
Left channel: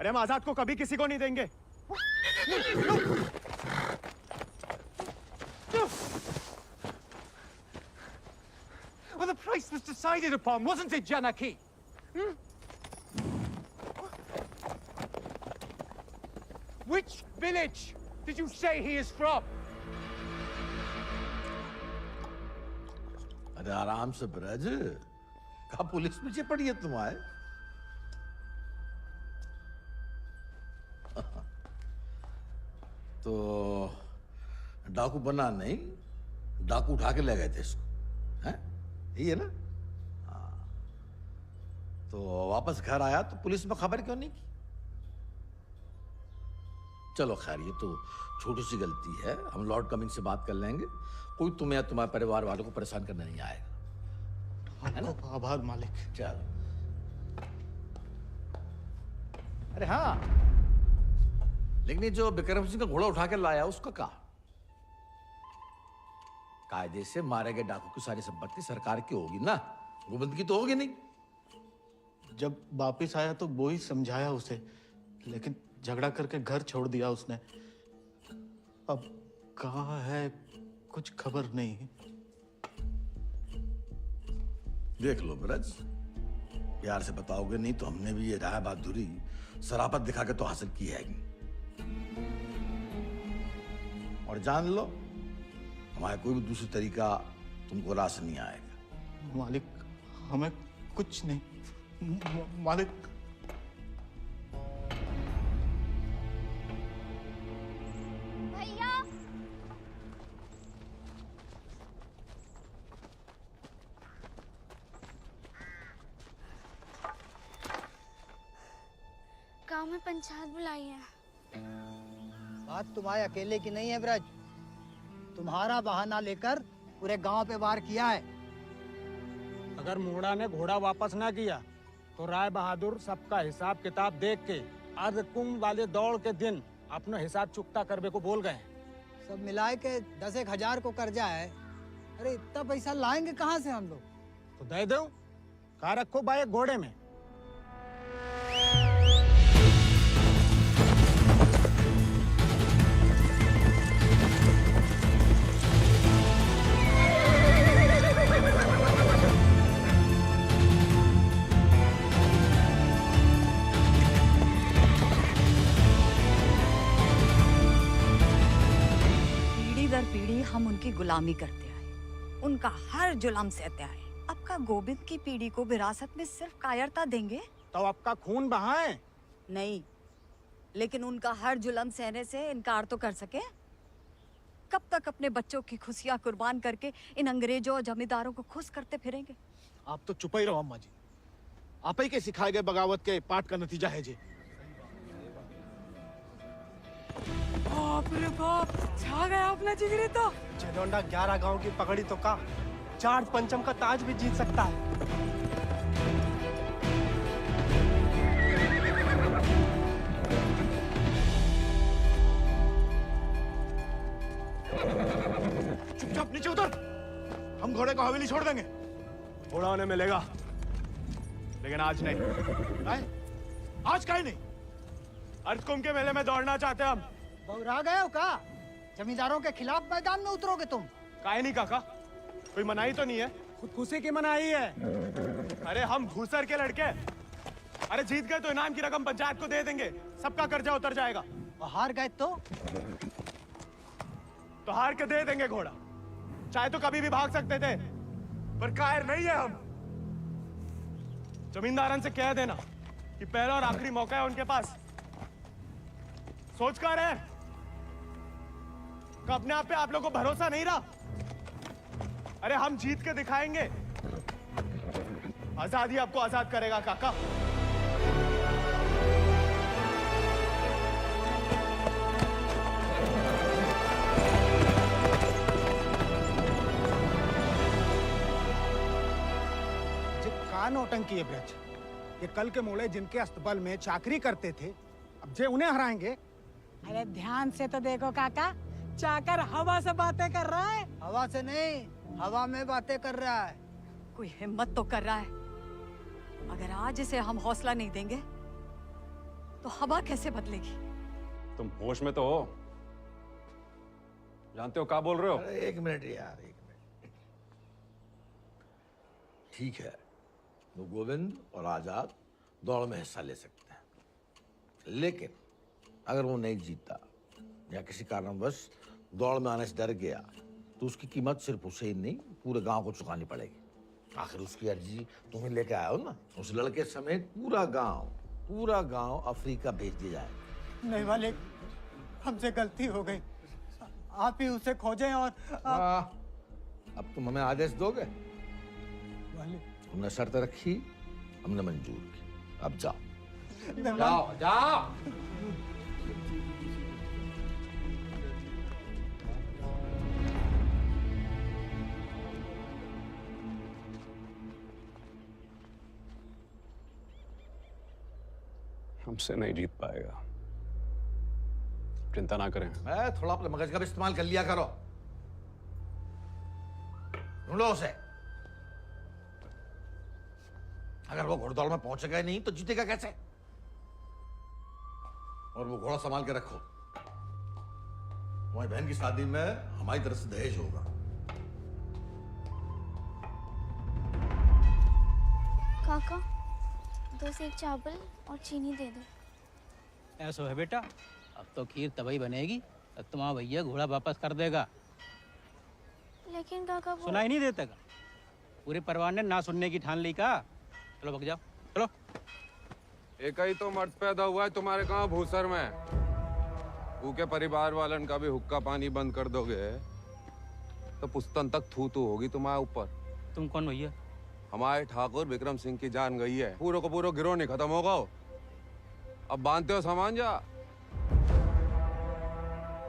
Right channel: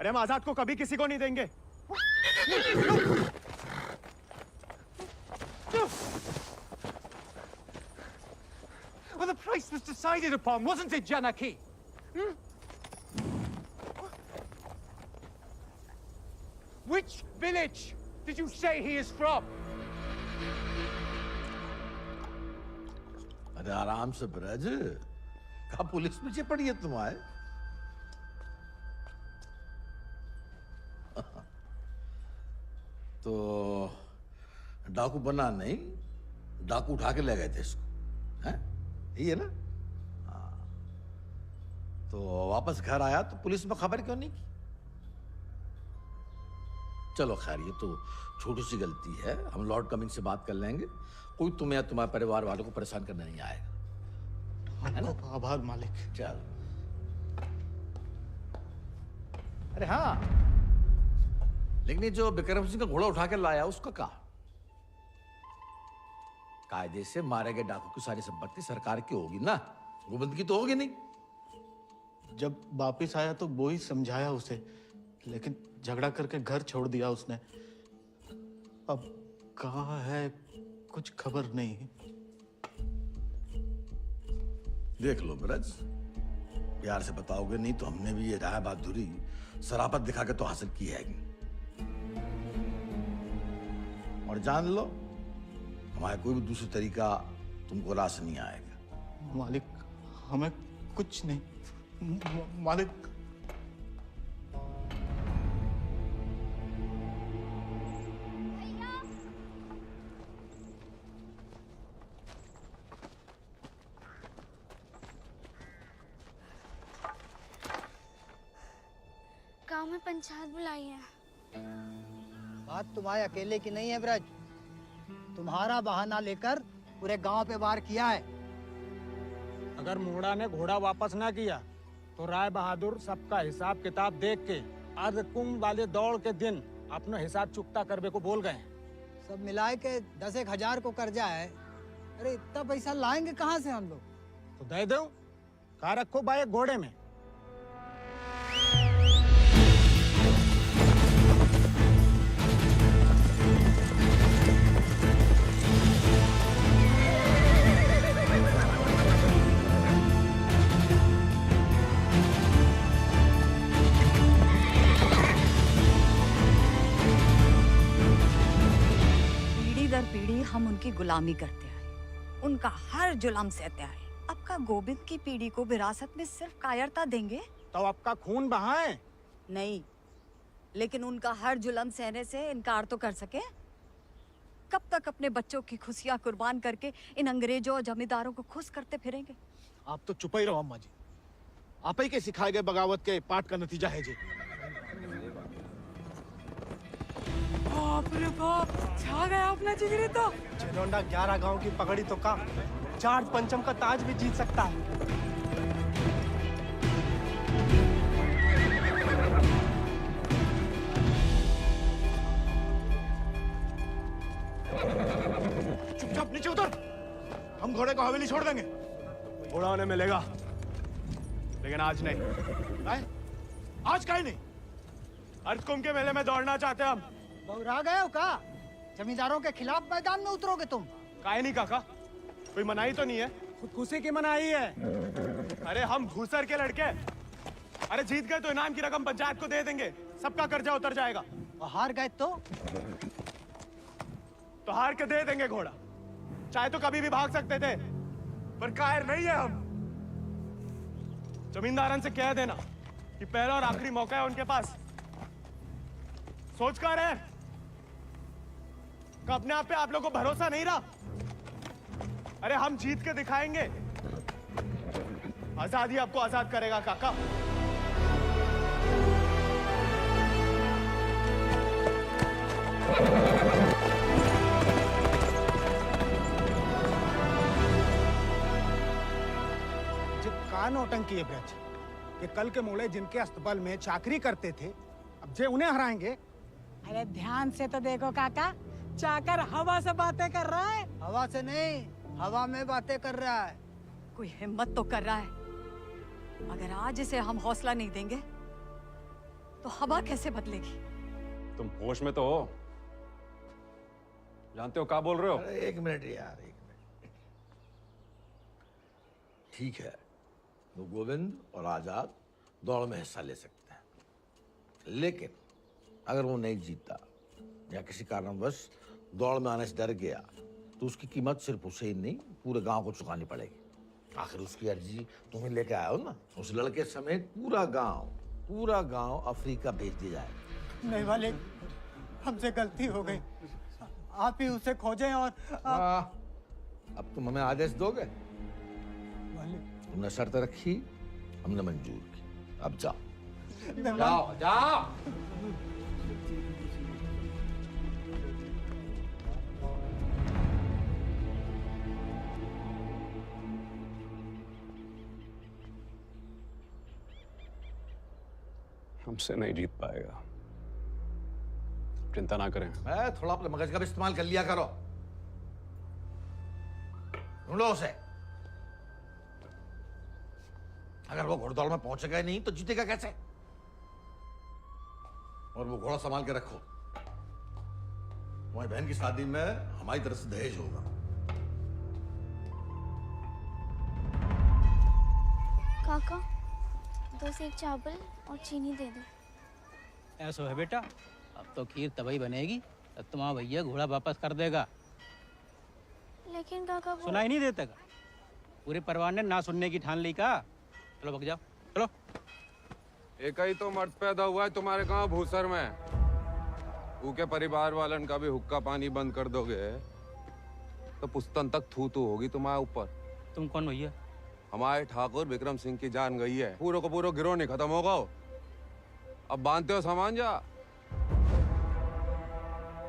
अरे हम आजाद को कभी किसी को नहीं देंगे। Well, the price was decided upon, wasn't it, Janaki? Which village did you say he is from? अरे आराम से ब्रज, कहा पुलिस पीछे पड़ी है तुम्हारे? तो डाकू बना नहीं, डाकू उठा के ले गए थे इसको, हैं? यही है ना? हाँ। तो वापस घर आया तो पुलिस में खबर क्यों नहीं की? चलो खैर, ये तो छोटी सी गलती है, हम लॉर्ड कमिंग से बात कर लेंगे। कोई तुम्हें या तुम्हारे परिवार वालों को परेशान करने नहीं आएगा, है ना? आभार मालिक। चल। अरे हाँ, लेकिन ये जो विक्रम सिंह का घोड़ा उठा के लाया उसका कहा? कायदे से मारे गए डाकू की सारी संपत्ति सरकार की होगी ना, गोविंद की तो होगी नहीं। जब वापिस आया तो वो ही समझाया उसे, लेकिन झगड़ा करके घर छोड़ दिया उसने। अब कहाँ है कुछ खबर नहीं। देख लो ब्रज, प्यार से बताओगे नहीं तो हमने भी ये राय बहादुरी सरापत दिखा के तो हासिल की है। और जान लो, हमारा कोई भी दूसरा तरीका तुमको रास नहीं आएगा। मालिक, हमें कुछ नहीं। मालिक, गांव में पंचायत बुलाई है। बात तुम्हारे अकेले की नहीं है ब्रज, तुम्हारा बहाना लेकर पूरे गांव पे वार किया है। अगर मुंगड़ा ने घोड़ा वापस ना किया तो राय बहादुर सबका हिसाब किताब देख के अर्धकुंभ वाले दौड़ के दिन अपना हिसाब चुकता करने को बोल गए। सब मिलाए के 10,000 को कर्जा है। अरे इतना पैसा लाएंगे कहाँ से हम लोग? तो दे दो, कहा रखो भाई घोड़े में। दर पीढ़ी हम उनकी गुलामी करते आए, उनका हर जुल्म सहते आए। अब का गोविंद की पीढ़ी को विरासत में सिर्फ कायरता देंगे तो आपका खून बहाए? नहीं, लेकिन उनका हर जुल्म सहने से इनकार तो कर सके। कब तक अपने बच्चों की खुशियां कुर्बान करके इन अंग्रेजों और जमींदारों को खुश करते फिरेंगे? आप तो चुप ही रहो अम्मा जी। आप ही के सिखाए गए बगावत के पाठ का नतीजा है जी। बाप रे बाप, छा गया अपना जिगरी तो। जेडोंडा 11 गांव की पगड़ी तो का चार पंचम का ताज भी जीत सकता है। चुपचाप नीचे उतर। हम घोड़े को हवेली छोड़ देंगे। घोड़ा उन्हें मिलेगा, लेकिन आज नहीं। आज काहे नहीं? अर्धकुंभ के मेले में दौड़ना चाहते हैं हम। बौरा गए हो का? जमींदारों के खिलाफ मैदान में उतरोगे तुम? काहे नहीं काका? कोई मनाही तो नहीं है? खुदकुशी की मनाही है। अरे हम घूसर के लड़के, अरे जीत गए तो इनाम की रकम पंचायत को दे देंगे, सबका कर्जा उतर जाएगा। और हार गए तो हार के दे देंगे घोड़ा। चाहे तो कभी भी भाग सकते थे, पर कायर नहीं है हम। जमींदारन से कह देना कि पहला और आखिरी मौका है उनके पास। सोच कर है कि अपने आप पे आप लोगों को भरोसा नहीं रहा। अरे हम जीत के दिखाएंगे। आजादी आपको आजाद करेगा काका। का नौटंकी है ब्रज। ये कल के मोड़े जिनके अस्तबल में चाकरी करते थे, अब जे उन्हें हराएंगे। अरे ध्यान से तो देखो काका, चाकर हवा से बातें कर रहा है। हवा से नहीं, हवा में बातें कर रहा है। कोई हिम्मत तो कर रहा है। अगर आज इसे हम हौसला नहीं देंगे तो हवा कैसे बदलेगी? तुम होश में तो हो? जानते हो क्या बोल रहे हो? अरे एक मिनट यार, एक मिनट। ठीक है, वो गोविंद और आजाद दौड़ में हिस्सा ले सकते हैं, लेकिन अगर वो नहीं जीता या किसी कारणवश दौड़ में आने से डर गया तो उसकी कीमत सिर्फ उसे ही नहीं पूरे गांव को चुकानी पड़ेगी। आखिर उसकी अर्जी तुम्हें लेके आए हो ना। उस लड़के समेत पूरा गांव अफ्रीका भेज दिया जाएगा। नहीं मालिक, हमसे गलती हो गई। आप ही उसे खोजें और अब तुम हमें आदेश दोगे? तुमने शर्त रखी, हमने मंजूर की। अब जाओ जाओ जाओ। हमसे नहीं जीत पाएगा, चिंता ना करें। थोड़ा अपने मगज का भी इस्तेमाल कर लिया करो। ढूंढो उसे। अगर वो घोड़दौड़ में पहुंचेगा ही नहीं तो जीतेगा कैसे? और वो घोड़ा संभाल के रखो। तुम्हारी बहन की शादी में हमारी तरफ से दहेज होगा। काका, 2 सेक चावल और चीनी दे दो। ऐसा है बेटा, अब तो खीर तभी बनेगी तब तुम्हारा भैया घोड़ा वापस कर देगा। लेकिन काका वो... सुनाई नहीं देता का? पूरे परिवार ने ना सुनने की ठान ली का। चलो भग जाओ, चलो। एक ही तो मर्द पैदा हुआ है तुम्हारे गांव भूसर में। ऊके परिवार वालन का भी हुक्का पानी बंद कर दोगे तो पुस्तन तक थू थू होगी तुम्हारे ऊपर। तुम कौन भैया? हमारे ठाकुर विक्रम सिंह की जान गई है। पूरे को पूरा गिरोह नहीं खत्म होगा। अब बांधते हो सामान जा।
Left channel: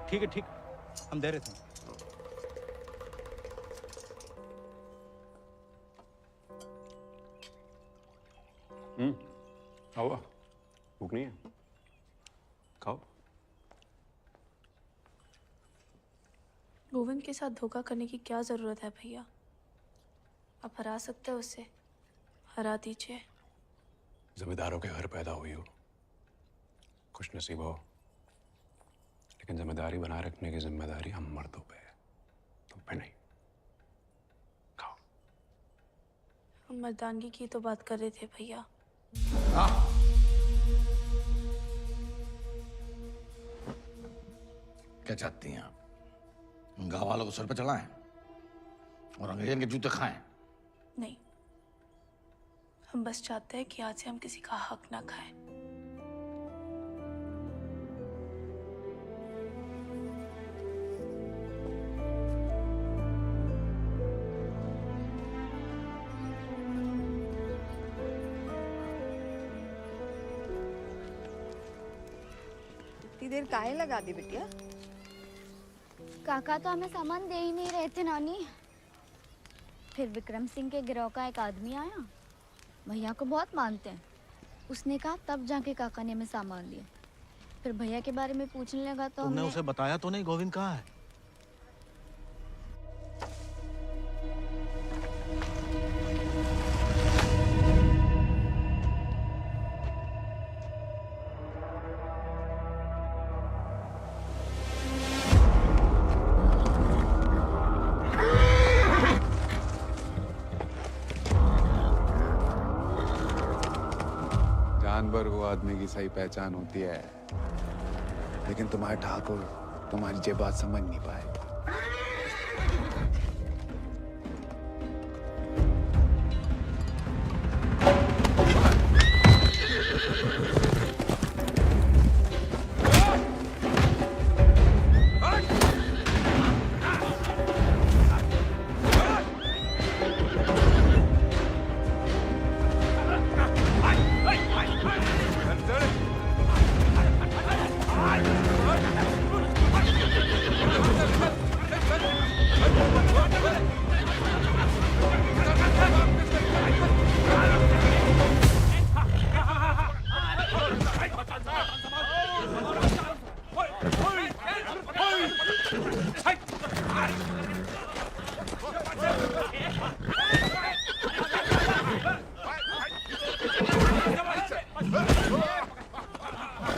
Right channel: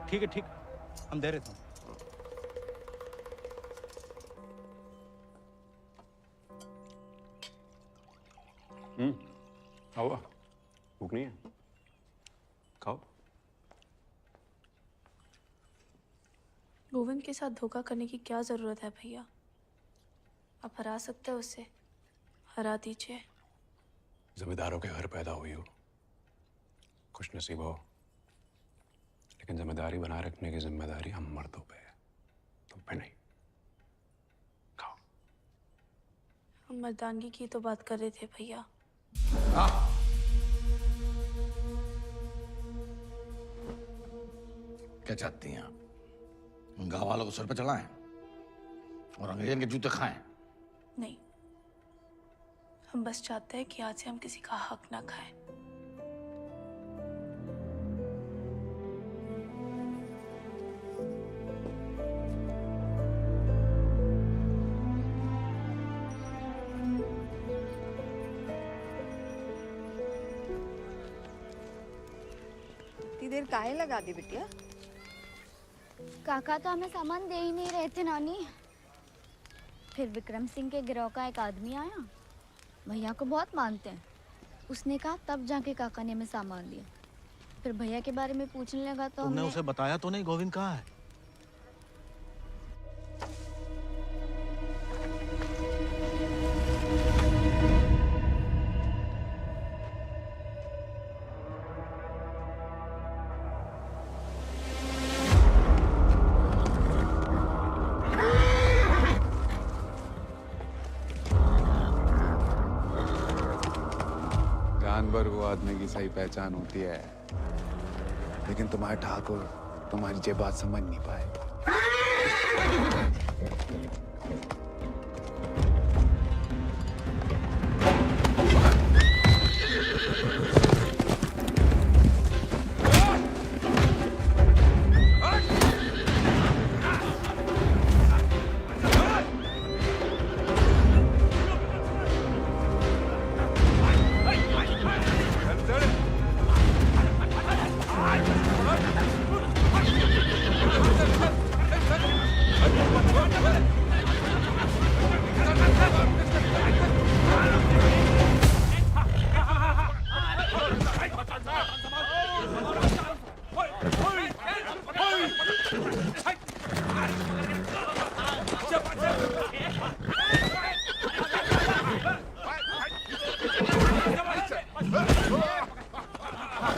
ठीक है, ठीक, हम दे रहे थे। खाओ, भूख नहीं है? खाओ। गोविंद के साथ धोखा करने की क्या जरूरत है भैया? आप हरा सकते हो उसे, हरा दीजिए। जमींदारों के घर पैदा हुई हो, खुश नसीब हो, लेकिन जिम्मेदारी बनाए रखने की जिम्मेदारी हम मर्दों पे है, तुम पे नहीं। खाओ। हम मर्दानगी की तो बात कर रहे थे भैया। क्या चाहती हैं आप? गांव वालों को सर पे चढ़ाएं और अंग्रेजन के जूते खाएं। नहीं, हम बस चाहते हैं कि आज से हम किसी का हक ना खाएं। इतनी देर काहे लगा दी बिटिया? काका तो हमें सामान दे ही नहीं रहे थे नानी। फिर विक्रम सिंह के गिरोह का एक आदमी आया, भैया को बहुत मानते हैं। उसने कहा तब जाके काका ने हमें सामान दिया। फिर भैया के बारे में पूछने लगा तो तुमने हमने उसे बताया तो नहीं गोविंद कहाँ है? जानवर को आदमी की सही पहचान होती है, लेकिन तुम्हारे ठाकुर तुम्हारी ये बात समझ नहीं पाए।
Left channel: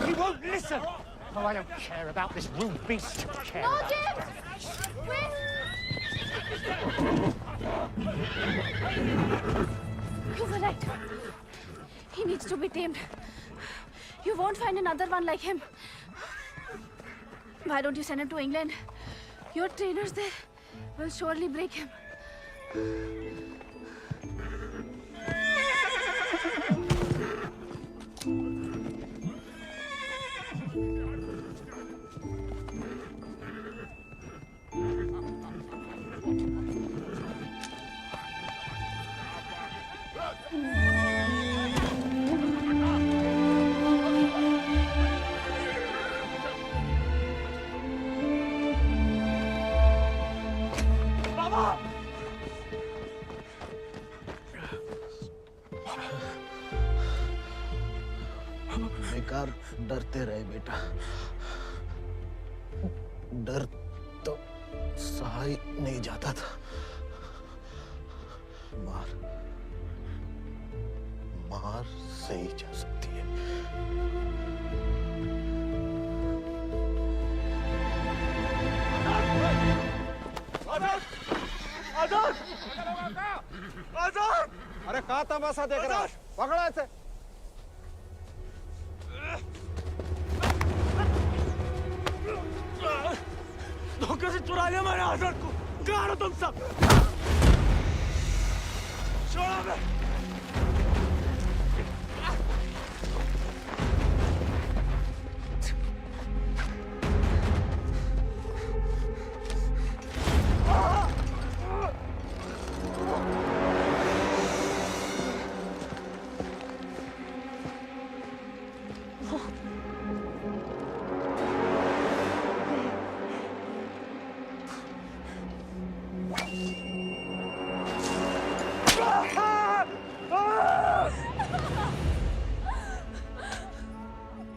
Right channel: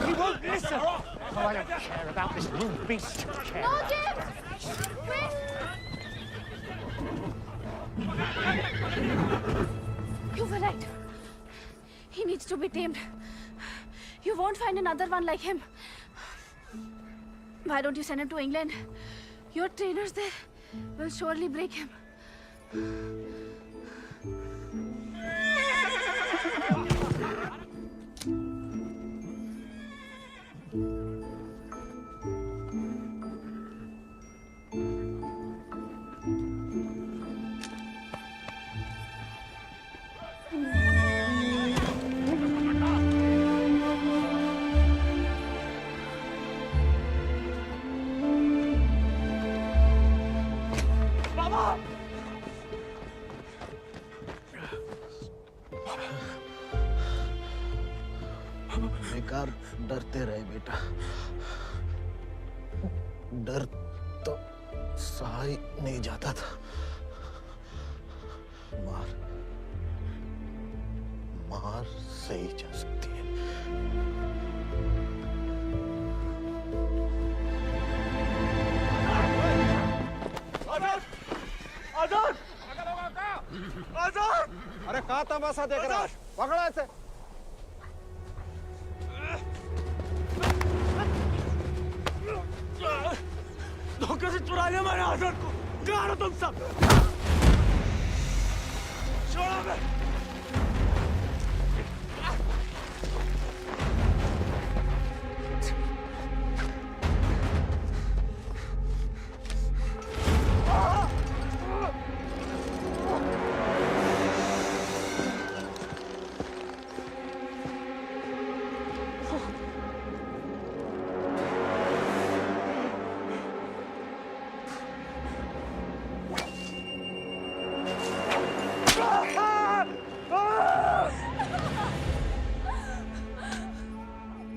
He won't listen. Oh, I don't care about this rude beast. No, James! Wait! You were right. He needs to be tamed. You won't find another one like him. Why don't you send him to England? Your trainers there will surely break him. बेकार डरते रहे बेटा, डर तो सहा ही नहीं जाता था। मार मार सही जा सकती है। आजाद! आजाद! आजाद! अरे कहाँ तमाशा देख रहा है? पकड़ो ऐसे। धोखे से चुरा लिया मैंने आजाद को। कहाँ हो तुम सब? छोड़ो मैं।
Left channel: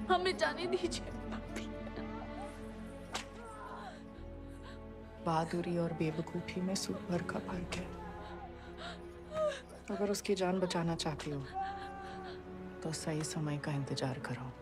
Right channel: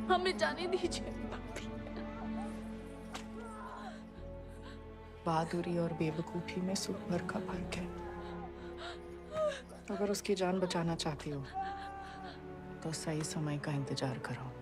हमें जाने दीजिए। बहादुरी और बेवकूफी में सूट भर का फर्क है। अगर उसकी जान बचाना चाहती हो तो सही समय का इंतजार करो।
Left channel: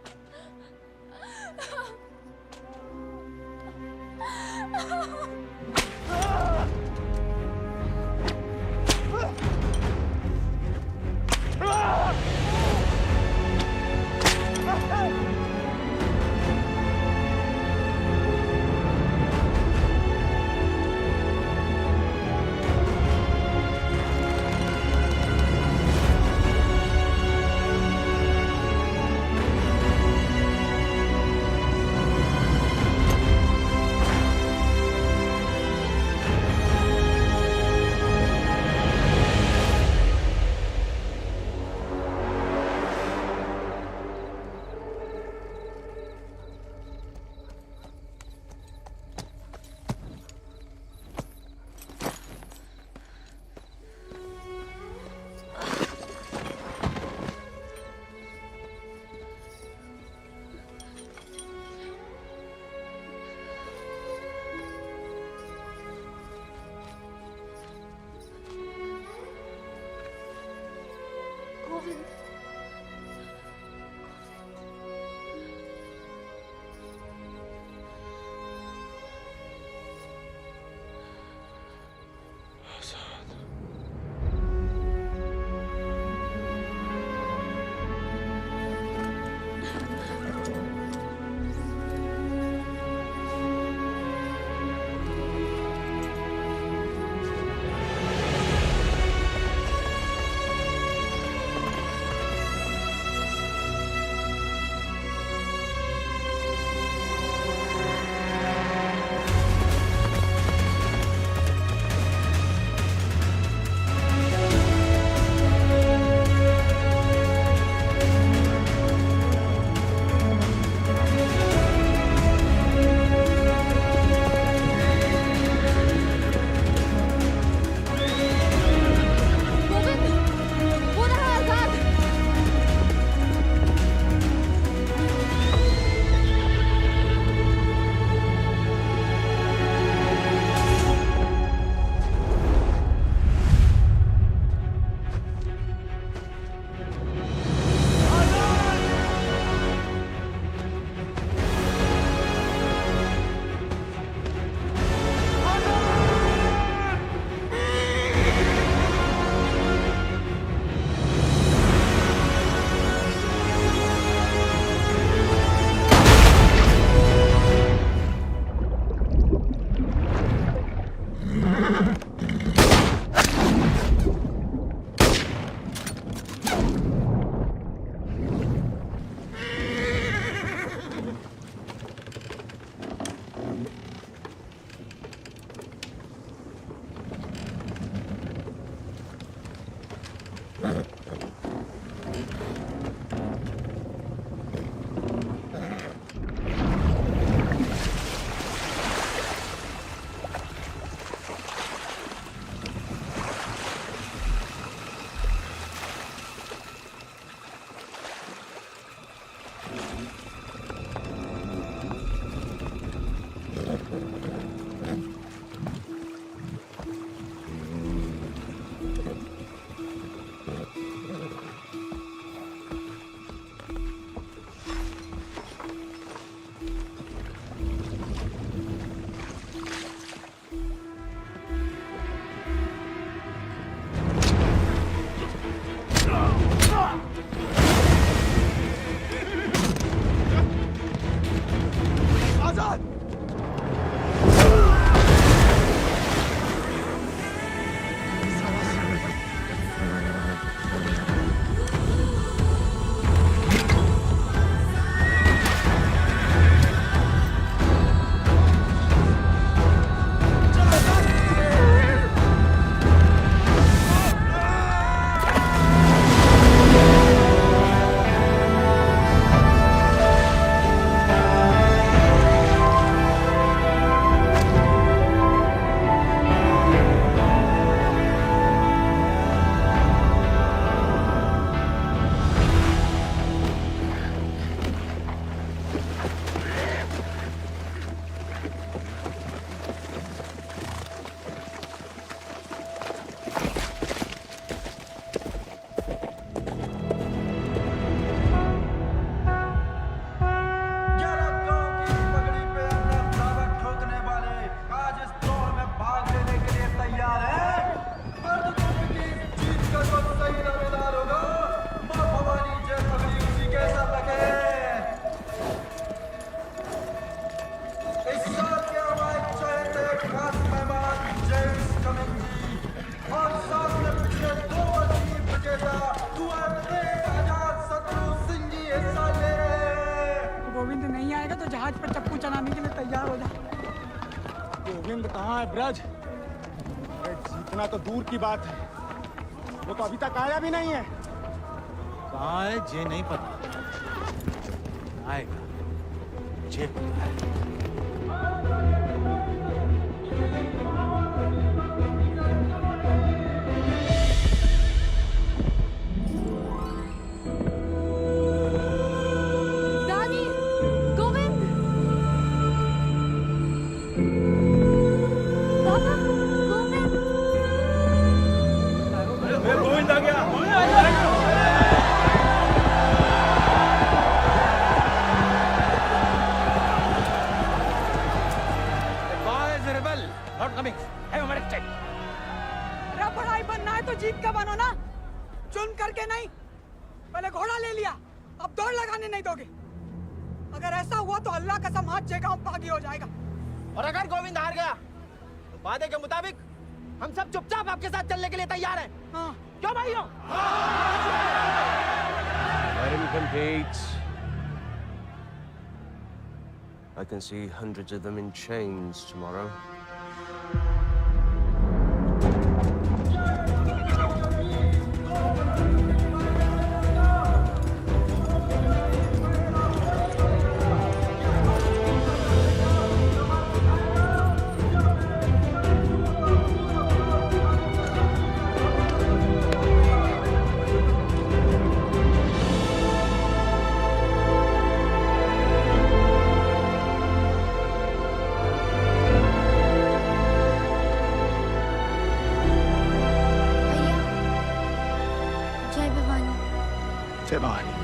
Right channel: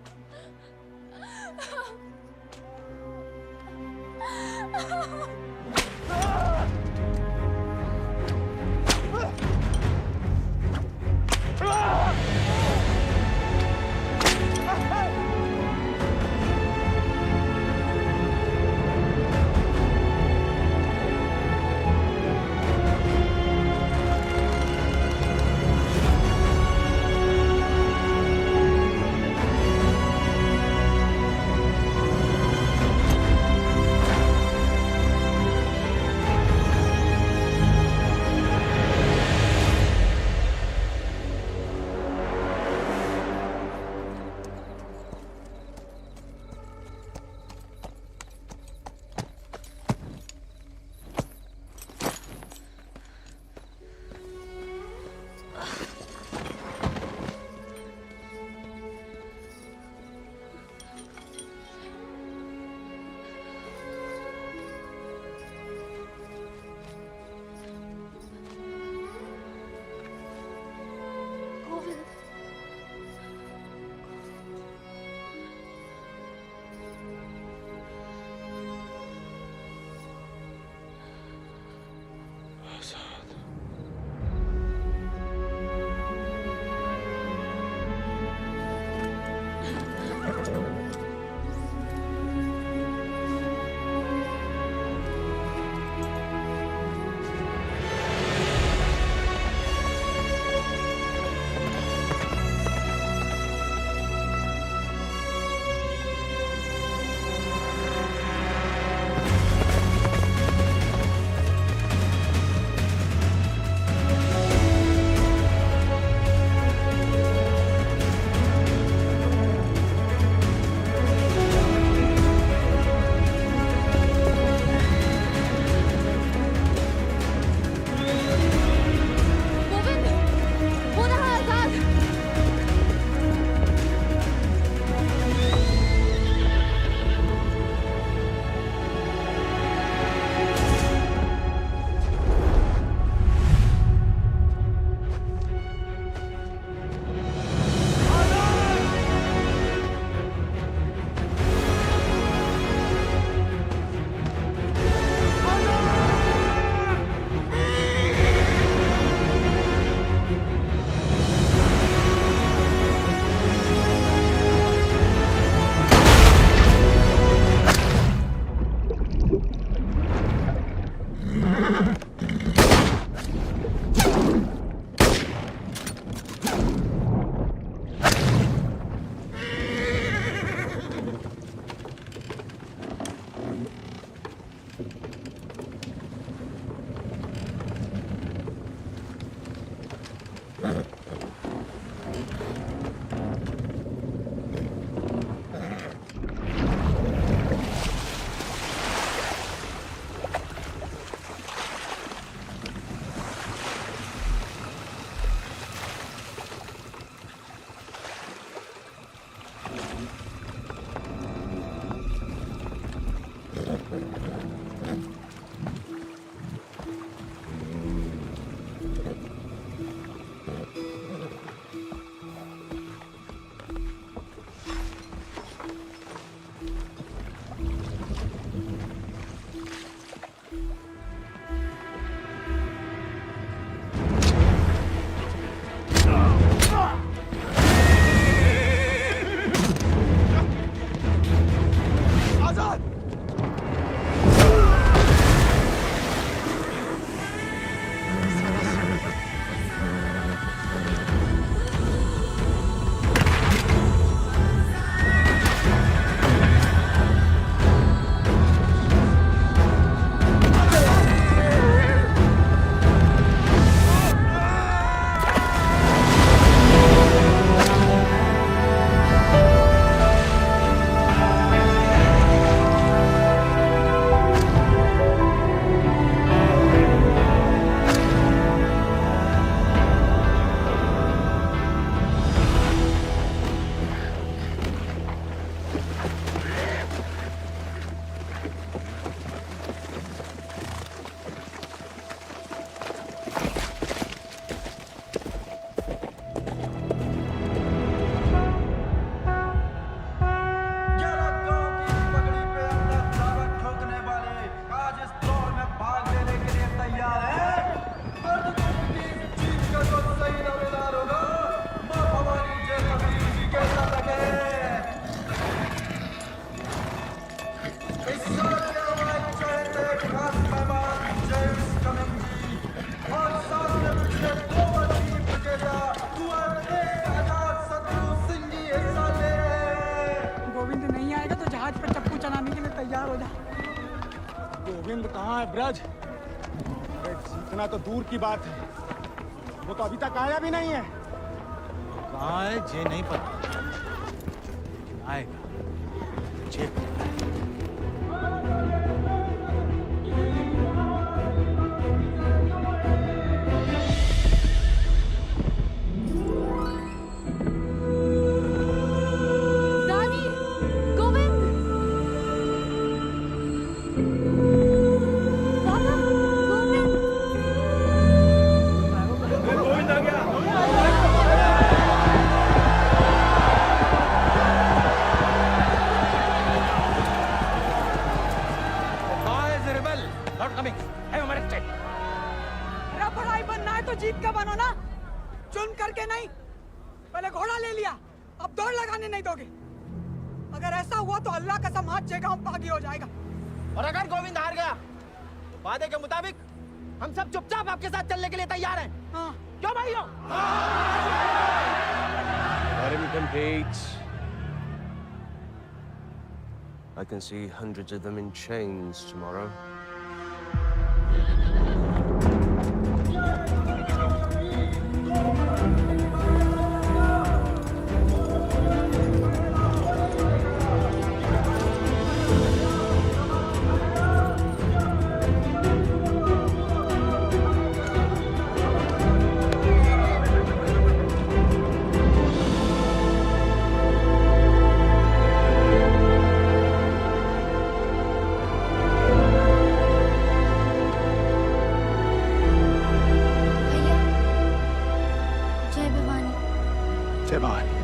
गोविंद गोविंद नहीं आएगा तो जहाज पर चप्पू चलाने के लिए तैयार हो जा। गोविंद कहाँ है ब्रज? अरे जीतना तो दूर की बात है, वो तो अभी तक आया भी नहीं है। कहाँ है ये नहीं पता, आएगा ये पता है। रानी, गोविंद, पापा, गोविंद। गोविंद आ गया। के नहीं, पहले घोड़ा ले लिया, अब दौड़ लगाने नहीं दोगे। अगर ऐसा हुआ तो अल्लाह कसम हाथ जगह पागी हो जाएगा। और अगर गोविंद हार गया तो वादे के मुताबिक हम सब चुपचाप आपके साथ चलने के लिए तैयार हैं। हाँ। क्यों भाइयों? Let him compete. I can see hundreds of them in chains tomorrow. जय भवानी। जय भवानी।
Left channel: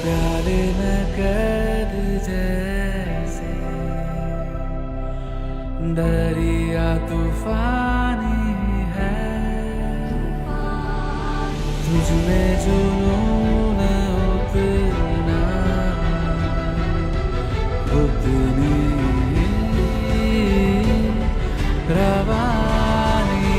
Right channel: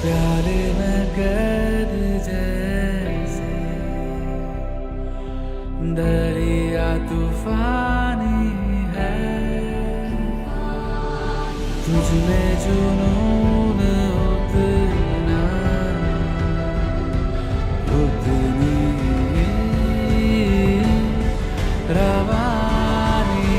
प्यारे में कैद जैसे दरिया तूफानी है, तुझ में जुनून उतना उतनी रवानी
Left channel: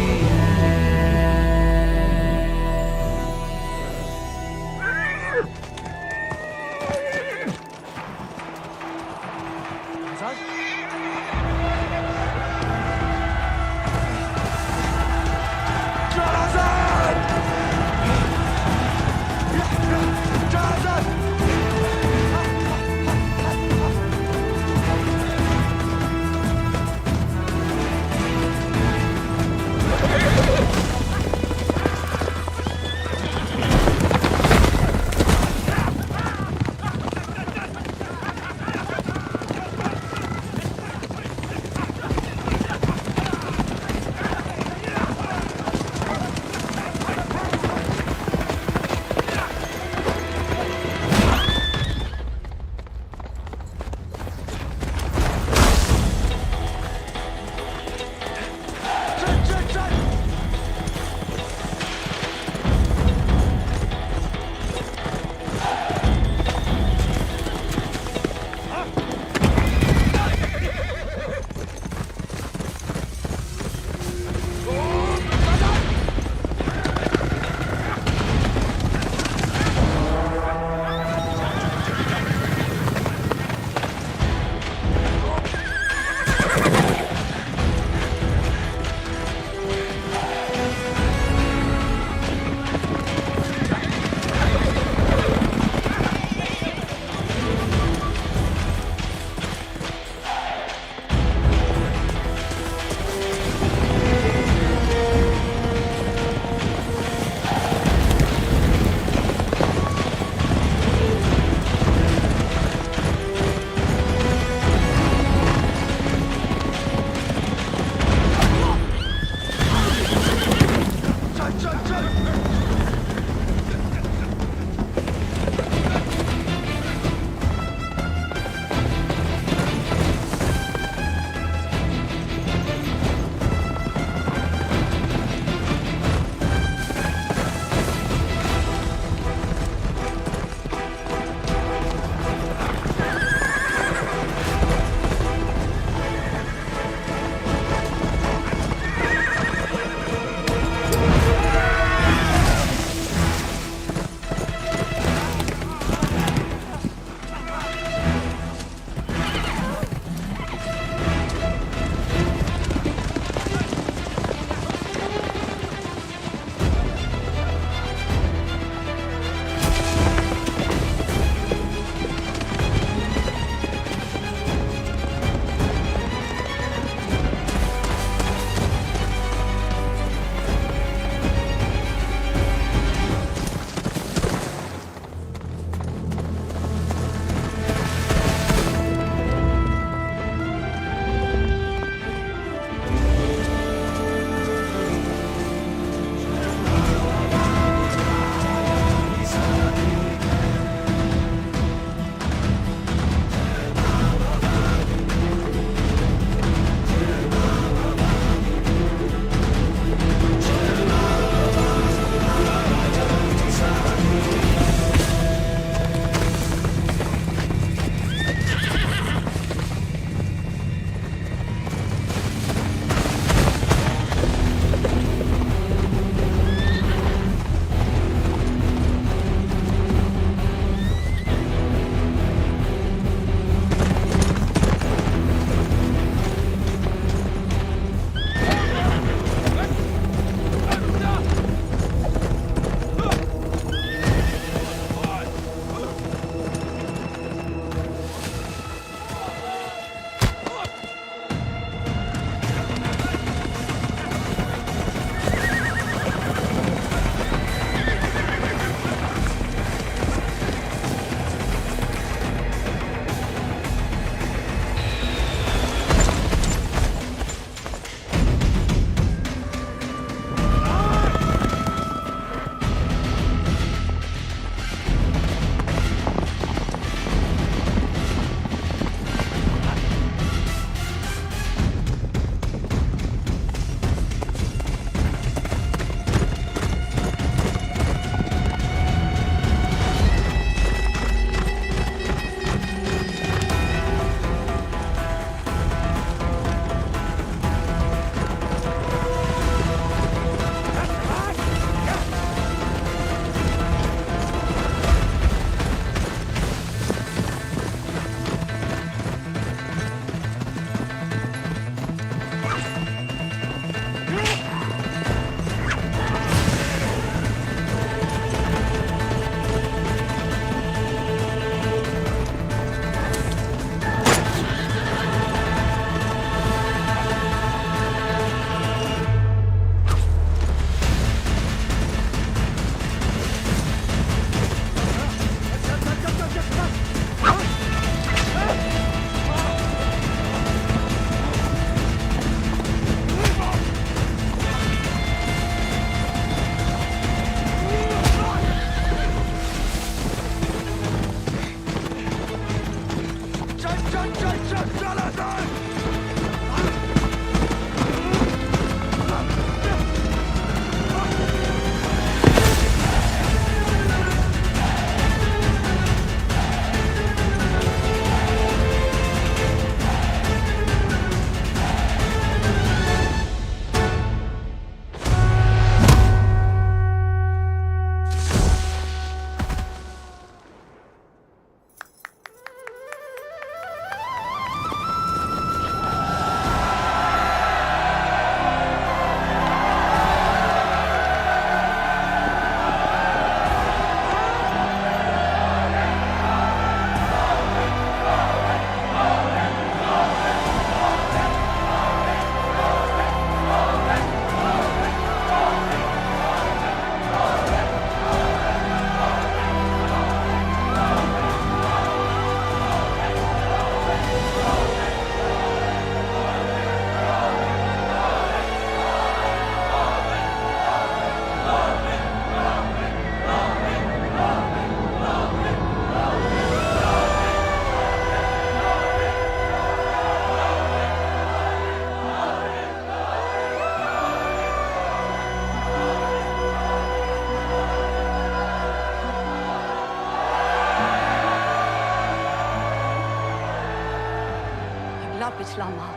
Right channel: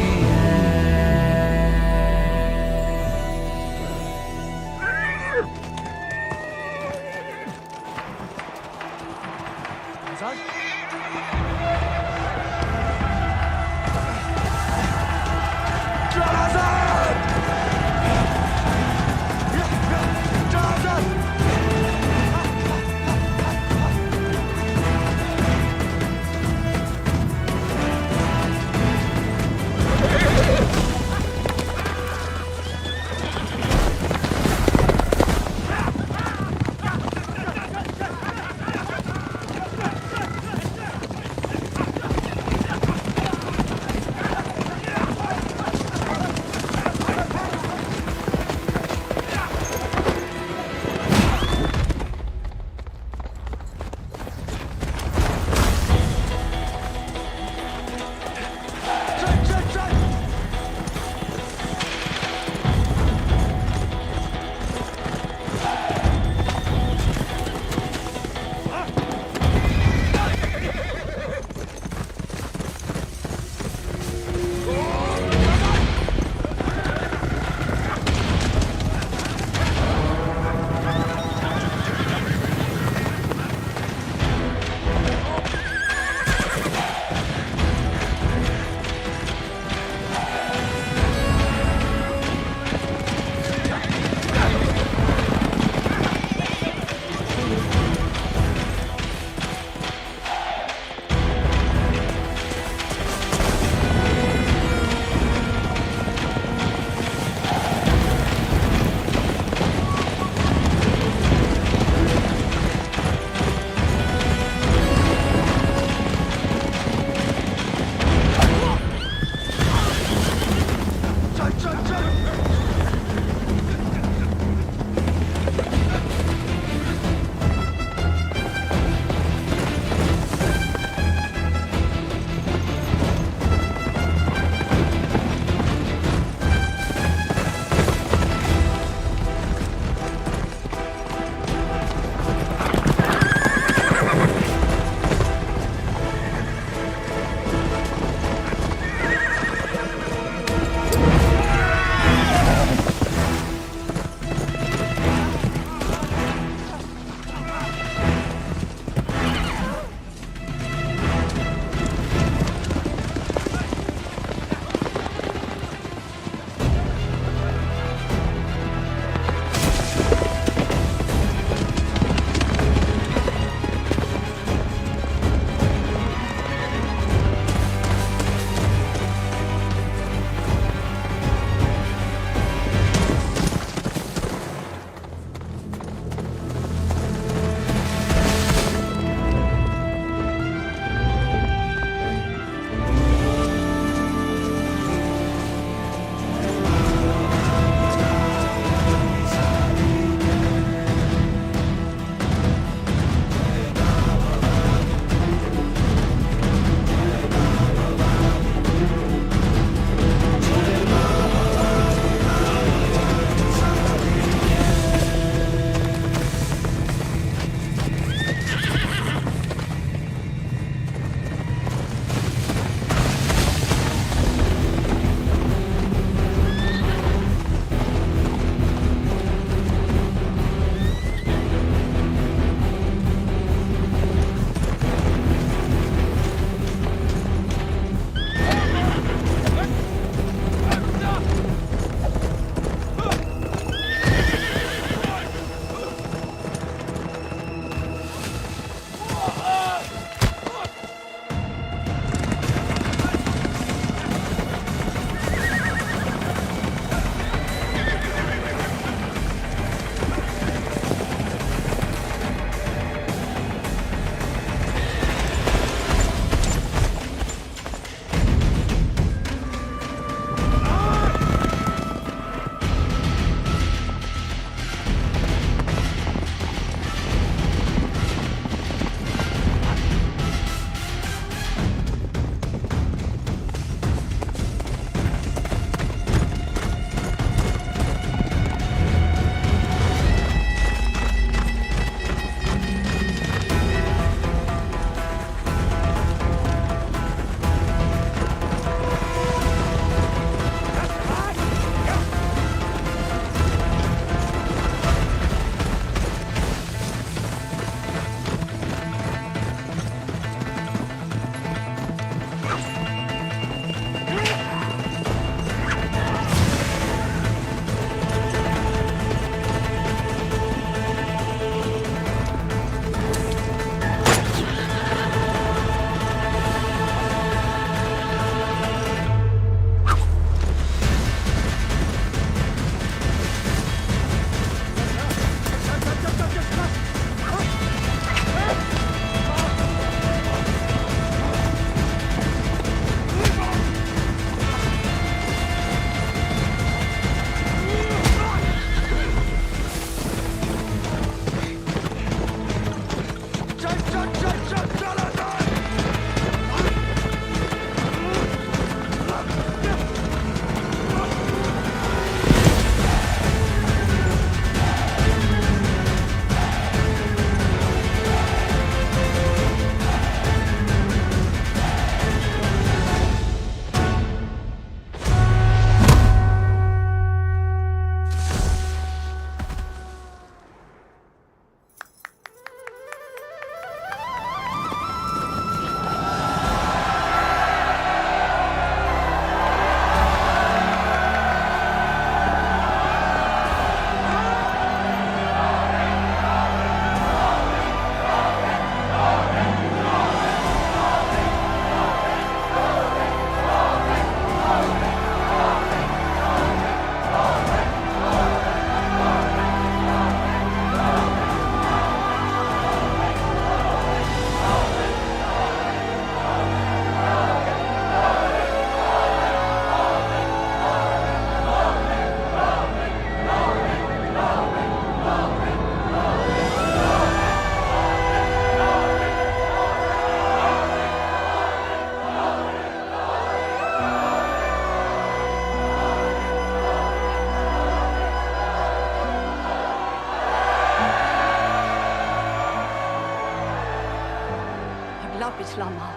अगला पिछला माह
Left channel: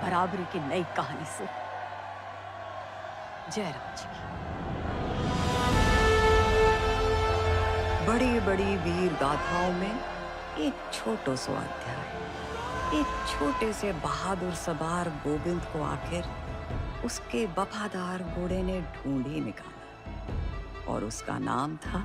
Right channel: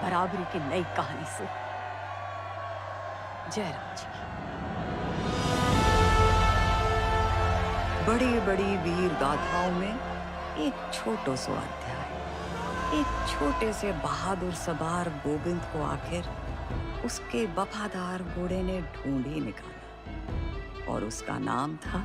बराबरी की नई कहानी से जयराम जी की। बड़ी बड़ी वीर गाथाओं में एक छोटो सो अध्याय। एक छोटे से बहादुर सवार गोविंद को आखिर उसके वफादार घोड़े ने ढूंढ ही निकाला और उसका नाम था